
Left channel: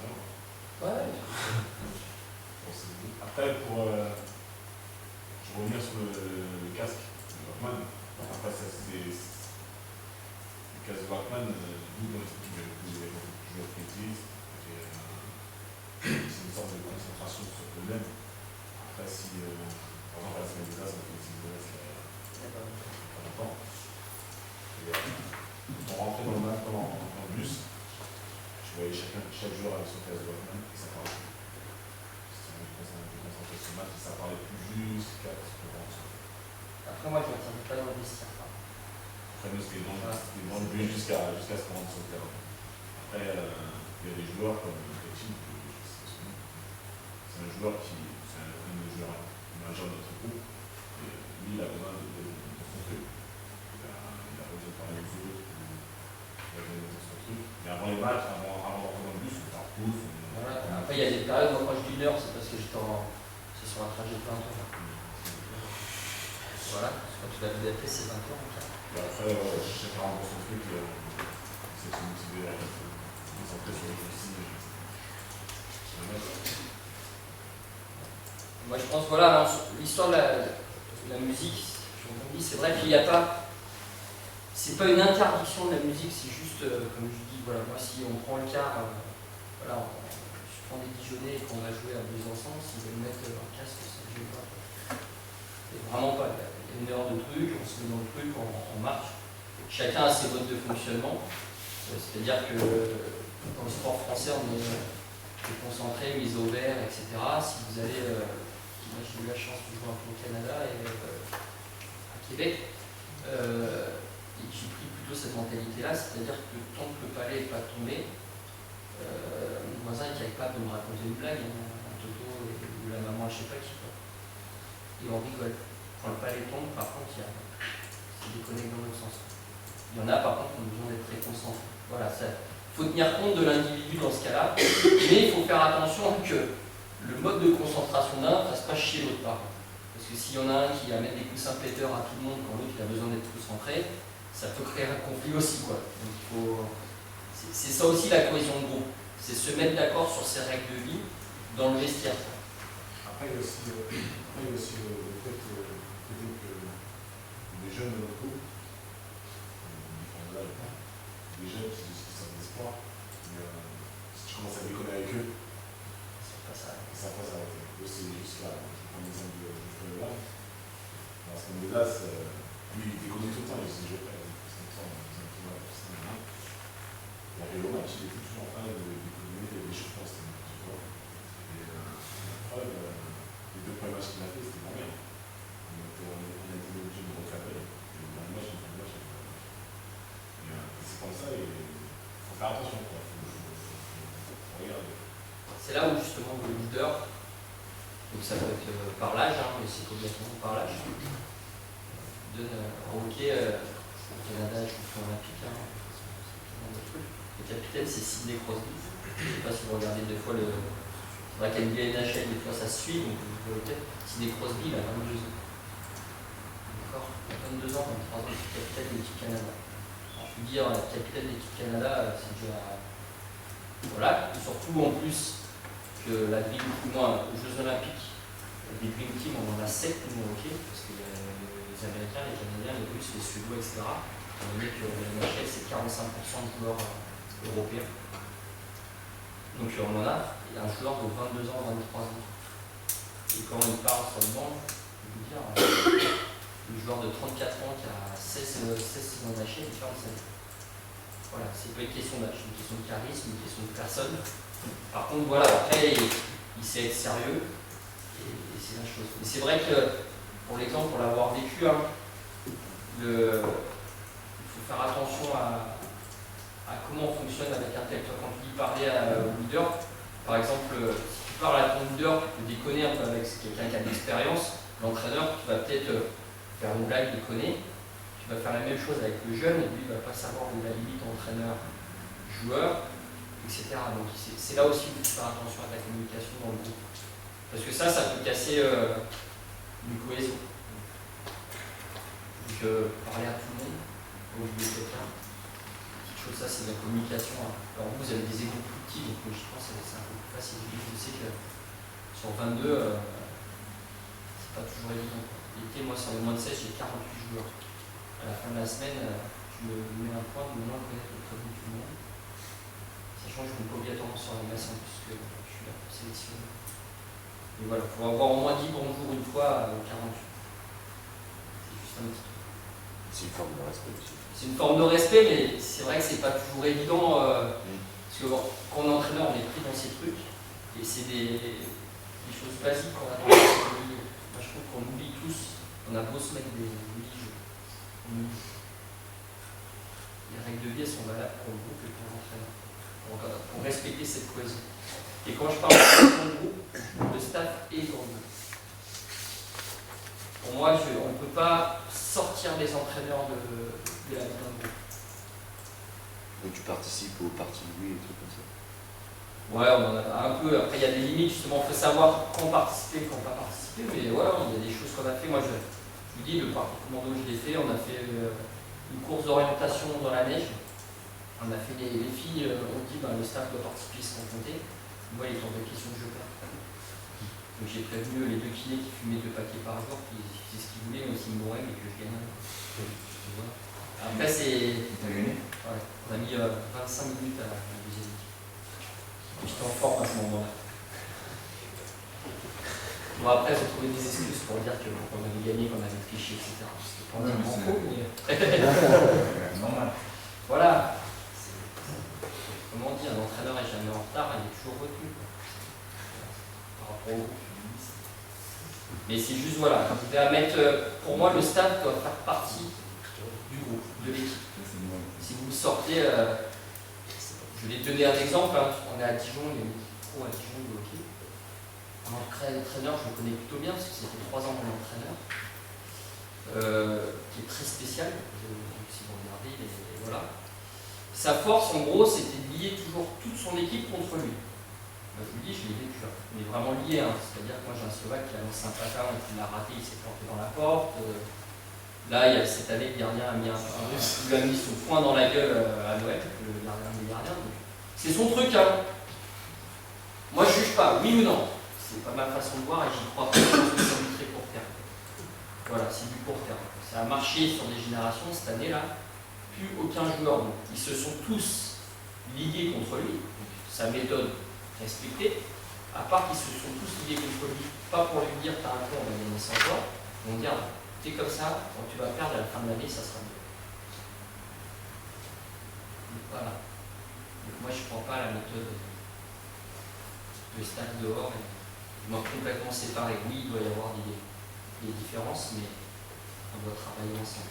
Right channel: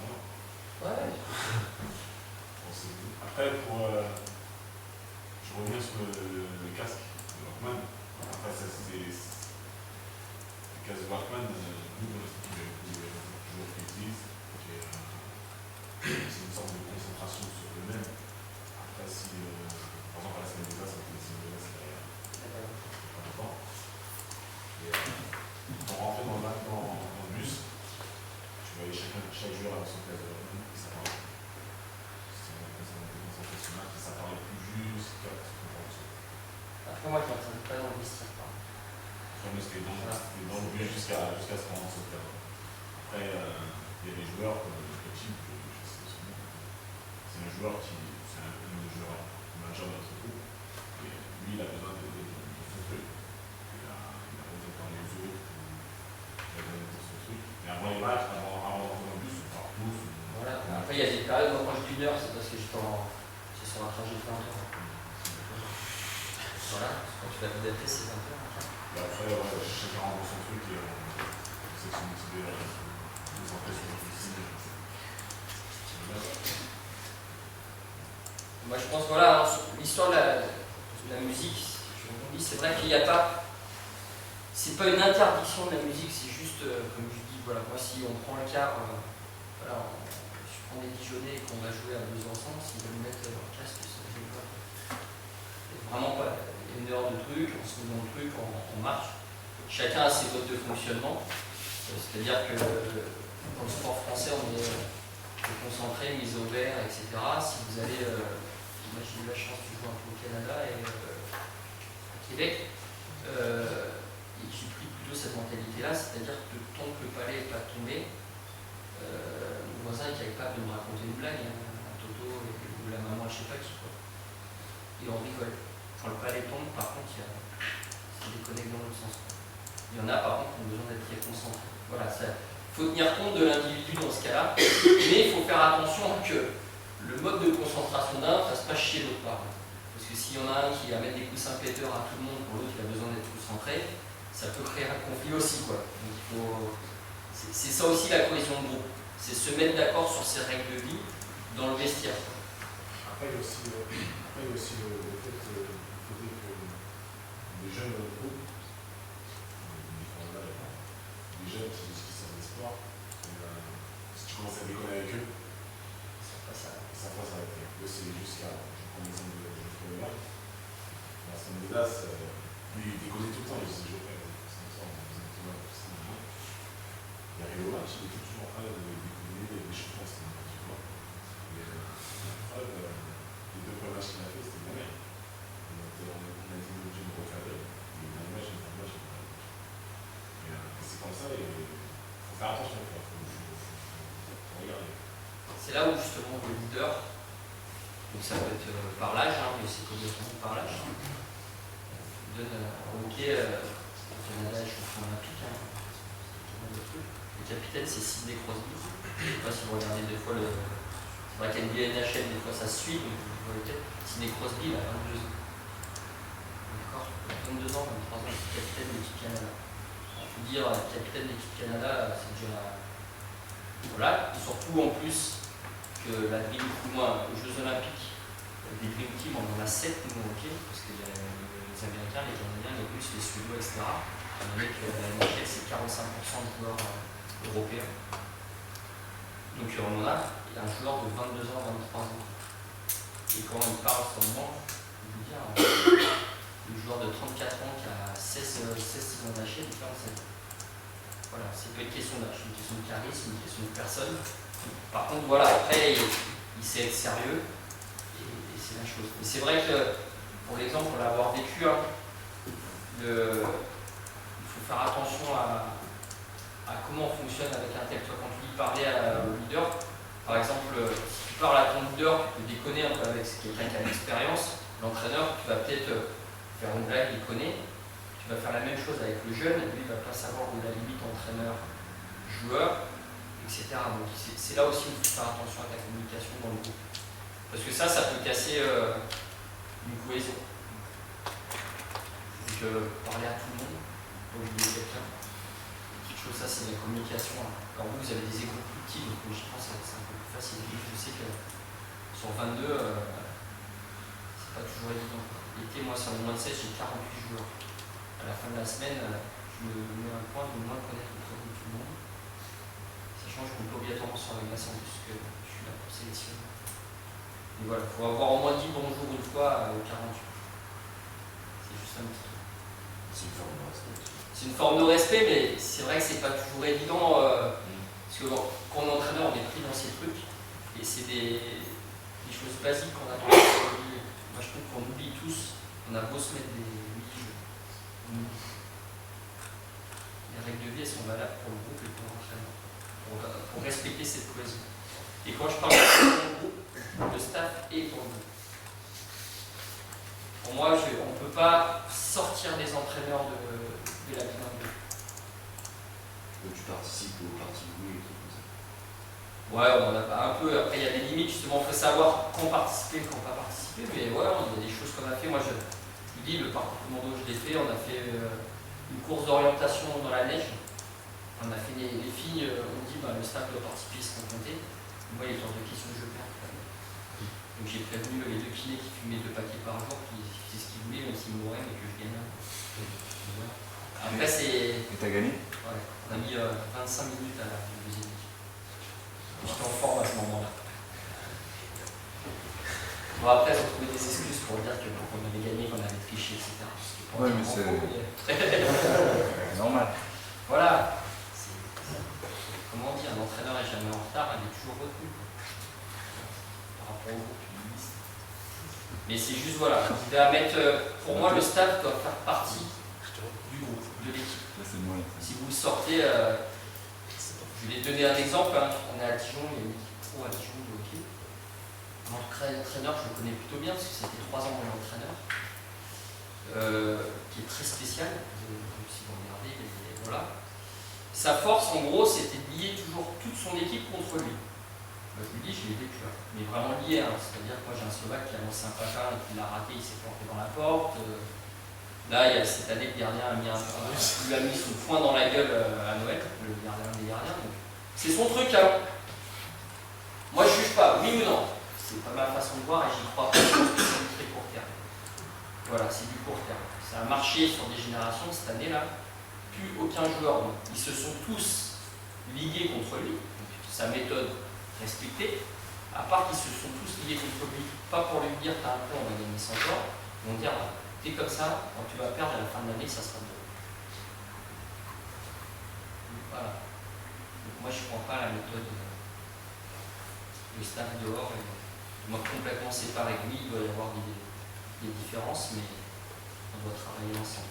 très bien. Ouais. Bon, après, je vais revenir sur le casque de Walkman. Après, ça, le casque de Walkman, nous, dans l'équipe, il y a beaucoup de joueurs qui utilisent. C'est une sorte de concentration sur eux-mêmes. Après, si, par exemple, à la semaine des As, on fait des Simonas il y a pas longtemps. Et on rentrait dans le bus, tu voyais chaque joueur avec son casque de Walkman et ça parlait plus. Si on était concentré sur le match, ça parlait plus jusqu'à ce qu'on rentre. Après, moi, je m'entendais pas dans le vestiaire. Après, nous, c'était dans le but jusqu'à ce qu'on rentre sur le terrain. Après, il y a des joueurs comme Coaching, c'est un joueur c'est un des joueurs majeurs de notre groupe. Et lui, il a besoin de son truc. Il a besoin de parler aux autres, il a besoin de son truc. Mais avant les matchs, avant d'entrer dans le bus, on part tous. Voilà. Après, il y a des périodes, moi, quand je dis 1 heure, c'est parce que c'est sur un trajet de 20 heures. Voilà, quand tu vas t'adapter, c'est 20 heures. Et après, chacun rentre son truc et on essaie de se motiver à se concentrer sur le souci. Moi, je pense, voilà, l'histoire de la musique, c'est vrai qu'il n'y a pas. C'est pas une interdiction de la musique, c'est juste, comme je dis, voilà, moi, si on prend le quart, voilà, je prends des Dijonnais et qu'on va jouer à Besançon, s'ils veulent mettre leur casque, ça ne joue pas. Et vraiment pas. Il y a 1 heure de truc, on se met dans le truc, on marche. Chacun a ses modes de fonctionnement. C'est-à-dire que dans le sport français, on est concentré, mis au vert, etc. Si vous allez, moi j'ai eu la chance de jouer un peu au Canada et à Québec, et j'ai pris plutôt cette mentalité-là, c'est-à-dire que tant que le palais n'est pas tombé, mon voisin est capable de me raconter une blague, un toto ou la maman, je sais pas qui, quoi. Et on rigole. Quand le palais tombe, par contre, ça déconnecte dans l'autre sens. Il y en a, par contre, qui ont besoin d'être très concentrés. Voilà, il faut tenir compte de l'individu dans ce cas-là, mais il faut faire attention que le mode de concentration d'un ne fasse pas chier l'autre par contre. Parce que s'il y en a un qui va mettre des coussins péteurs à tout le monde quand l'autre il a besoin d'être concentré, ça peut créer un conflit aussi, quoi. Donc c'est ça aussi la cohésion de groupe, c'est se mettre d'accord sur ses règles de vie dans le vestiaire. Après, il y a aussi le fait que les jeunes de notre groupe, des jeunes qui sortent des sports, si tu commences à déconner avec eux, ça va s'arrêter. Eux, c'est jusqu'à, je prends l'exemple de Geoffrey Leval, dans la semaine des As, lui, il déconnait tout le temps, il se dit Geoffrey, c'est comme ça, on faisait un tournoi pour ça, il arrive au match, il était toujours en train de déconner, l'échauffement, c'était n'importe quoi. Et la preuve, les 2 premiers matchs qu'il a fait, c'était de la merde. On a été obligé de recadrer. Et dans le match, c'est comme ça et il faut faire attention. Il faut regarder. C'est là où justement le leader, donc ça peut être par l'âge, mais c'est complètement par l'âge, donne au hockey au Canada, je comprends olympique, le capitaine c'est Sidney Crosby. Je ne sais pas si vous regardez des fois c'est vrai qu'à NHL, des fois ça se suit, donc vous voyez Sidney Crosby, il a 22 ans. D'accord, 22 ans, 23 ans, capitaine de l'équipe Canada. Alors, je peux dire, capitaine de l'équipe Canada, c'est déjà. Voilà, et surtout en plus que la Dream Team, moi, aux Jeux Olympiques, des Dream Team, on en a 7 nous au hockey, parce qu'il y a les Américains, les Canadiens, les Russes, les Suédois, etc. On a donné que la NHL, c'est 45% de joueurs européens. Donc on en a un joueur de 22 ans, 23 ans. Et quand il parle sur le banc, je veux dire, le joueur de 34 ans qui a 16 saisons NHL, il ferme sa vie. Voilà, c'est pas une question d'âge, une question de charisme, une question de personne. Par contre, voilà, après, il sait être sérieux, et c'est la chose. Mais c'est vrai que, pour l'exemple, pour l'avoir vécu, il faut faire attention à comment on fonctionne avec un tel. Toi, quand tu dis parler au leader, par exemple, si tu parles à ton leader, tu peux déconner un peu avec quelqu'un qui a de l'expérience. L'entraîneur, tu vas peut-être faire une blague, déconner. Tu vas faire la même chose avec le jeune, lui, il ne va pas savoir où est la limite entraîneur-joueur, etc. Donc c'est là aussi où il faut faire attention à ta communication dans le groupe. Parce que ça peut casser une cohésion. Donc parler à tout le monde, pas oublier quelqu'un. Petite chose, ça c'est la communication. Alors vous avez des groupes plus petits, donc je pense que c'est un peu plus facile. Je sais que sur 22, c'est pas toujours évident. L'été, moi, sur les moins de 16, j'ai 48 joueurs. À la fin de la semaine, je me mets un point de au moins connaître le prénom de tout le monde. Sachant que je ne compte pas obligatoirement sur la glace en plus que je suis là pour sélectionner. Mais voilà, il faut avoir au moins dit bonjour une fois au 48. C'est juste un petit truc. C'est une forme de respect aussi. C'est une forme de respect, mais c'est vrai que c'est pas toujours évident. Parce que quand on est entraîneur, on est pris dans ces trucs. Et c'est des choses basiques qu'on a tendance à oublier. Moi, je trouve qu'on oublie tous. On a beau se mettre des jeux. Les règles de vie, elles sont valables pour le groupe et pour l'entraîneur. Pour respecter cette cohésion. Et quand je parle de cohésion de groupe, le staff est dans le groupe. Pour moi, on ne peut pas sortir les entraîneurs de la vie d'un groupe. Donc tu participes aux parties de Louis et trucs comme ça. Ouais, on en a un peu. Après, il y a des limites, justement. Il faut savoir quand participer, quand pas participer. Mais voilà, il y a des choses qu'on a fait. Moi, je vous dis, le parcours commando, je l'ai fait. On a fait une course d'orientation dans la neige. On a fait les filles, on dit le staff doit participer, se confronter. Moi, les tours de questions, je perds. Donc j'ai prévenu les 2 kinés qui fumaient 2 paquets par jour, qui faisaient ce qu'ils voulaient, même s'ils mouraient, mais que je gagnais. Voilà. Après, c'est. Et t'as gagné? Ouais, on a mis 25 minutes à la deuxième équipe. J'étais en forme à ce moment-là. Bon, après, j'ai trouvé des excuses pour dire qu'on avait gagné, qu'on avait triché, etc. C'était pas entièrement faux, mais. Normal. Voilà. Comment on dit, un entraîneur n'est jamais en retard, il est toujours retenu. Par rapport au groupe. Mais c'est juste, voilà, vous à mettre. Pour moi, le staff doit faire partie du groupe, de l'équipe. Si vous sortez. Je vais donner un exemple. On est à Dijon, il y a une équipe pro à Dijon de hockey. Mon entraîneur, je le connais plutôt bien parce que c'était 3 ans mon entraîneur. Qui est très spécial. Si vous regardez, voilà. Sa force, en gros, c'était de lier toujours toute son équipe contre lui. Je vous le dis, je l'ai vécu, mais vraiment lié. C'est-à-dire que moi, j'ai un Slovaque qui a lancé un patin et qui l'a raté, il s'est planté dans la porte. Là, cette année, le gardien lui a mis son poing dans la gueule à Noël, le gardien des gardiens. C'est son truc. Moi, je juge pas, oui ou non. C'est pas ma façon de voir et j'y crois pas. Je pense que c'est du très court terme. Voilà, c'est du court terme. Ça a marché sur des générations cette année-là. Plus aucun joueur. Donc, ils se sont tous ligués contre lui. Donc, sa méthode respectée. À part qu'ils se sont tous ligués contre lui. Pas pour lui dire t'as un peu, on va gagner 100 joueurs. Ils vont dire t'es comme ça, quand tu vas perdre à la fin de l'année, ça sera mieux. Voilà. Donc, moi, je ne crois pas à la méthode de staff dehors. Et, du moins complètement séparé. Oui, il doit y avoir des différences, mais on doit travailler ensemble.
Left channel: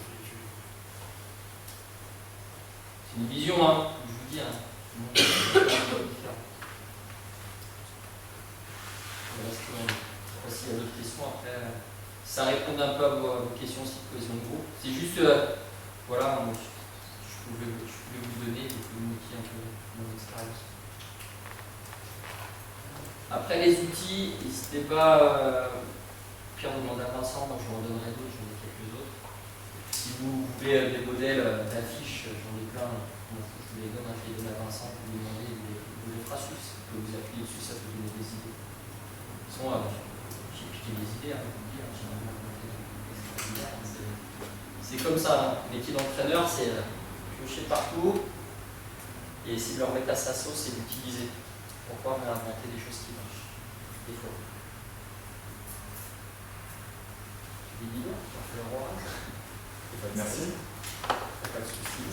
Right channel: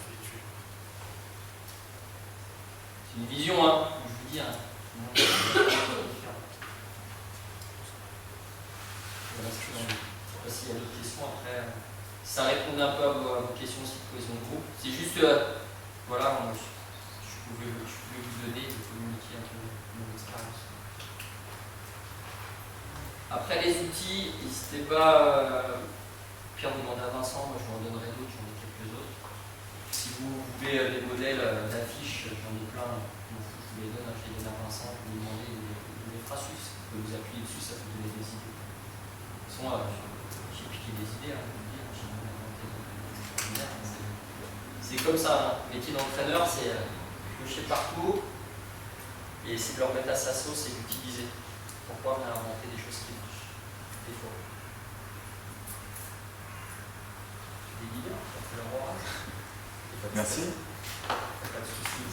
C'est une vision, je vous dis, non, c'est différent. Voilà ce que l'on dit. Je ne sais pas s'il y a d'autres questions après. Ça répond un peu à vos questions aussi de cohésion de groupe. C'est juste, voilà, je pouvais vous donner et communiquer un peu mon expérience. Après les outils, n'hésitez pas, Pierre demande à Vincent, moi je vous en donnerai d'autres, j'en ai quelques autres. Si vous voulez des modèles d'affiches, j'en ai plein, je vous les donne, je les donne à Vincent, vous lui demandez, il vous les fera suivre, vous pouvez vous appuyer dessus, ça peut donner des idées. De toute façon, j'ai piqué des idées, je vous le dis, j'ai inventé des extraordinaires. C'est comme ça, le métier d'entraîneur, c'est piocher partout et essayer de leur mettre à sa sauce et l'utiliser. Pourquoi réinventer des choses qui marchent, des fois. J'ai des idées, on fait le roi. Merci. Pas de soucis.